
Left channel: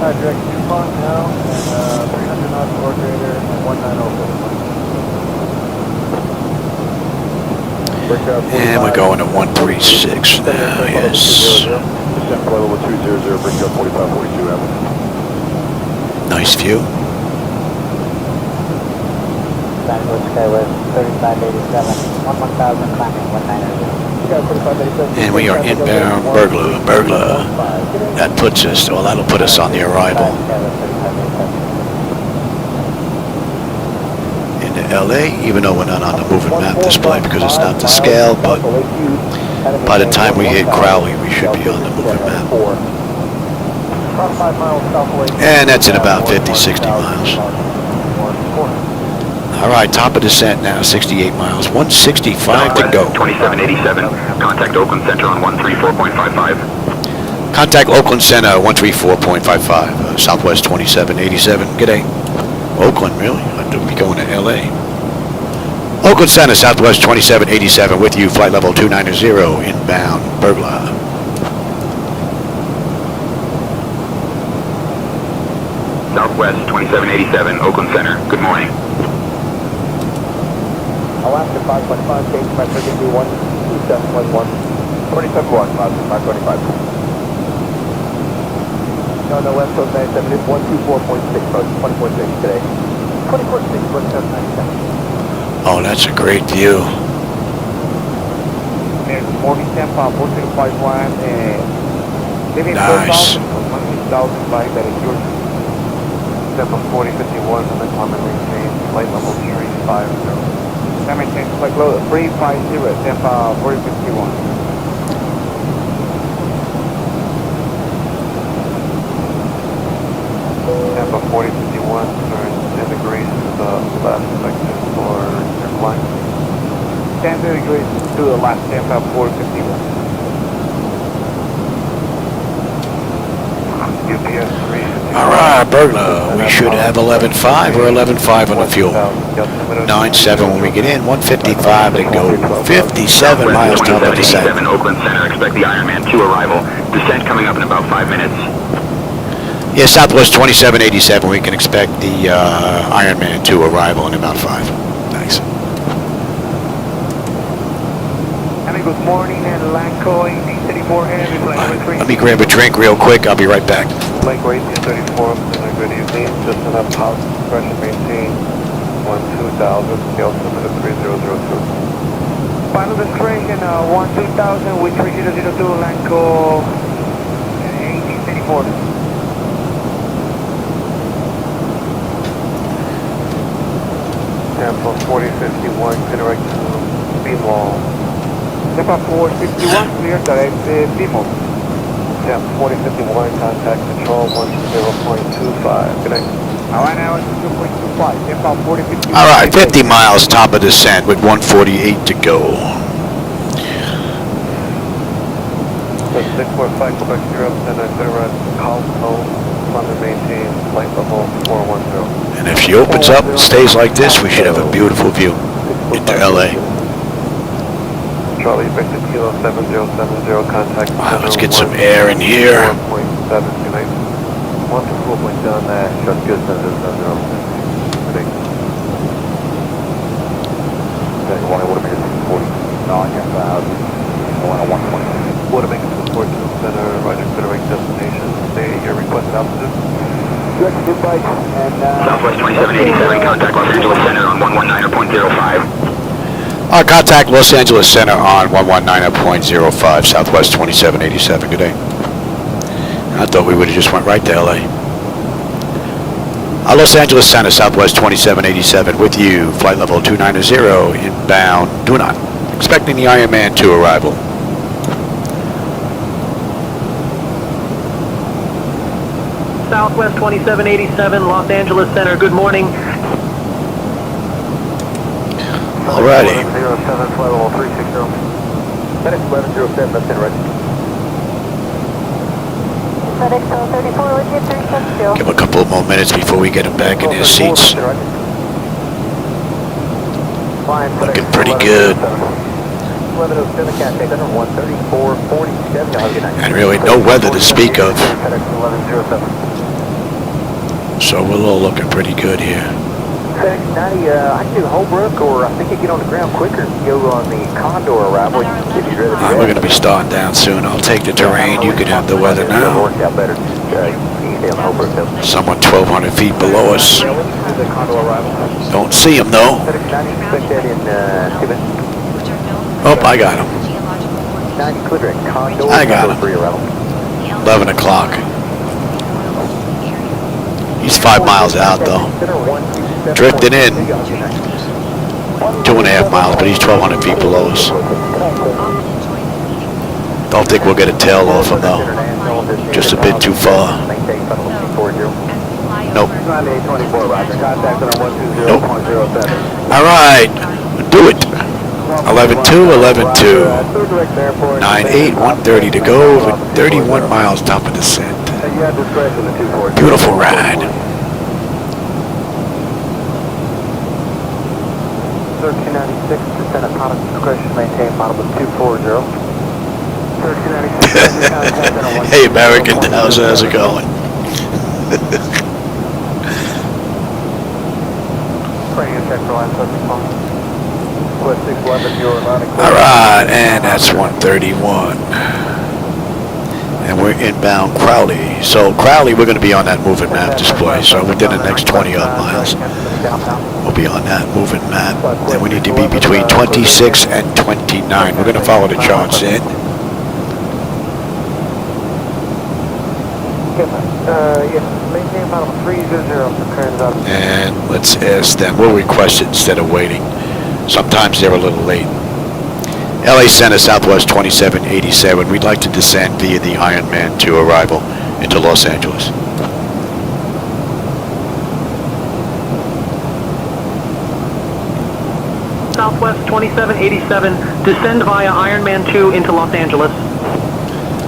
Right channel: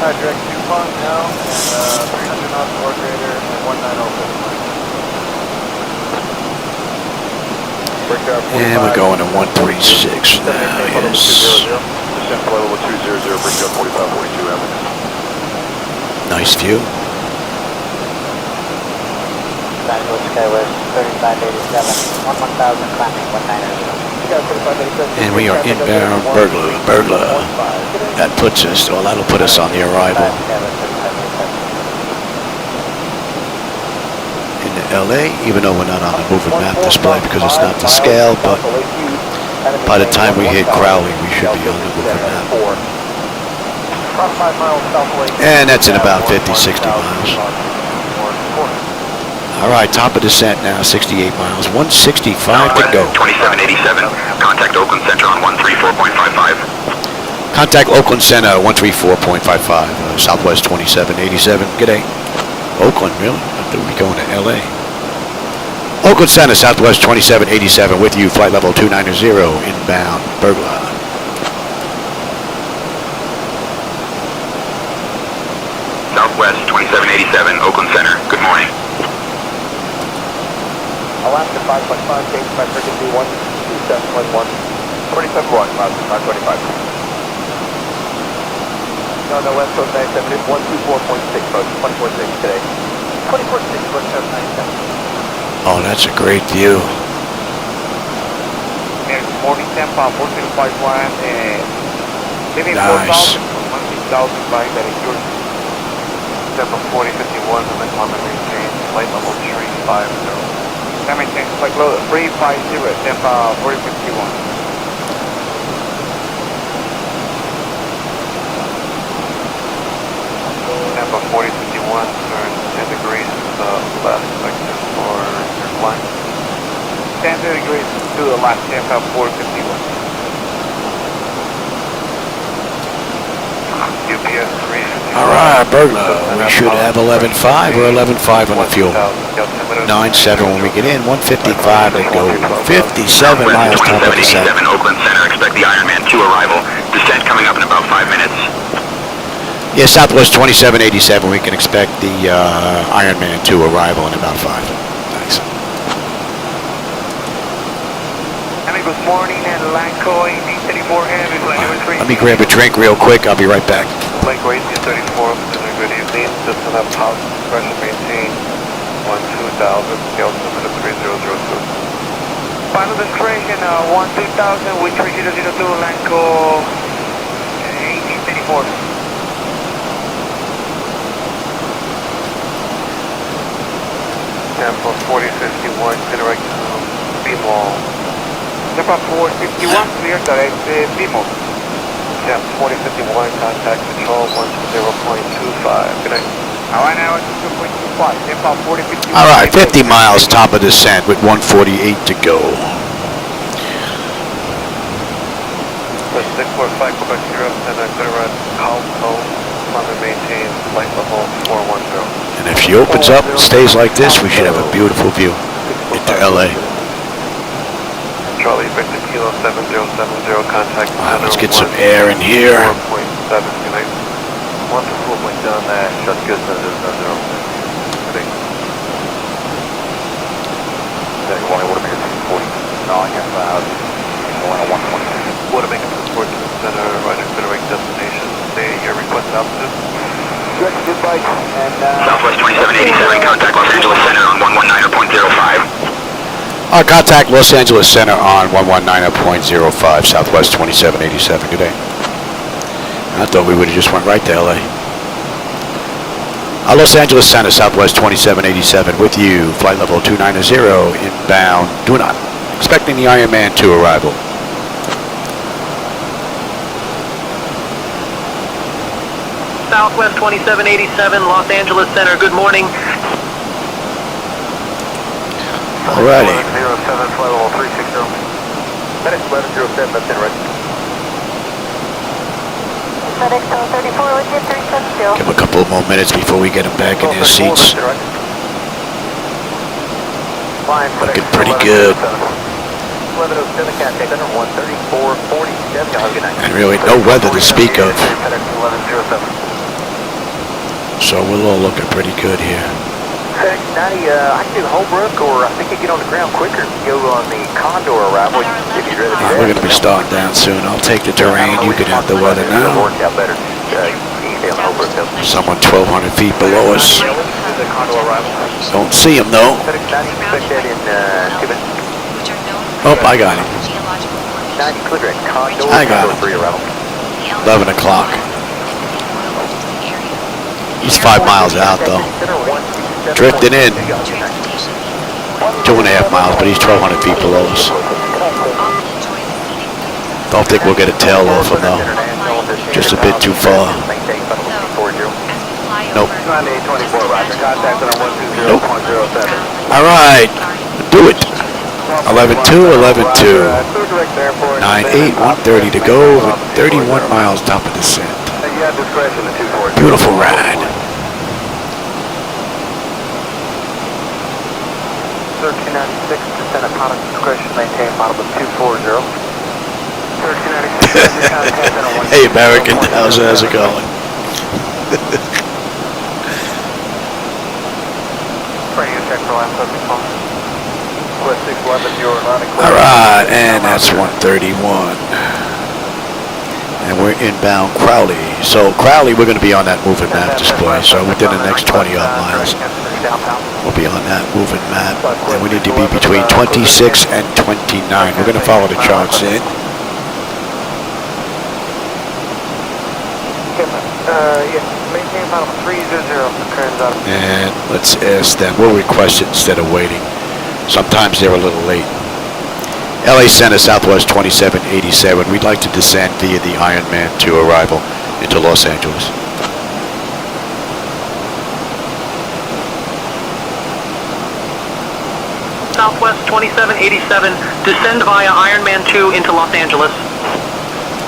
Direct 2 climb now, and 300 knots or greater, and 190. And we're going to 136 now, yes. Nice view. And we are inbound Burglar. That puts us, well, that'll put us on the arrival into LA, even though we're not on the moving map display because it's not to scale, but by the time we hit Crowley, we should be on the moving map. And that's in about 50-60 miles. Alright, top of descent now, 68 miles, 165 to go. 2787, contact Oakland Center on 134.55. Contact Oakland Center, 134.55, Southwest 2787, g'day. Oakland, really? I thought we'd be going to LA. Oakland Center, Southwest 2787, with you, flight level 290, inbound, Burglar. Southwest 2787, Oakland Center, good morning. Alaska 5.5, change by frequency 127.1, 27.1, 525. No, West Coast 97, it's 124.6, so it's 24.6 today. 24.6, 27.97. Oh, that's a great view. And morning Tampa, 4051, nice. 16,000 by that is yours. Tampa 4051, the minimum maintain, flight level 35. That maintains flight level 350, Tampa 4051. Tampa 4051, turn 10 degrees to the left, sector for your flight. 10 degrees to the left, Tampa 451. UPS 3. Alright, Burglar, we should have 11.5 or 11.5 on the fuel. 9.7 when we get in, 155 to go. 57 miles top of descent. Oakland Center, expect the Ironman 2 arrival. Descent coming up in about 5 minutes. Yeah, Southwest 2787, we can expect the Ironman 2 arrival in about 5. Nice. Good morning, and Lanco 1834. Let me grab a drink real quick, I'll be right back. Lanco 1834, good evening. Just enough house pressure maintain 12,000, scale to the 3002. Final destination 13000 with 3002, Lanco 1834. Tampa 4051, direct to B-Mall. Tampa 451, clear direct B-Mall. Tampa 4051, contact control 10.25. Good night. Alright, now it's 2.25. Tampa 4051. Alright, 50 miles top of descent with 148 to go. 645 Quebec 0, and I clear right, climb and maintain flight level 410. And if she opens up and stays like this, we should have a beautiful view into LA. Charlie, Victor Kilo 7070, contact. All right, let's get some air in here. 1.7, connect. 1 to 4.7, shut good, 0. Watermaker to the Port Center, right considering destination, stay your request altitude. Southwest 2787, contact Los Angeles Center on 119.05. Contact Los Angeles Center on 119.05, Southwest 2787. Good day. I thought we would have just went right to LA. Los Angeles Center, Southwest 2787, with you, flight level 290, inbound, do not. Expecting the Ironman 2 arrival. Southwest 2787, Los Angeles Center, good morning. Alrighty. 07, flight level 360. FedEx 1107, that's in ready. FedEx 34, let's get 360. Give a couple more minutes before we get them back in their seats. Looking pretty good. And really no weather to speak of. So we're all looking pretty good here. I can do Holbrook, or I think I get on the ground quicker if you go on the Condor arrival. Alright, we're going to be starting down soon. I'll take the terrain. You can have the weather now. Someone 1,200 feet below us. Don't see him though. Oh, I got him. I got him. 11 o'clock. He's 5 miles out though. Drifting in. 2.5 miles, but he's 1,200 feet below us. Don't think we'll get a tail off him though. Just a bit too far. Nope. Nope. Alright. Do it. 11-2, 11-2. 9-8, 130 to go with 31 miles top of descent. Beautiful ride. 1396% of pilot discretion maintained, model of 240. Hey American, how's it going? Alright, and that's 131. And we're inbound Crowley. So Crowley, we're going to be on that moving map display. So within the next 20 odd miles, we'll be on that moving map. And we need to be between 26 and 29. We're going to follow the charts in. And let's ask them. We'll request it instead of waiting. Sometimes they're a little late. LA Center, Southwest 2787. We'd like to descend via the Ironman 2 arrival into Los Angeles. Southwest 2787, descend via Ironman 2 into Los Angeles.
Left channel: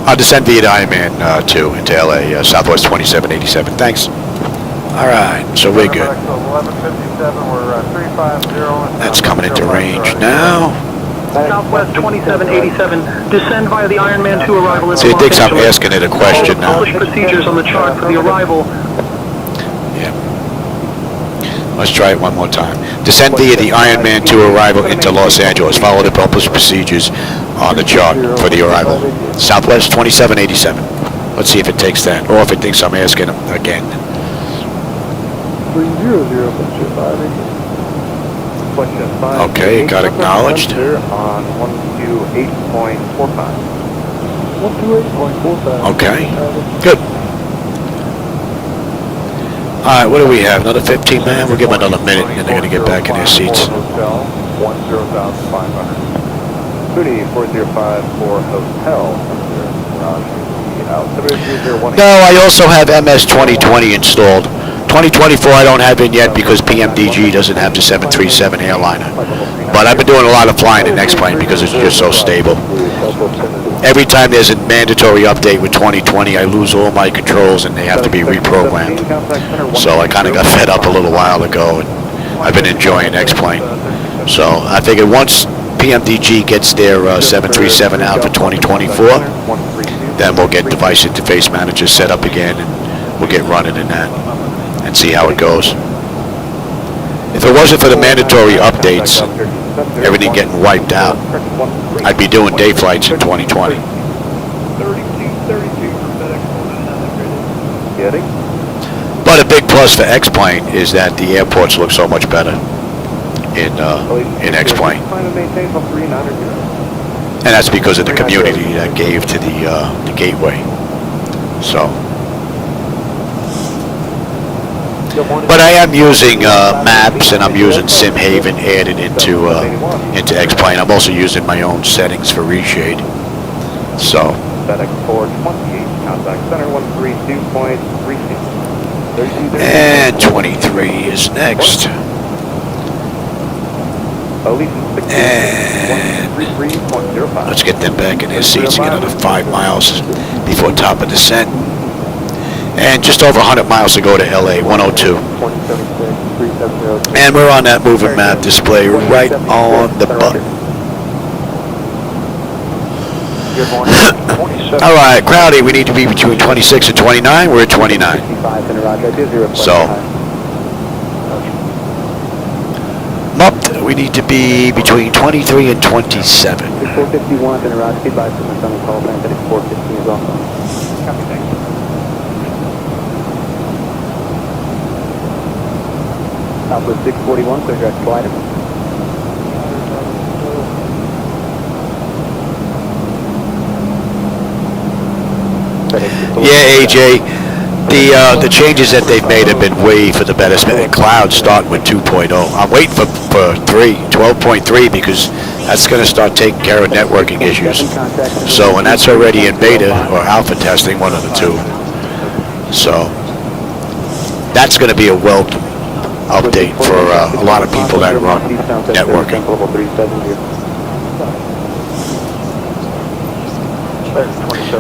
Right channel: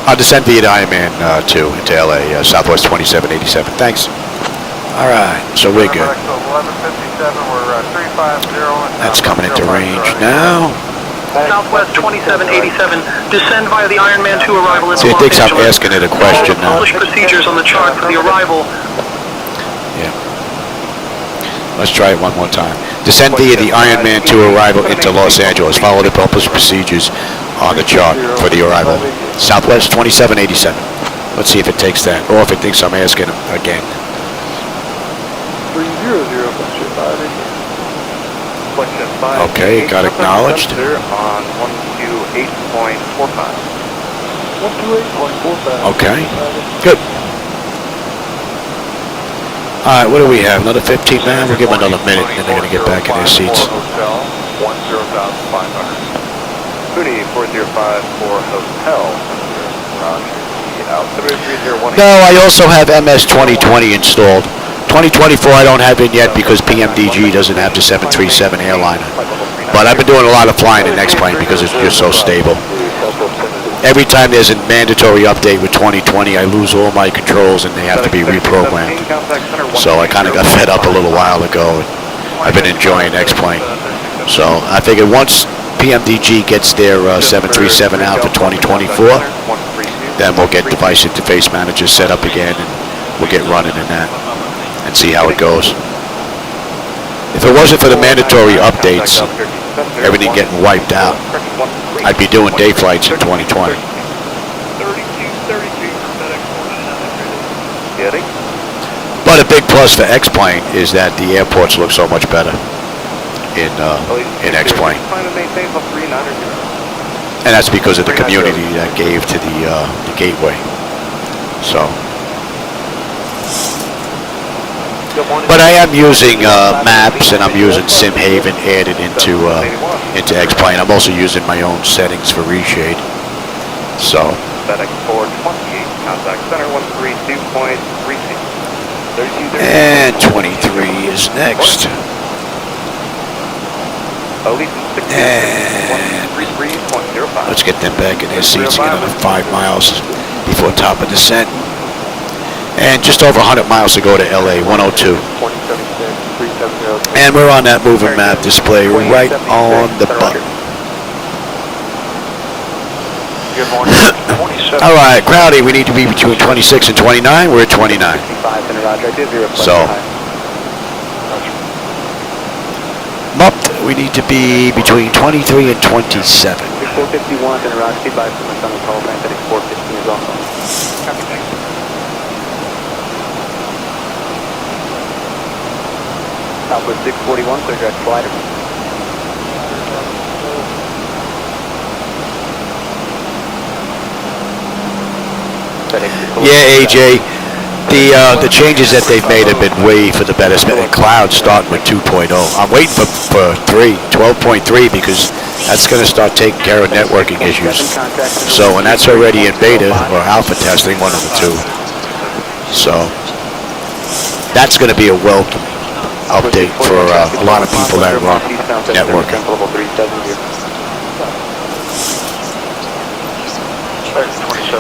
I'll descend via the Ironman 2 into LA, Southwest 2787. Thanks. Alright, so we're good. That's coming into range now. Southwest 2787, descend via the Ironman 2 arrival. See, it thinks I'm asking it a question now. Procedures on the chart for the arrival. Yeah. Let's try it one more time. Descend via the Ironman 2 arrival into Los Angeles. Follow the published procedures on the chart for the arrival. Southwest 2787. Let's see if it takes that, or if it thinks I'm asking again. 300, Okay, it got acknowledged. On 128.45. Okay, good. Alright, what do we have? Another 15 man? We'll give them another minute and then they're going to get back in their seats. 10,500. 405 for hotel. No, I also have MS 2020 installed. 2024 I don't have in yet because PMDG doesn't have the 737 airliner. But I've been doing a lot of flying the next plane because it's just so stable. every time there's a mandatory update with 2020, I lose all my controls and they have to be reprogrammed. So I kind of got fed up a little while ago, and I've been enjoying X-Plane. So I figured once PMDG gets their 737 out for 2024, then we'll get device interface managers set up again, and we'll get running in that and see how it goes. If it wasn't for the mandatory updates, everything getting wiped out, I'd be doing day flights in 2020. But a big plus for X-Plane is that the airports look so much better in X-Plane. And that's because of the community that gave to the gateway. So. But I am using maps, and I'm using SimHaven added into X-Plane. I'm also using my own settings for reshade. So. And 23 is next. And let's get them back in their seats and get another 5 miles before top of descent. And just over 100 miles to go to LA, 102. And we're on that moving map display right on the button. All right, Crowdy, we need to be between 26 and 29. We're at 29. So, Mupped, we need to be between 23 and 27. Southwest 641, clear direct flight. Yeah, AJ, the changes that they've made have been way for the better. Cloud starting with 2.0. I'm waiting for 12.3, because that's going to start taking care of networking issues. So, and that's already in beta or alpha testing, one of the two. So, that's going to be a welcome update for a lot of people that run networking.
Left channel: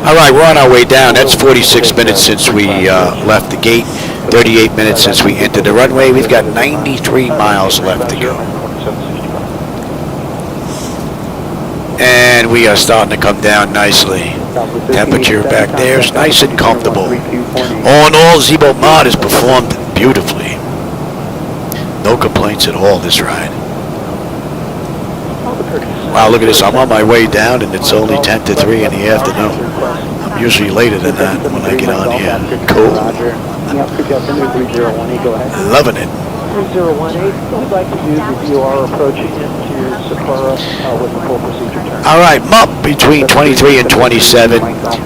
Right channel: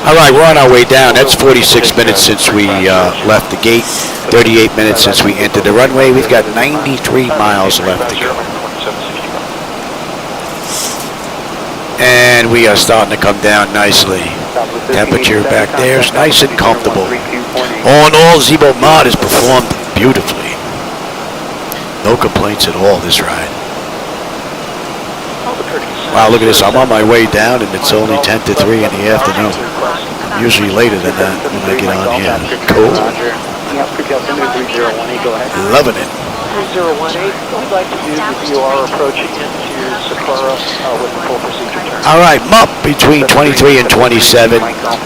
All right, we're on our way down. That's 46 minutes since we left the gate, 38 minutes since we entered the runway. We've got 93 miles left to go. And we are starting to come down nicely. Temperature back there is nice and comfortable. All in all, ZiboMod has performed beautifully. No complaints at all this ride. Wow, look at this. I'm on my way down and it's only 10 to 3 in the afternoon. I'm usually later than that when I get on here. Cool. Loving it. 3018, we'd like to use if you are approaching into Sapporo with the full procedure turn. All right, Mup, between 23 and 27.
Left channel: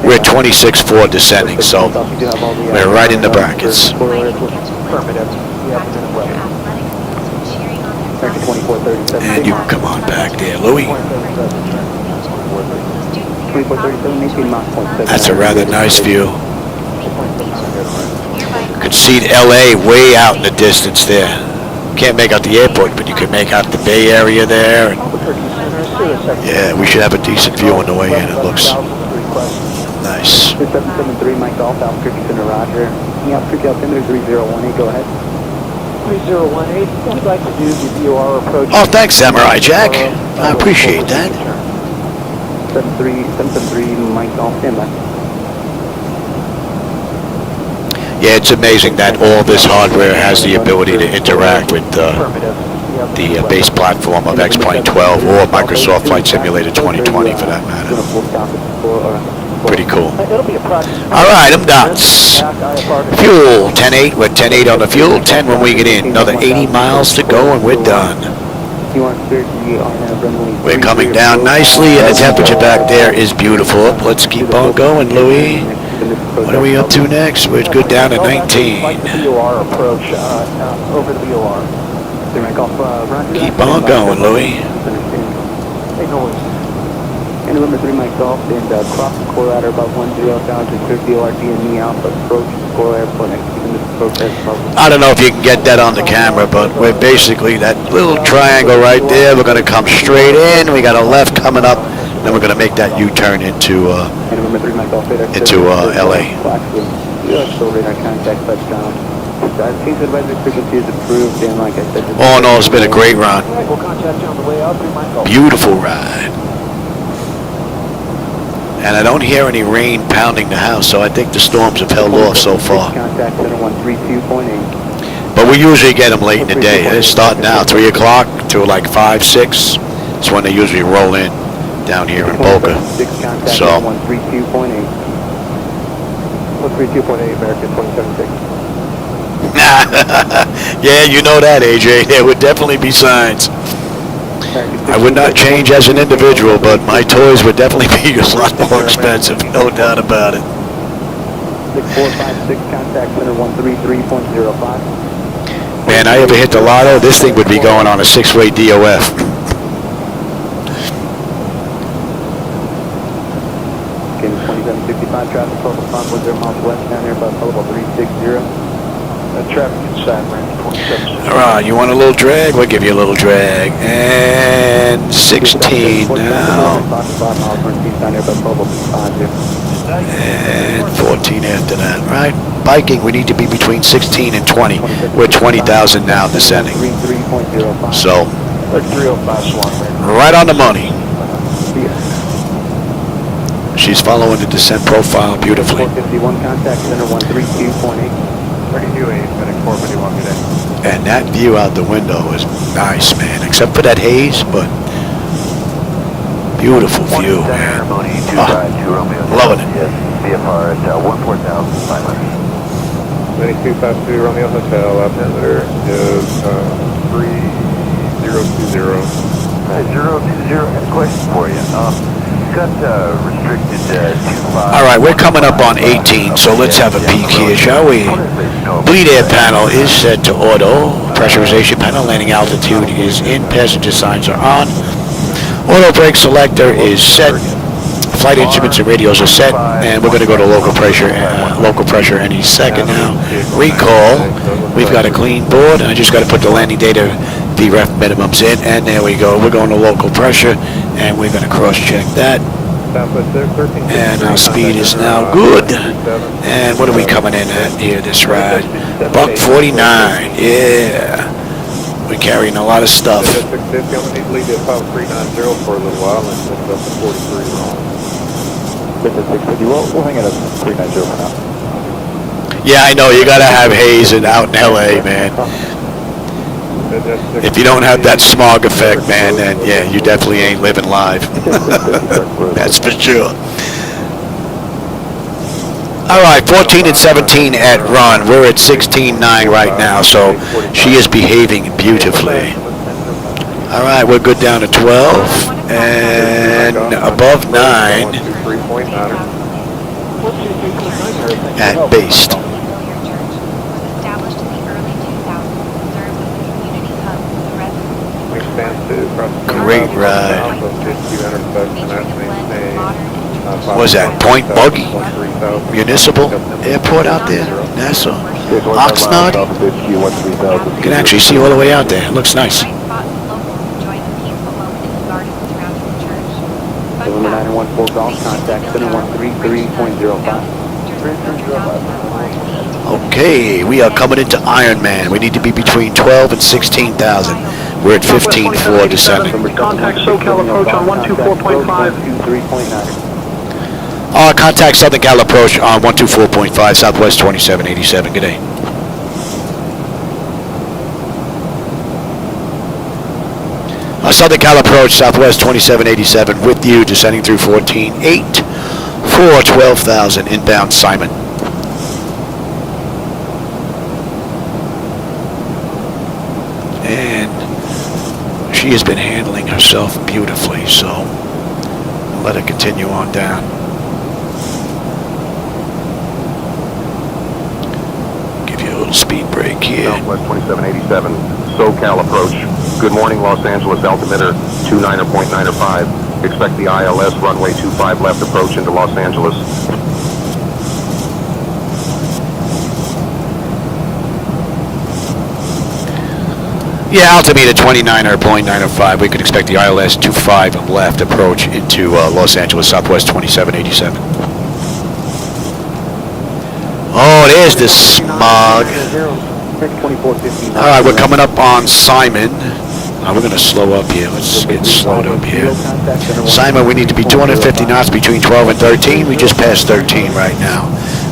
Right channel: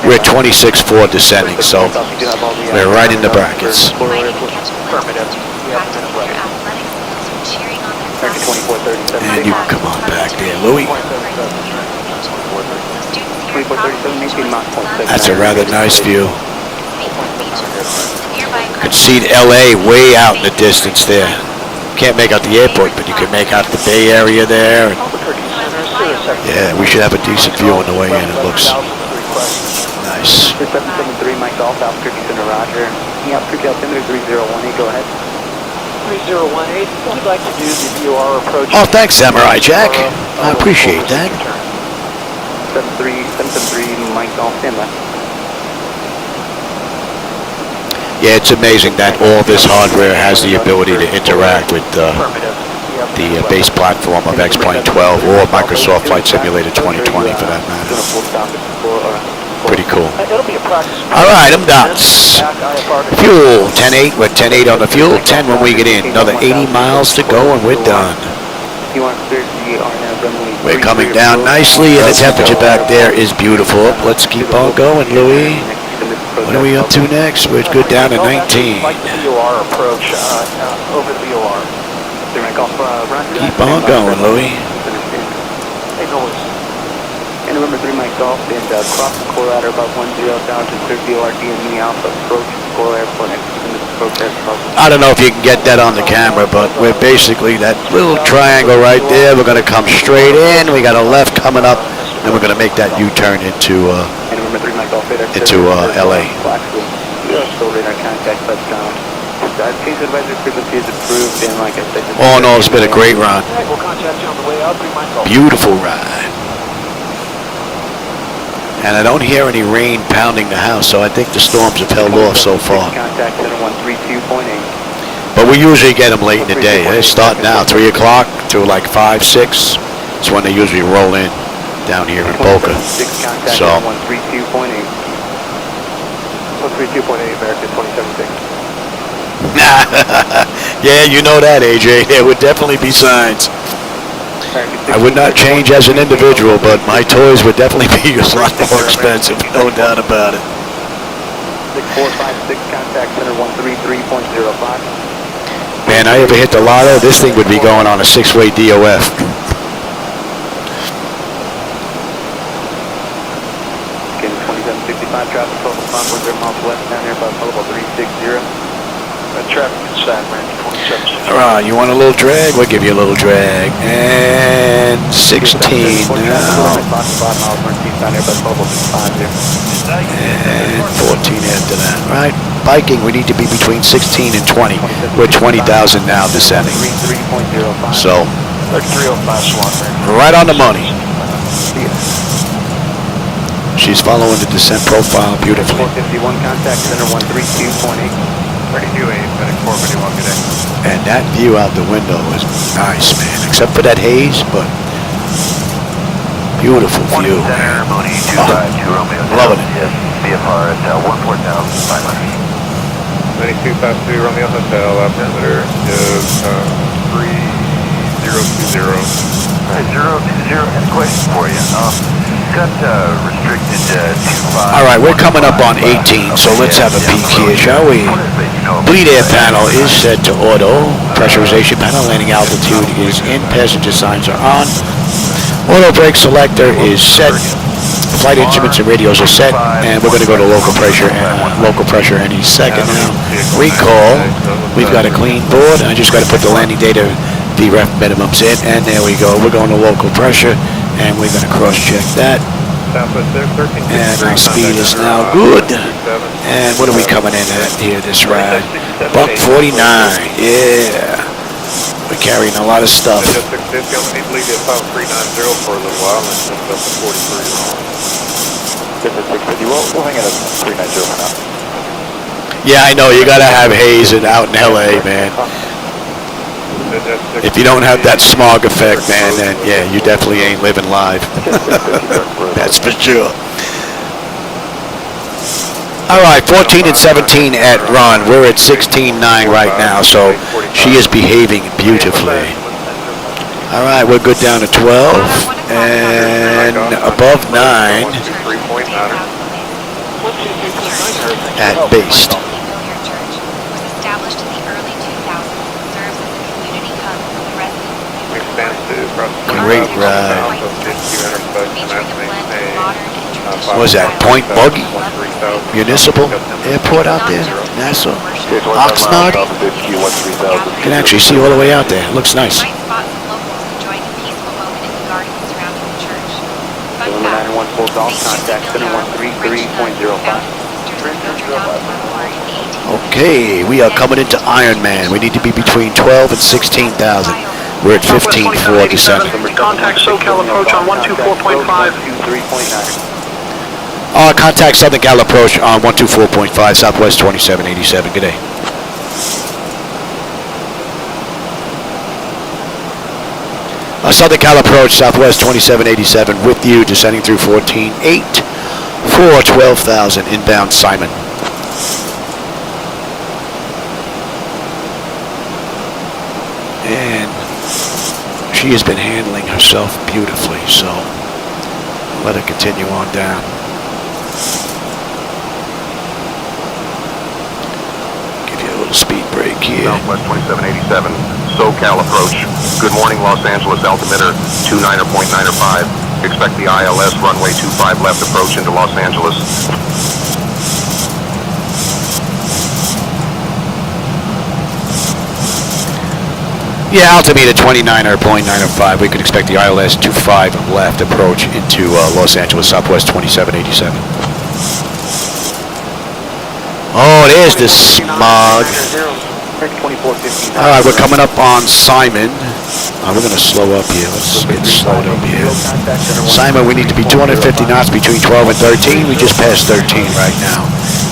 We're at 26.4 descending, so we're right in the brackets. And you can come on back there, Louis. That's a rather nice view. You can see LA way out in the distance there. Can't make out the airport, but you can make out the Bay Area there. And yeah, we should have a decent view on the way in. It looks nice. 773 Mike Golf, Alpha Roger. Alpha 3018, go ahead. 3018, what we'd like to do is if you are approaching... Oh, thanks, Samurai Jack. I appreciate that. 773 Mike Golf, standby. Yeah, it's amazing that all this hardware has the ability to interact with the base platform of X-Plane 12 or Microsoft Flight Simulator 2020 for that matter. Pretty cool. All right, I'm dots. Fuel, 10.8. We're 10.8 on the fuel. 10 when we get in. Another 80 miles to go and we're done. We're coming down nicely and the temperature back there is beautiful. Let's keep on going, Louis. What are we up to next? We're good down to 19. Keep on going, Louis. And November 3 Mike Golf and cross the core ladder about 10 down to clear VORD and me Alpha approach core airport next. I don't know if you can get that on the camera, but we're basically that little triangle right there. We're going to come straight in. We got a left coming up Then we're going to make that U-turn into LA. All in all, it's been a great run. Beautiful ride. And I don't hear any rain pounding the house, so I think the storms have held off so far. But we usually get them late in the day. They start now, 3 o'clock to like 5, 6. It's when they usually roll in down here in Boca. So. 32.8 American 276. Yeah, you know that, AJ. There would definitely be signs. I would not change as an individual, but my toys would definitely be a lot more expensive, no doubt about it. 6456, contact center 133.05. Man, I ever hit the lotto, this thing would be going on a 6-way DOF. Again, 2765 traffic, total 5.0 miles west down here by total 360. Traffic side range 27. All right, you want a little drag? We'll give you a little drag. And 16 now. And 14 after that, right? Biking, we need to be between 16 and 20. We're 20,000 now descending. So, right on the money. She's following the descent profile beautifully. And that view out the window is nice, man. Except for that haze, but beautiful view, man. Oh, loving it. 9252 Romeo Hotel, altimeter is 3020. 020, and a question for you. Got restricted All right, we're coming up on 18, so let's have a peek here, shall we? Bleed air panel is set to auto. Pressurization panel, landing altitude is in. Passenger signs are on. Auto brake selector is set. Flight instruments and radios are set, and we're going to go to local pressure any second now. Recall. We've got a clean board. I just got to put the landing data, VREF minimums in, and there we go. We're going to local pressure, and we're going to cross-check that. And our speed is now good. And what are we coming in at here this ride? Buck 49. Yeah. We're carrying a lot of stuff. Yeah, I know. You got to have haze out in LA, man. If you don't have that smog effect, man, then yeah, you definitely ain't living live. That's for sure. All right, 14 and 17 at run. We're at 16.9 right now, so she is behaving beautifully. All right, we're good down to 12 and above 9 at based. Great ride. What was that? Point Buggy Municipal Airport out there? Nassau? Oxnard? You can actually see all the way out there. It looks nice. Okay, we are coming into Ironman. We need to be between 12 and 16,000. We're at 15.4 descending. Contact SoCal approach on 124.5. Contact Southern Cal approach on 124.5, Southwest 2787. Good day. Southern Cal approach, Southwest 2787 with you, descending through 14.8 for 12,000 inbound Simon. And she has been handling herself beautifully, so I'll let her continue on down. Give you a little speed break here. Southwest 2787, SoCal approach. Good morning, Los Angeles, altimeter 29.95. Expect the ILS runway 25 left approach into Los Angeles. Yeah, altimeter 29.905. We could expect the ILS 25 left approach into Los Angeles Southwest 2787. Oh, there's the smog. All right, we're coming up on Simon. We're going to slow up here. Let's get slowed up here. Simon, we need to be 250 knots between 12 and 13. We just passed 13 right now.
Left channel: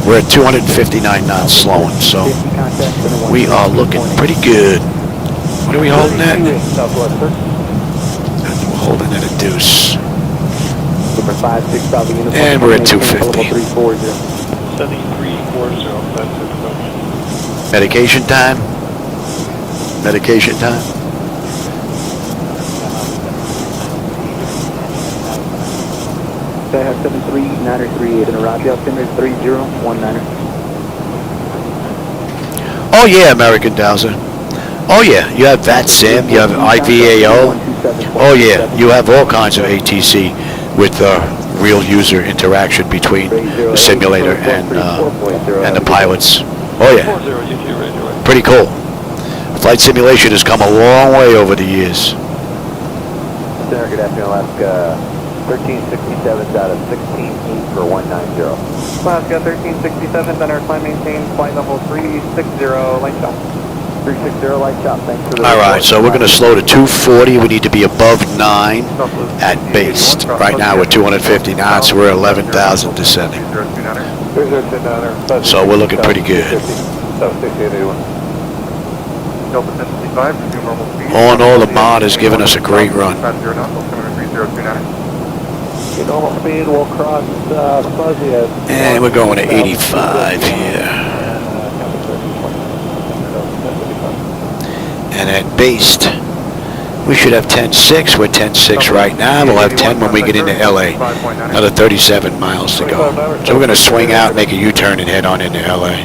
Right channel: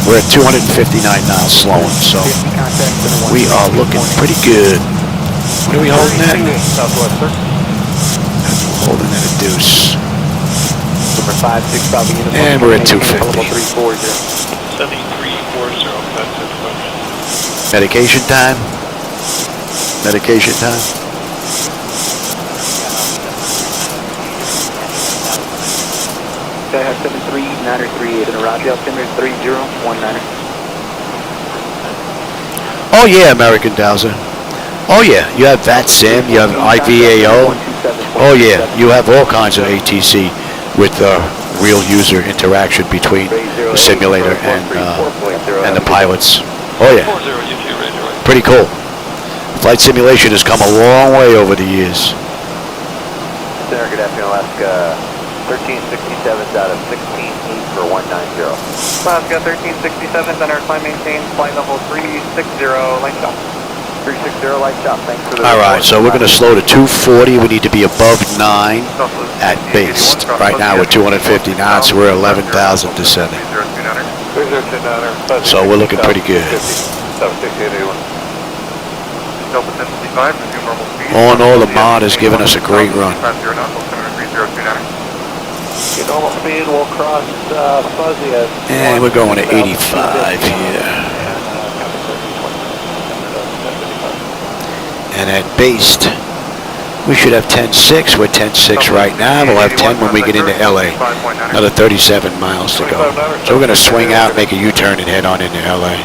We're at 259 knots slowing, so we are looking pretty good. What are we holding at? We're holding at a deuce. And we're at 250. Medication time? Medication time? I have 73938 in a Roger, altimeter 3019. Oh yeah, American Dowser. Oh yeah, you have VATSIM, you have IVAO. Oh yeah, you have all kinds of ATC with real user interaction between the simulator and the pilots. Oh yeah, pretty cool. Flight simulation has come a long way over the years. Center, good afternoon, Alaska. 1367 out of 16 east for 190. Alaska 1367, center, climb maintain, flight level 360, light stop. 360, light stop, thanks for the... All right, so we're going to slow to 240. We need to be above 9 at base. Right now we're 250 knots. We're 11,000 descending. So we're looking pretty good. All in all, the mod has given us a great run. And we're going to 85 here. And at base, we should have 10.6. We're 10.6 right now. We'll have 10 when we get into LA. Another 37 miles to go. So we're going to swing out, make a U-turn, and head on into LA.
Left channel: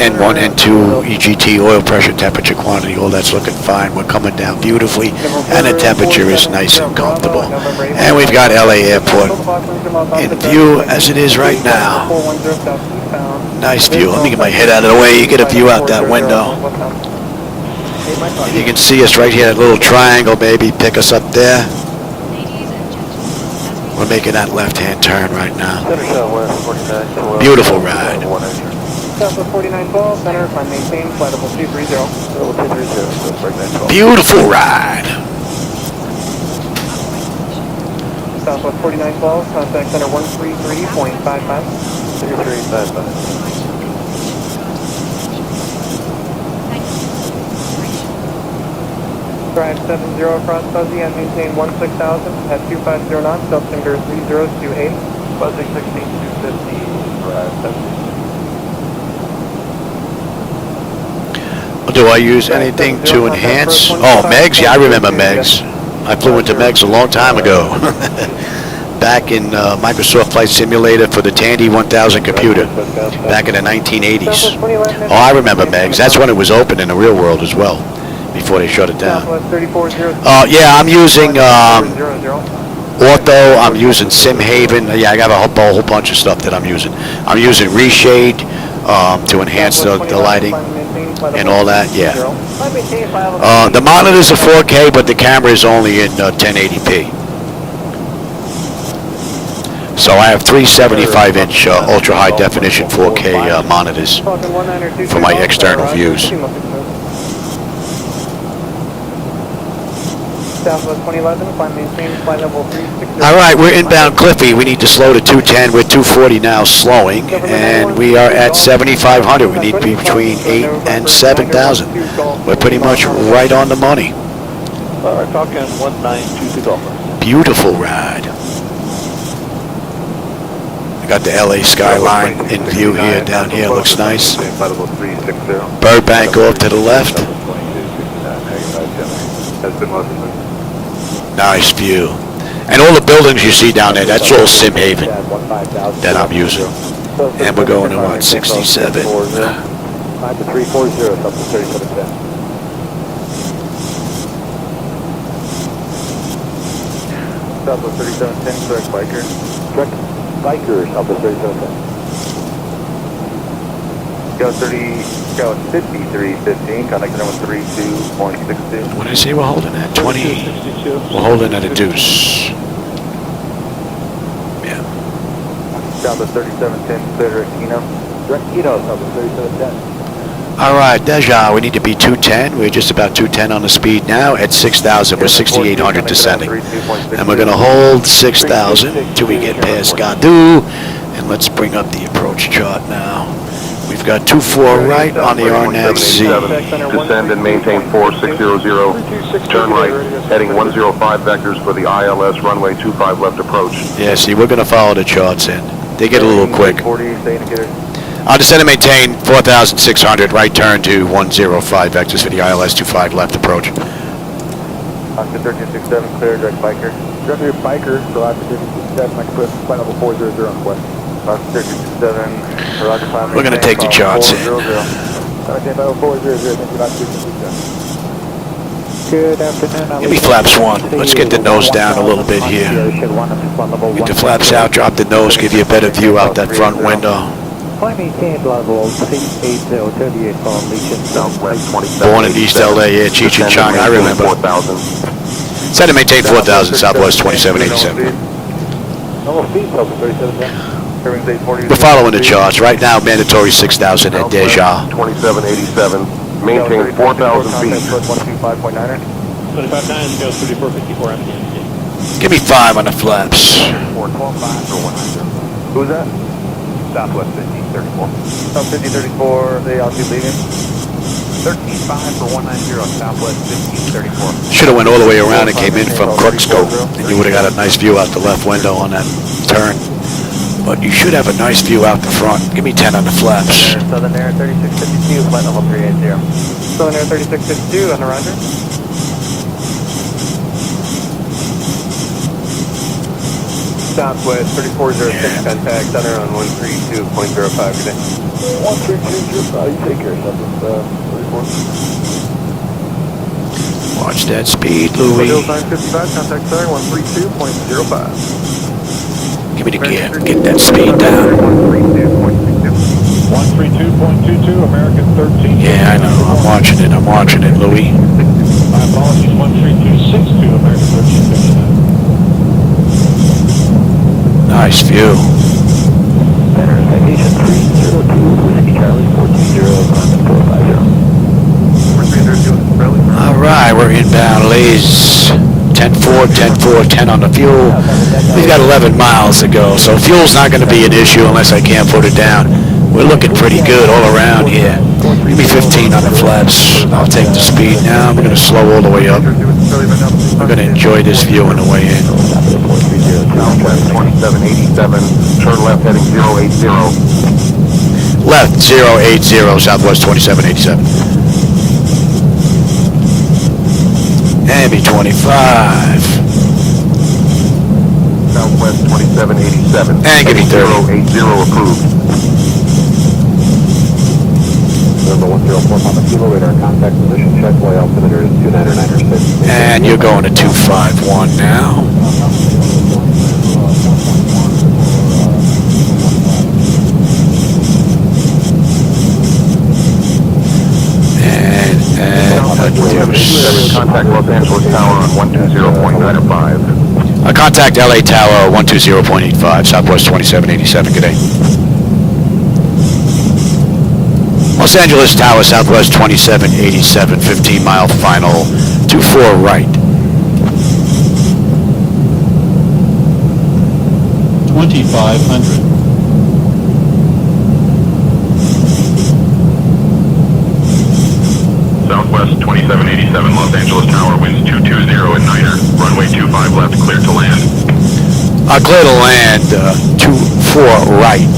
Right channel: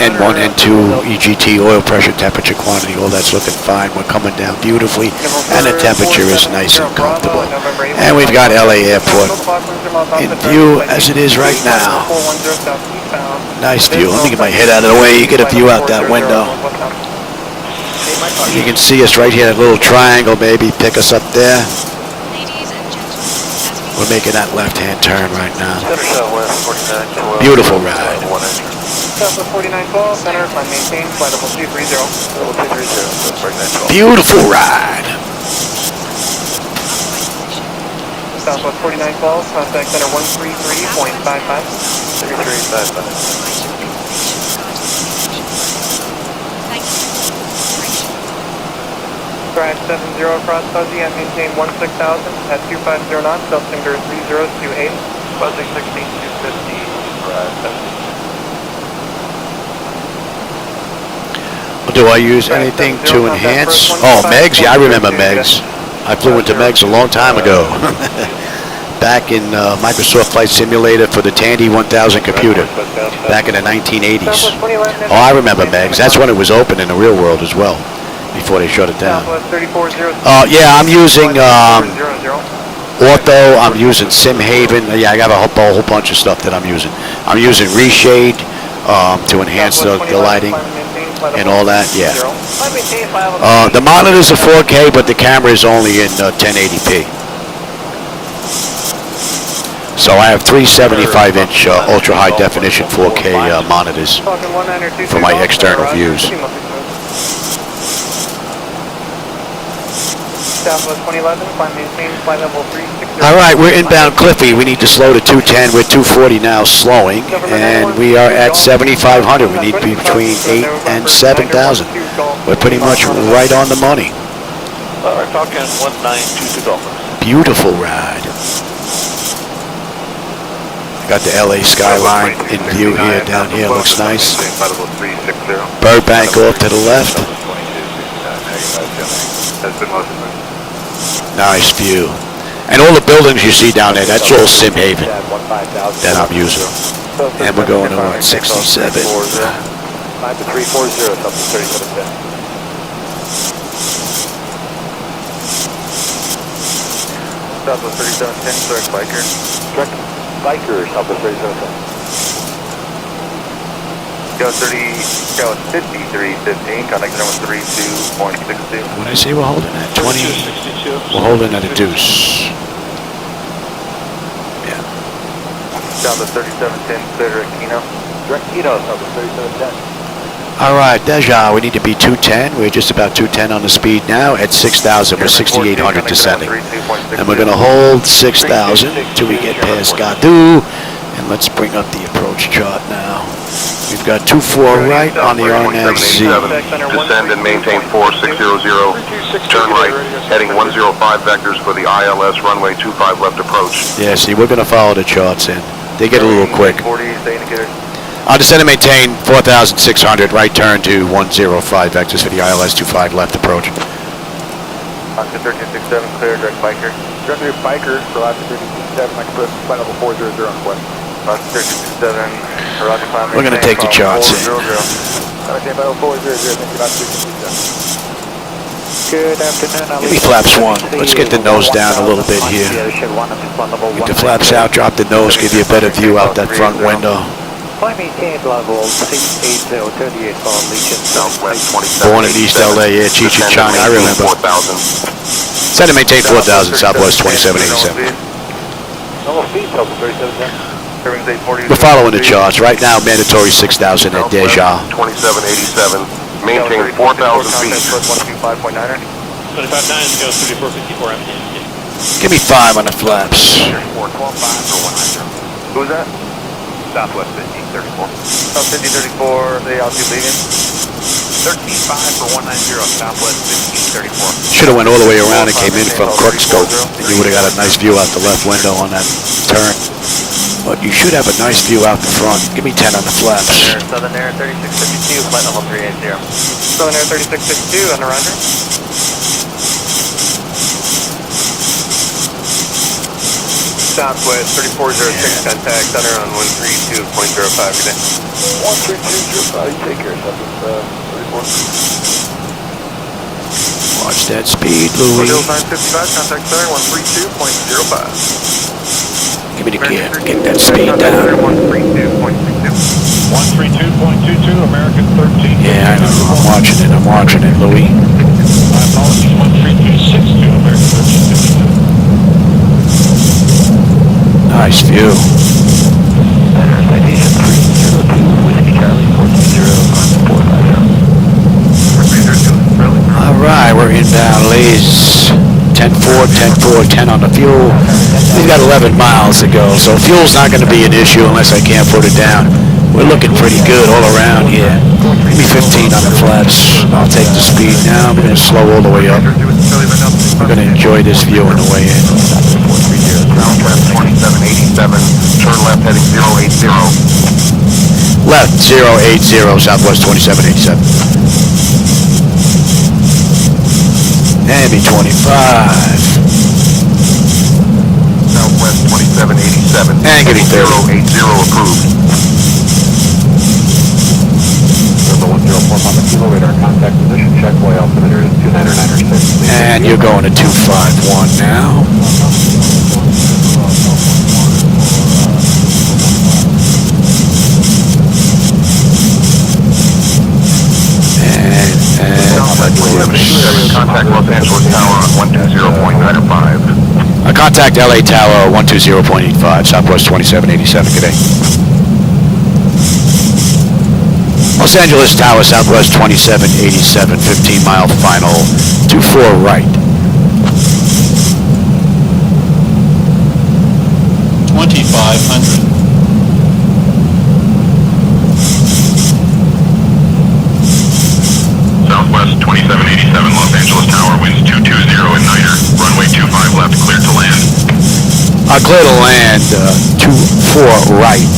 N1, N2, EGT, oil pressure, temperature, quantity, all that's looking fine. We're coming down beautifully, and the temperature is nice and comfortable. And we've got LA Airport in view as it is right now. Nice view. Let me get my head out of the way. You get a view out that window. And you can see us right here, that little triangle, maybe pick us up there. We're making that left-hand turn right now. Beautiful ride. Beautiful ride. Southwest 49 calls, contact center 133.55. 3355. Drive 70 across Fuzzy and maintain 16,000 at 250 knots, altimeter 3028. Fuzzy 16250, drive 70. Do I use anything to enhance? Oh, Megs? Yeah, I remember Megs. I flew into Megs a long time ago. Back in Microsoft Flight Simulator for the Tandy 1000 computer. Back in the 1980s. Oh, I remember Megs. That's when it was open in the real world as well. Before they shut it down. Yeah, I'm using Ortho. I'm using SimHaven. Yeah, I got a whole bunch of stuff that I'm using. I'm using Reshade to enhance the lighting and all that. Yeah. The monitors are 4K, but the camera is only in 1080p. So I have three 75-inch ultra high definition 4K monitors for my external views. All right, we're inbound Cliffy. We need to slow to 210. We're 240 now, slowing, and we are at 7,500. We need to be between 8 and 7,000. We're pretty much right on the money. Beautiful ride. I got the LA skyline in view here. Down here looks nice. Burbank off to the left. Nice view. And all the buildings you see down there, that's all SimHaven that I'm using. And we're going to what, 67? Go 5315, contact number 32.62. What did I say we're holding at? 20. We're holding at a deuce. Yeah. Down to 3710, clear direct Kino. Direct Kino, down to 3710. All right, Deja, we need to be 210. We're just about 210 on the speed now at 6,000. We're 6,800 descending. And we're going to hold 6,000 till we get past Gadu. And let's bring up the approach chart now. We've got 24 right on the RNAV-Z. Descend and maintain 4600. Turn right, heading 105 vectors for the ILS runway 25 left approach. Yeah, see, we're going to follow the charts in. They get a little quick. I'll descend and maintain 4,600, right turn to 105 vectors for the ILS 25 left approach. Oscar 1367, clear, direct biker. Direct biker, for Oscar 1367, my clip, flight level 400 on quest. Oscar 1367, we're going to take the charts in. Good afternoon. Give me flaps 1. Let's get the nose down a little bit here. Get the flaps out, drop the nose, give you a better view out that front window. Born in East LA, yeah, Cheech and Chong, I remember. Set and maintain 4,000, Southwest 2787. We're following the charts. Right now, mandatory 6,000 at Deja. 2787, maintain 4,000 feet. 25.9, Give me 5 on the flaps. Who's that? Southwest 1534. South 1534, the altitude leading. 13.5 for 190, Southwest 1534. Should have went all the way around and came in from Crookscope, and you would have got a nice view out the left window on that turn. But you should have a nice view out the front. Give me 10 on the flaps. Southern Air 3652, flight level 380. Southern Air 3652, on the roger. Southwest 3406, contact center on 132.05 today. 132.05, take care, Watch that speed, Louis. 955, contact center 132.05. Give me the gear. Get that speed down. 132.22, American 13. Yeah, I know. I'm watching it, Louis. My apologies, 13262, American 13. Nice view. All right, we're inbound, ladies. 10-4, 10-4, 10 on the fuel. We've got 11 miles to go, so fuel's not going to be an issue unless I can't put it down. We're looking pretty good all around here. Give me 15 on the flaps. I'll take the speed now. We're going to slow all the way up. We're going to enjoy this view on the way in. Southwest 2787, turn left heading 080. Left 080, Southwest 2787. And be 25. Southwest 2787. And give me 30. 080 approved. And you're going to 251 now. And a deuce. Contact Los Angeles Tower on 120.95. Contact LA Tower 120.85, Southwest 2787. Good day. Los Angeles Tower, Southwest 2787, 15-mile final, 24 right. 2,500. Southwest 2787, Los Angeles Tower, winds 220 and niner. Runway 25 left, clear to land. Clear to land, 24 right,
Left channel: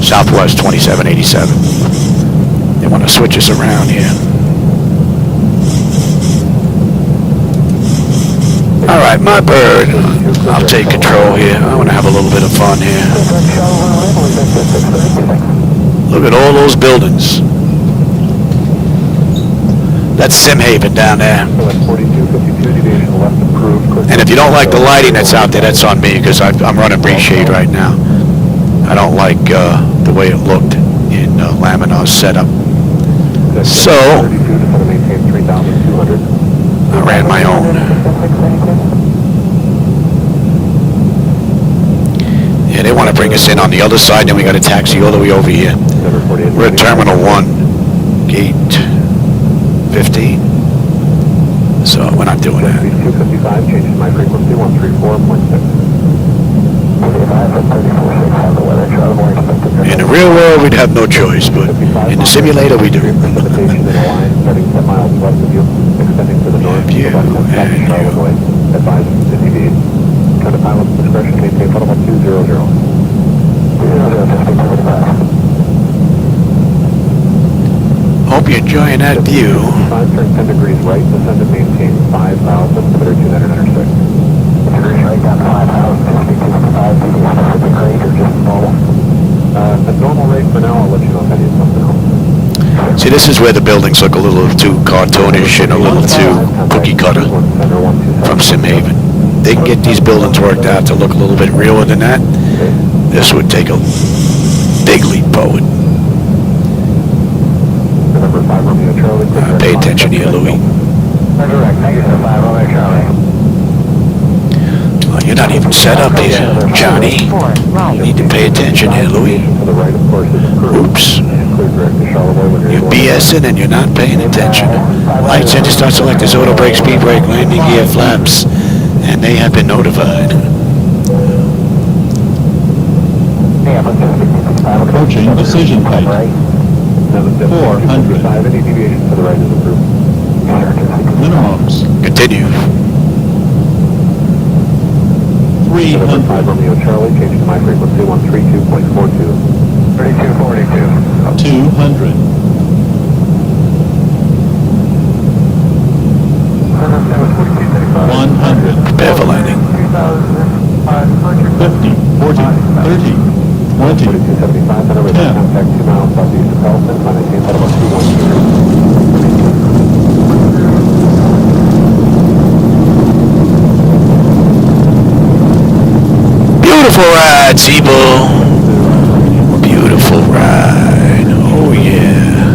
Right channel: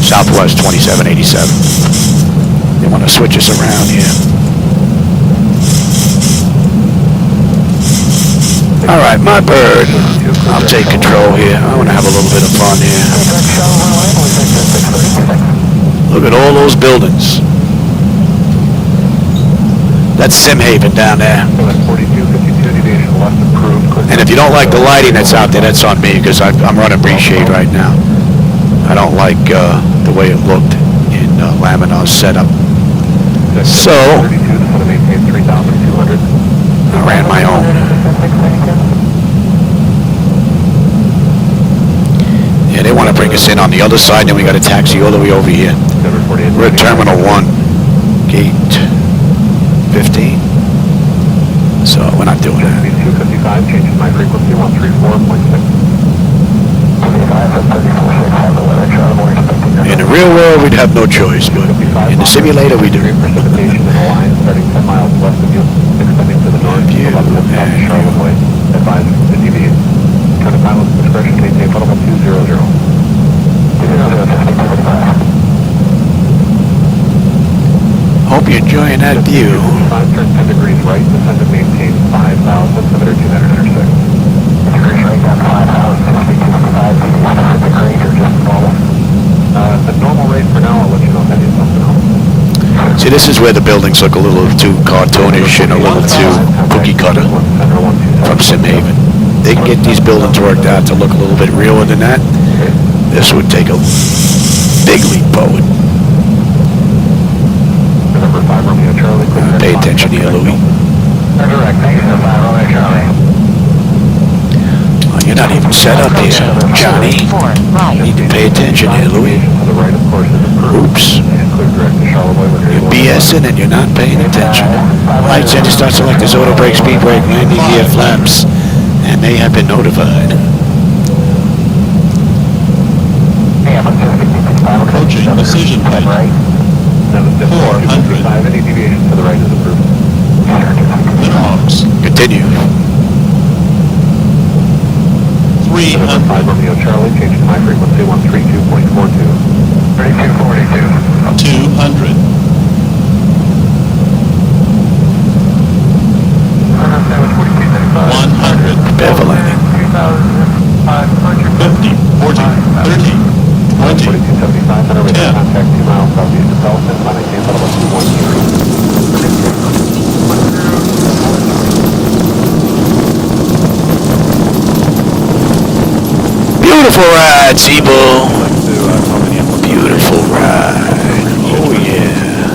Southwest 2787. They want to switch us around here. All right, my bird. I'll take control here. I want to have a little bit of fun here. Look at all those buildings. That's Simhaven down there. And if you don't like the lighting that's out there, that's on me because I'm running breeze shade right now. I don't like the way it looked in laminar setup. So I ran my own. Yeah, they want to bring us in on the other side, then we got to taxi all the way over here. We're at Terminal 1, Gate 15. So we're not doing that. In the real world, we'd have no choice, but in the simulator, we do. Have you and you. Hope you're enjoying that view. See, this is where the buildings look a little too cartoonish and a little too cookie cutter from Simhaven. They can get these buildings worked out to look a little bit realer than that. This would take a big leap forward. Pay attention here, Louis. Oh, you're not even set up here, Johnny. You need to pay attention here, Louis. Oops. You're BSing and you're not paying attention. Lights, engine start selectors, auto brake, speed brake, landing gear, flaps, and they have been notified. Approaching decision height. 400. Minimums. Continue. 300. Charlie, change to my frequency 132.42. 3242. 200. 100. Prepare for landing. 50, 40, 30, 20, 10. Beautiful ride, Zibo. Beautiful ride. Oh yeah.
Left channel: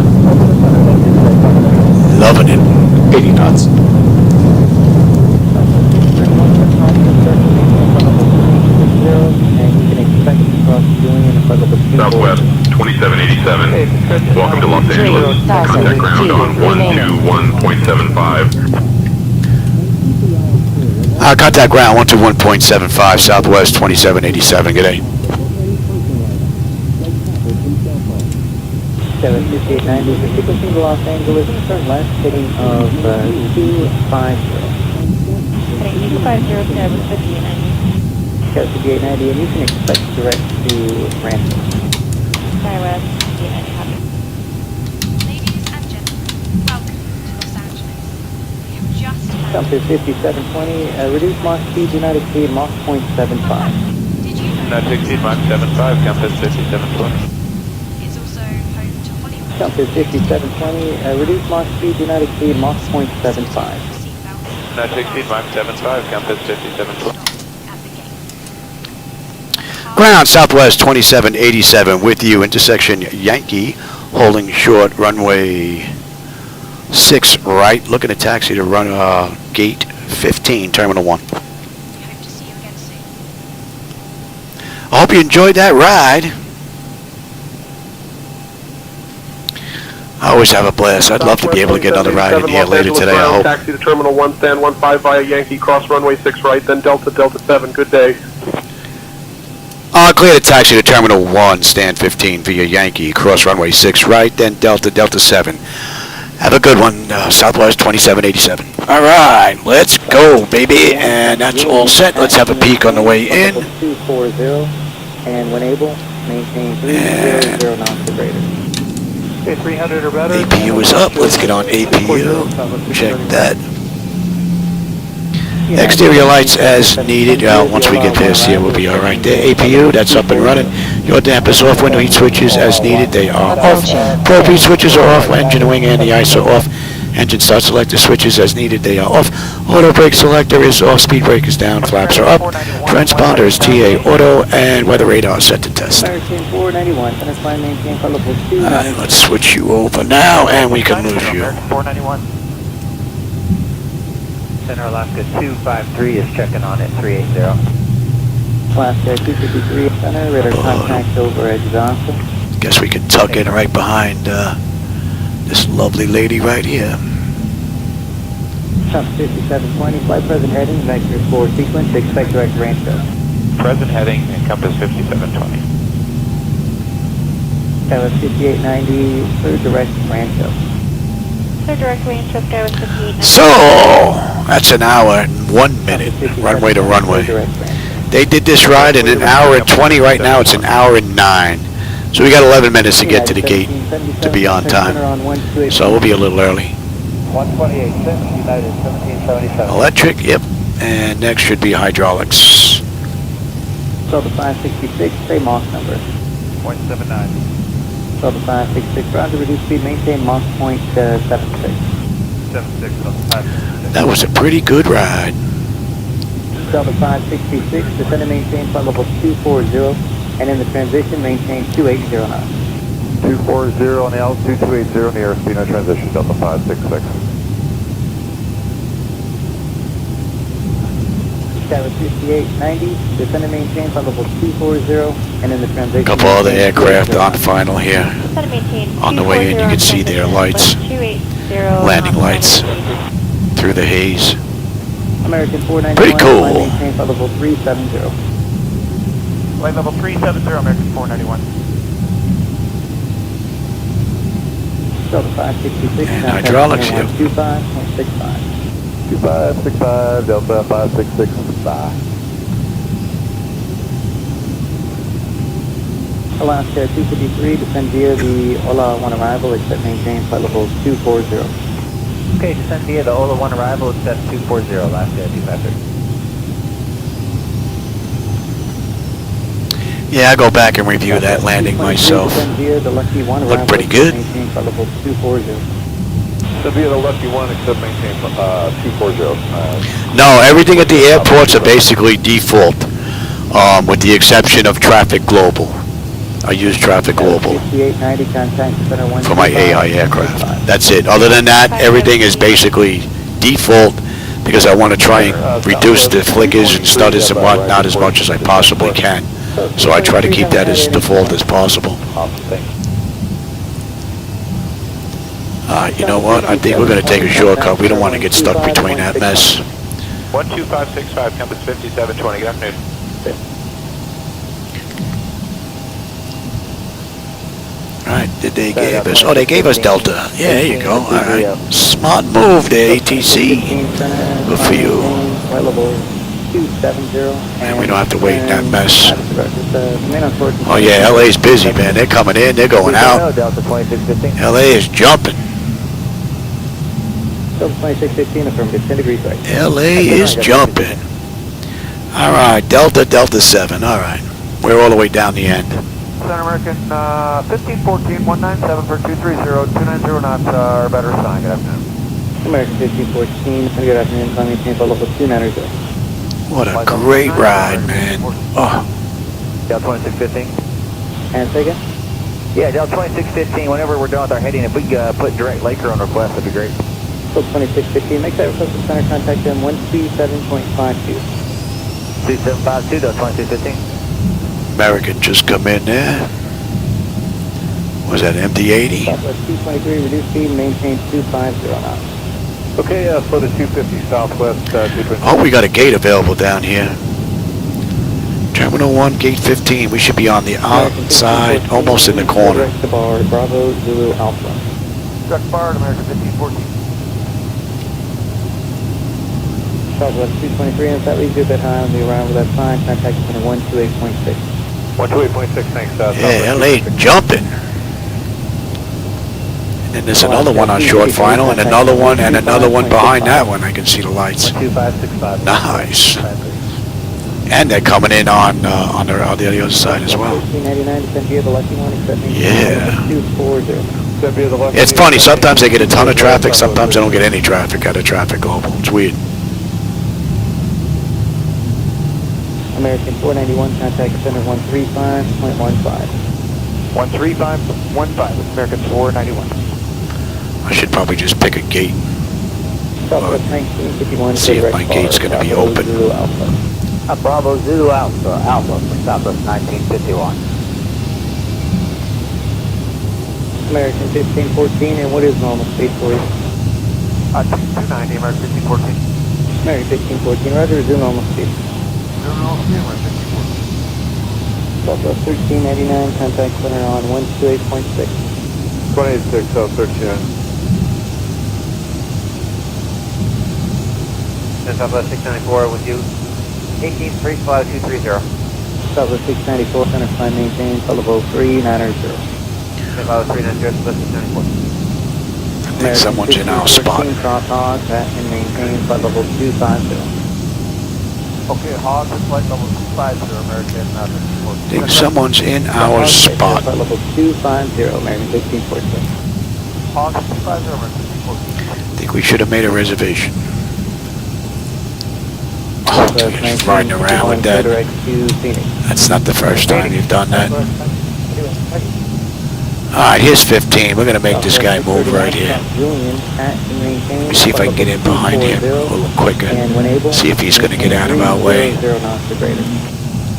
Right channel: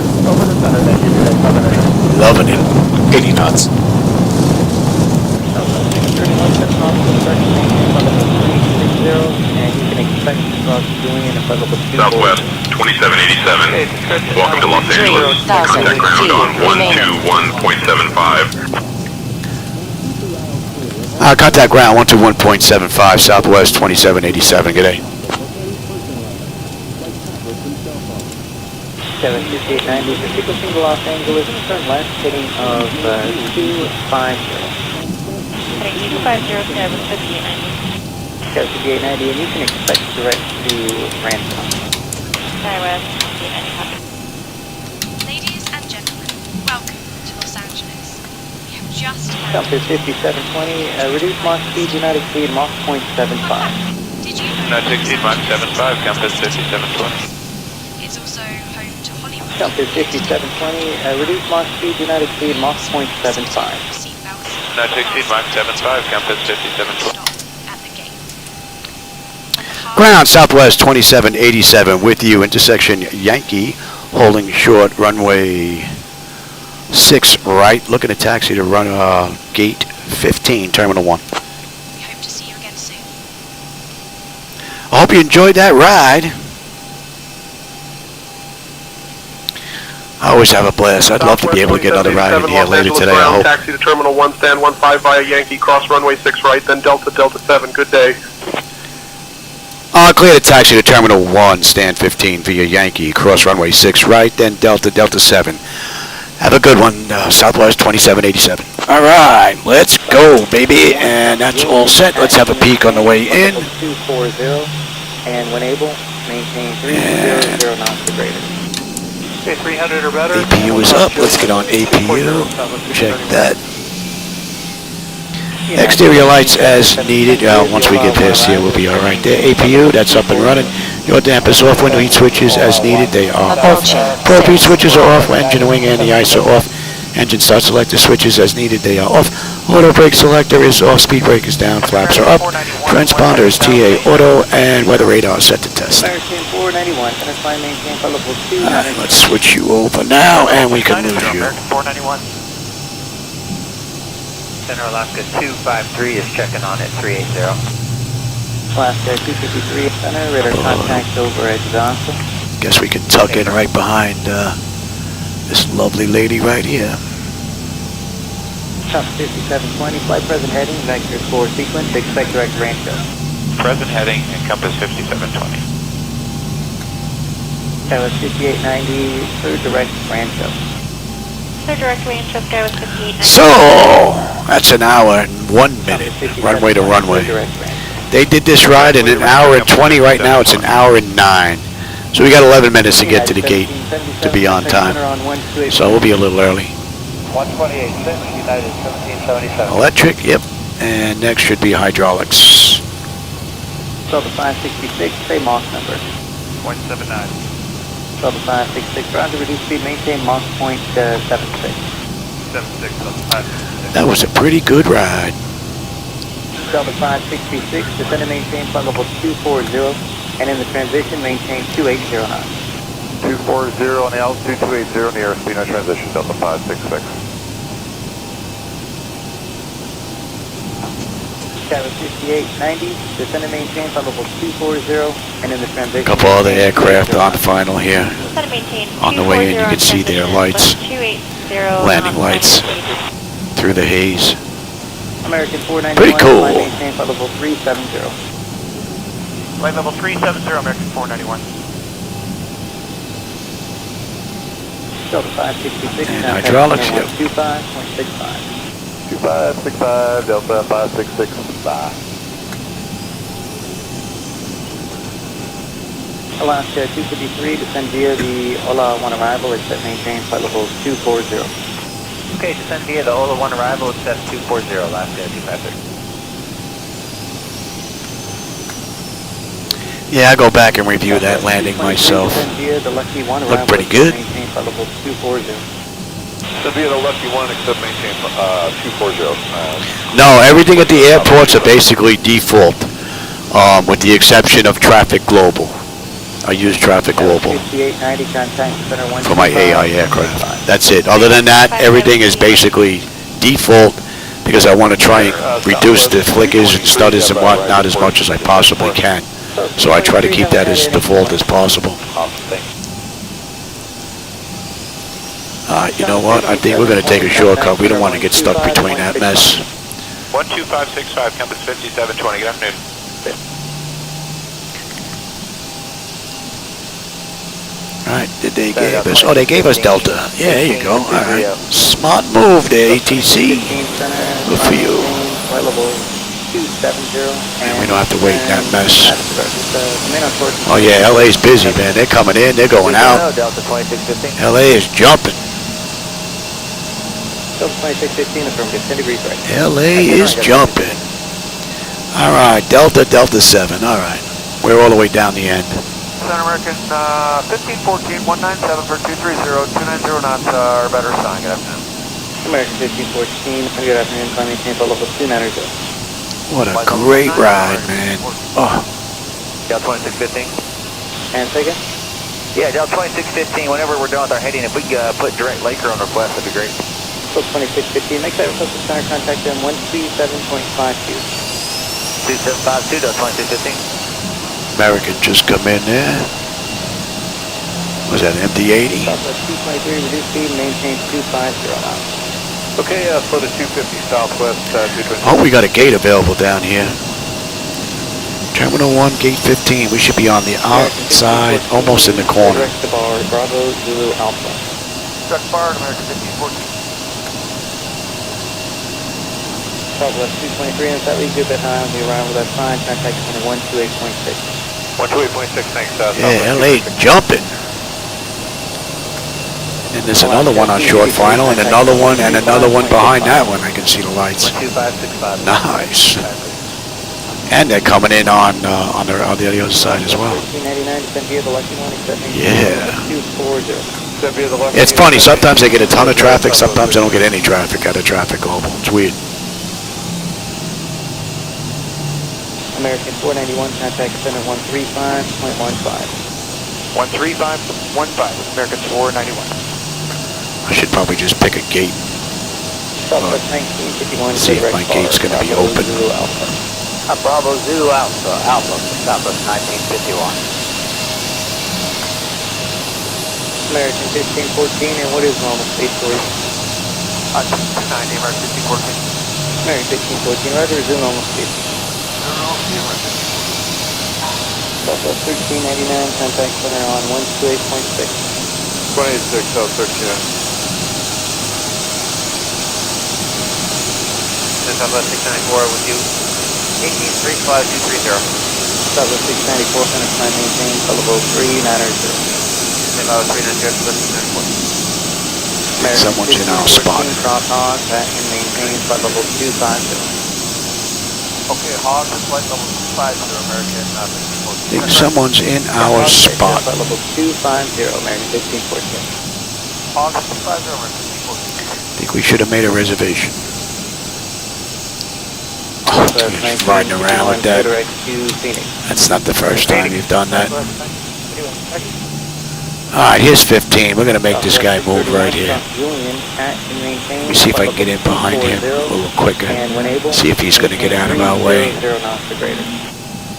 Loving it. 80 knots. Southwest 2787. Welcome to Los Angeles. Contact ground on 121.75. Contact ground 121.75, Southwest 2787. Good day. 75890, frequency to Los Angeles, turn left, heading of 250. 5890, and you can expect direct to Ransom. Ladies and gentlemen, welcome to Los Angeles. We have just Compass 5720, reduce Mach speed, do not exceed Mach 0.75. Not to exceed Mach 75, Compass 5720. It's also home to Hollywood. Compass 5720, reduce Mach speed, do not exceed Mach 0.75. Not to exceed Mach 75, Compass 5720. Ground Southwest 2787 with you, intersection Yankee, holding short, runway 6 right, looking to taxi to run gate 15, Terminal 1. Hope to see you again soon. I hope you enjoyed that ride. I always have a blast. I'd love to be able to get another ride in here later today, I hope. Taxi to Terminal 1, stand 15 via Yankee, cross runway 6 right, then Delta 7. Good day. Clear to taxi to Terminal 1, stand 15 via Yankee, cross runway 6 right, then Delta 7. Have a good one, Southwest 2787. All right, let's go, baby. And that's all set. Let's have a peek on the way in. 240, and when able, maintain 300 miles per greater. 300 or better. APU is up. Let's get on APU. Check that. Exterior lights as needed. Once we get past here, we'll be all right there. APU, that's up and running. Your dampers off. Window heat switches as needed. They are off. Probe heat switches are off. Engine wing and the ice are off. Engine start selector switches as needed. They are off. Auto brake selector is off. Speed brake is down. Flaps are up. Transponder is TA auto. And weather radar set to test. Alright, let's switch you over now, and we can lose you. 491. Center Alaska 253 is checking on at 380. Alaska 253 Center, radar contact over at Johnson. Guess we can tuck in right behind this lovely lady right here. Trump 5720, flight present heading, vector 4 sequence, expect direct range show. Present heading, encompass 5720. Skywest 5890, third direct range show. Third direct range show, Skywest 5890. So, that's an hour and 1 minute, runway to runway. They did this ride in an hour and 20, right now it's an hour and 9. So we got 11 minutes to get to the gate to be on time. So we'll be a little early. 128, United 1777. Electric, yep. And next should be hydraulics. Delta 566, same Mach number. 179. Delta 566, roger, reduce speed, maintain Mach point 76. 76, Delta 566. That was a pretty good ride. Delta 566, descend and maintain flight level 240, and in the transition, maintain 2809. 240 on the altitude, 280 in the airspeed, no transition, Delta 566. Skywest 5890, descend and maintain flight level 240, and in the transition... A couple other aircraft on final here. On the way in, you can see their lights, landing lights through the haze. American 491, pretty cool. maintain flight level 370. Flight level 370, American 491. Delta 566. And hydraulics, yep. 25165. 2565, Delta 566, bye. Alaska 253, descend via the Ola 1 arrival, it's set maintain flight level 240. Okay, descend via the Ola 1 arrival, it's set 240, Alaska 253. Yeah, I go back and review that landing myself. Looked pretty good. So be the lucky one except maintain 240. No, everything at the airports are basically default, with the exception of Traffic Global. I use Traffic Global for my AI aircraft. That's it. Other than that, everything is basically default because I want to try and reduce the flickers and stutters and whatnot as much as I possibly can. So I try to keep that as default as possible. You know what? I think we're going to take a shortcut. We don't want to get stuck between that mess. 12565, compass 5720, good afternoon. Alright, did they give us? Oh, they gave us Delta. Yeah, there you go. Alright. Smart move there, ATC. Good for you. Man, we don't have to wait in that mess. Oh yeah, LA's busy, man. They're coming in, they're going out. LA is jumping. LA is jumping. Alright, Delta 7. Alright. We're all the way down the end. Center American 1514, 197 for 230, 290 knots, our better sign, good afternoon. American 1514, good afternoon, climbing sample level 290. What a great ride, man. Oh. Delta 2615. And say again? Yeah, Delta 2615, whenever we're done with our heading, if we put direct Laker on request, that'd be great. Delta 2615, make that request to center contact them 137.52. 2752, Delta 2615. American just come in there. Was that MD-80? Reduce speed, maintain 250 knots. Okay, for the 250 Southwest. Oh, we got a gate available down here. Terminal 1, gate 15. We should be on the outside, almost in the corner. Bravo, Zulu, Alpha. Check bar, American 1514. Southwest 223, and if that leaves you at that time, we arrive with that sign, contact center 128.6. 128.6, thanks. Yeah, LA jumping. And then there's another one on short final, and another one behind that one. I can see the lights. Nice. And they're coming in on the other side as well. Yeah. It's funny. Sometimes they get a ton of traffic. Sometimes they don't get any traffic out of Traffic Global. It's weird. American 491, contact center 135.15. 13515, American 491. I should probably just pick a gate. But see if my gate's going to be open. Bravo Zulu Alpha, Alpha, Southwest 1951. American 1514, and what is normal speed for you? 290, American 1514. American 1514, roger, Zulu normal speed. Southwest 1389, contact center on 128.6. 186, South 13. Southwest 694 with you. 1835-230. Southwest 694, finish time maintain, Televo 3900. I think someone's in our spot. Drop hog, back and maintain, flight level 250. Okay, hog and flight level 250, American. I think someone's in our spot. Flight level 250, American 1514. Hog 250, American 1514. I think we should have made a reservation. Oh, just riding around with that. That's not the first time you've done that. Alright, here's 15. We're going to make this guy move right here. Let me see if I can get in behind him a little quicker. See if he's going to get out of our way.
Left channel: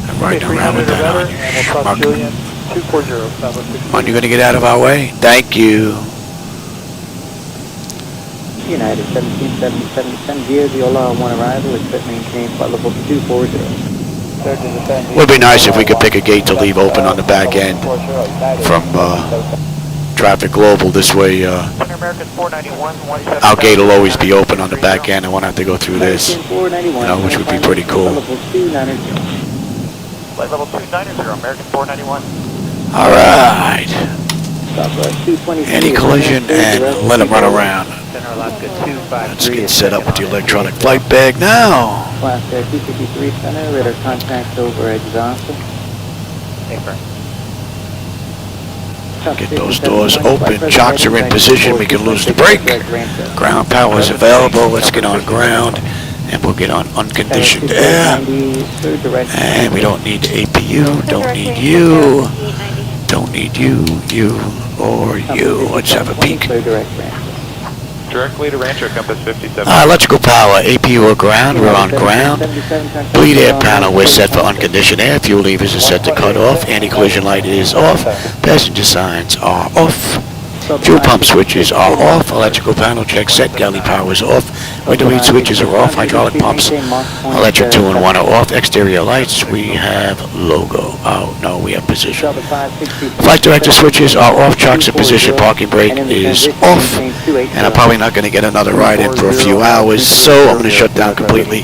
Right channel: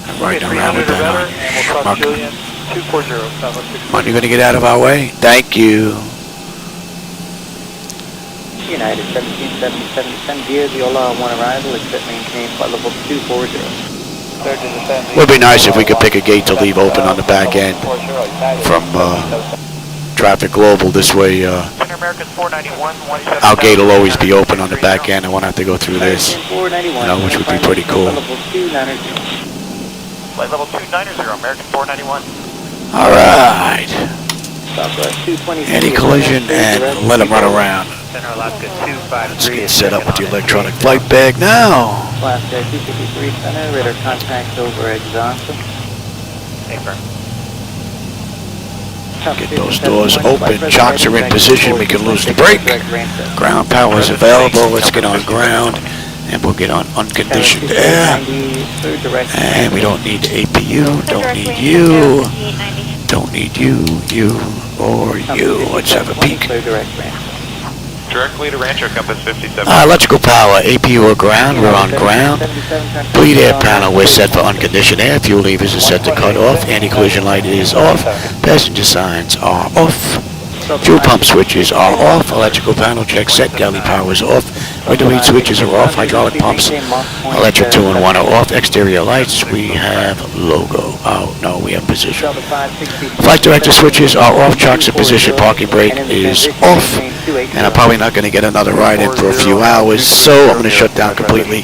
I'm riding around with that on, you schmuck. Come on, you're going to get out of our way? Thank you. United 1777 gear, Viola 1 arrival, is set maintain, flight level 240. Would be nice if we could pick a gate to leave open on the back end from Traffic Global. This way, our gate will always be open on the back end. I won't have to go through this, you know, which would be pretty cool. Flight level 290, American 491. All right. Anti-collision and let him run around. Let's get set up with the electronic flight bag now. Get those doors open. Chocks are in position. We can lose the brake. Ground power is available. Let's get on ground. And we'll get on unconditioned air. And we don't need APU. Don't need you. Don't need you, you, or you. Let's have a peek. Directly to Rancher, compass 57. Electrical power, APU or ground, we're on ground. Bleed air panel, we're set for unconditioned air. Fuel levers are set to cut off. Anti-collision light is off. Passenger signs are off. Fuel pump switches are off. Electrical panel check set. Galley power is off. Window heat switches are off. Hydraulic pumps, electric 2 and 1 are off. Exterior lights, we have logo. Oh, no, we have position. Flight director switches are off. Chocks in position. Parking brake is off. And I'm probably not going to get another ride in for a few hours, so I'm going to shut down completely,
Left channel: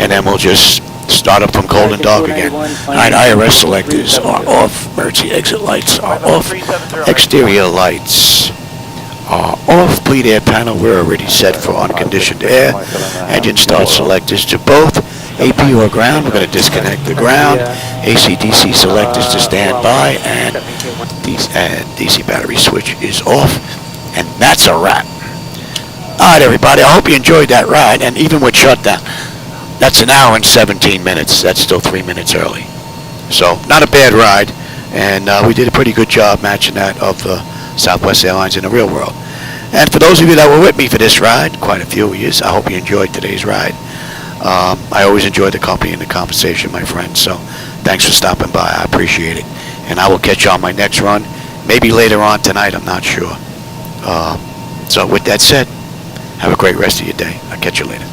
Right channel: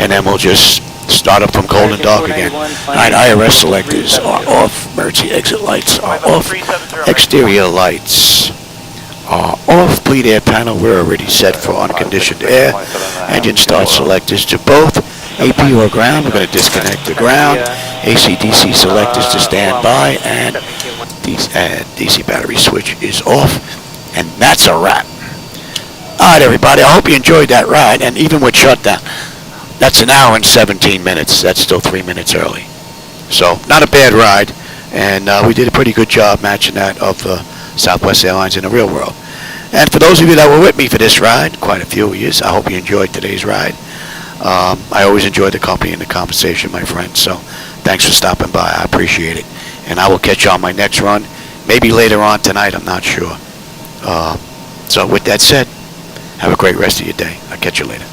and then we'll just start up from cold and dark again. Alright, IRS selectors are off. Emergency exit lights are off. Exterior lights are off. Bleed air panel, we're already set for unconditioned air. Engine start selectors to both. APU or ground, we're going to disconnect the ground. AC/DC selectors to standby, and DC battery switch is off. And that's a wrap. Alright, everybody, I hope you enjoyed that ride. And even with shutdown, that's an hour and 17 minutes. That's still 3 minutes early. So, not a bad ride. And we did a pretty good job matching that of Southwest Airlines in the real world. And for those of you that were with me for this ride, quite a few of you, I hope you enjoyed today's ride. I always enjoy the company and the conversation, my friends. So, thanks for stopping by. I appreciate it. And I will catch you on my next run. Maybe later on tonight, I'm not sure. So with that said, have a great rest of your day. I'll catch you later.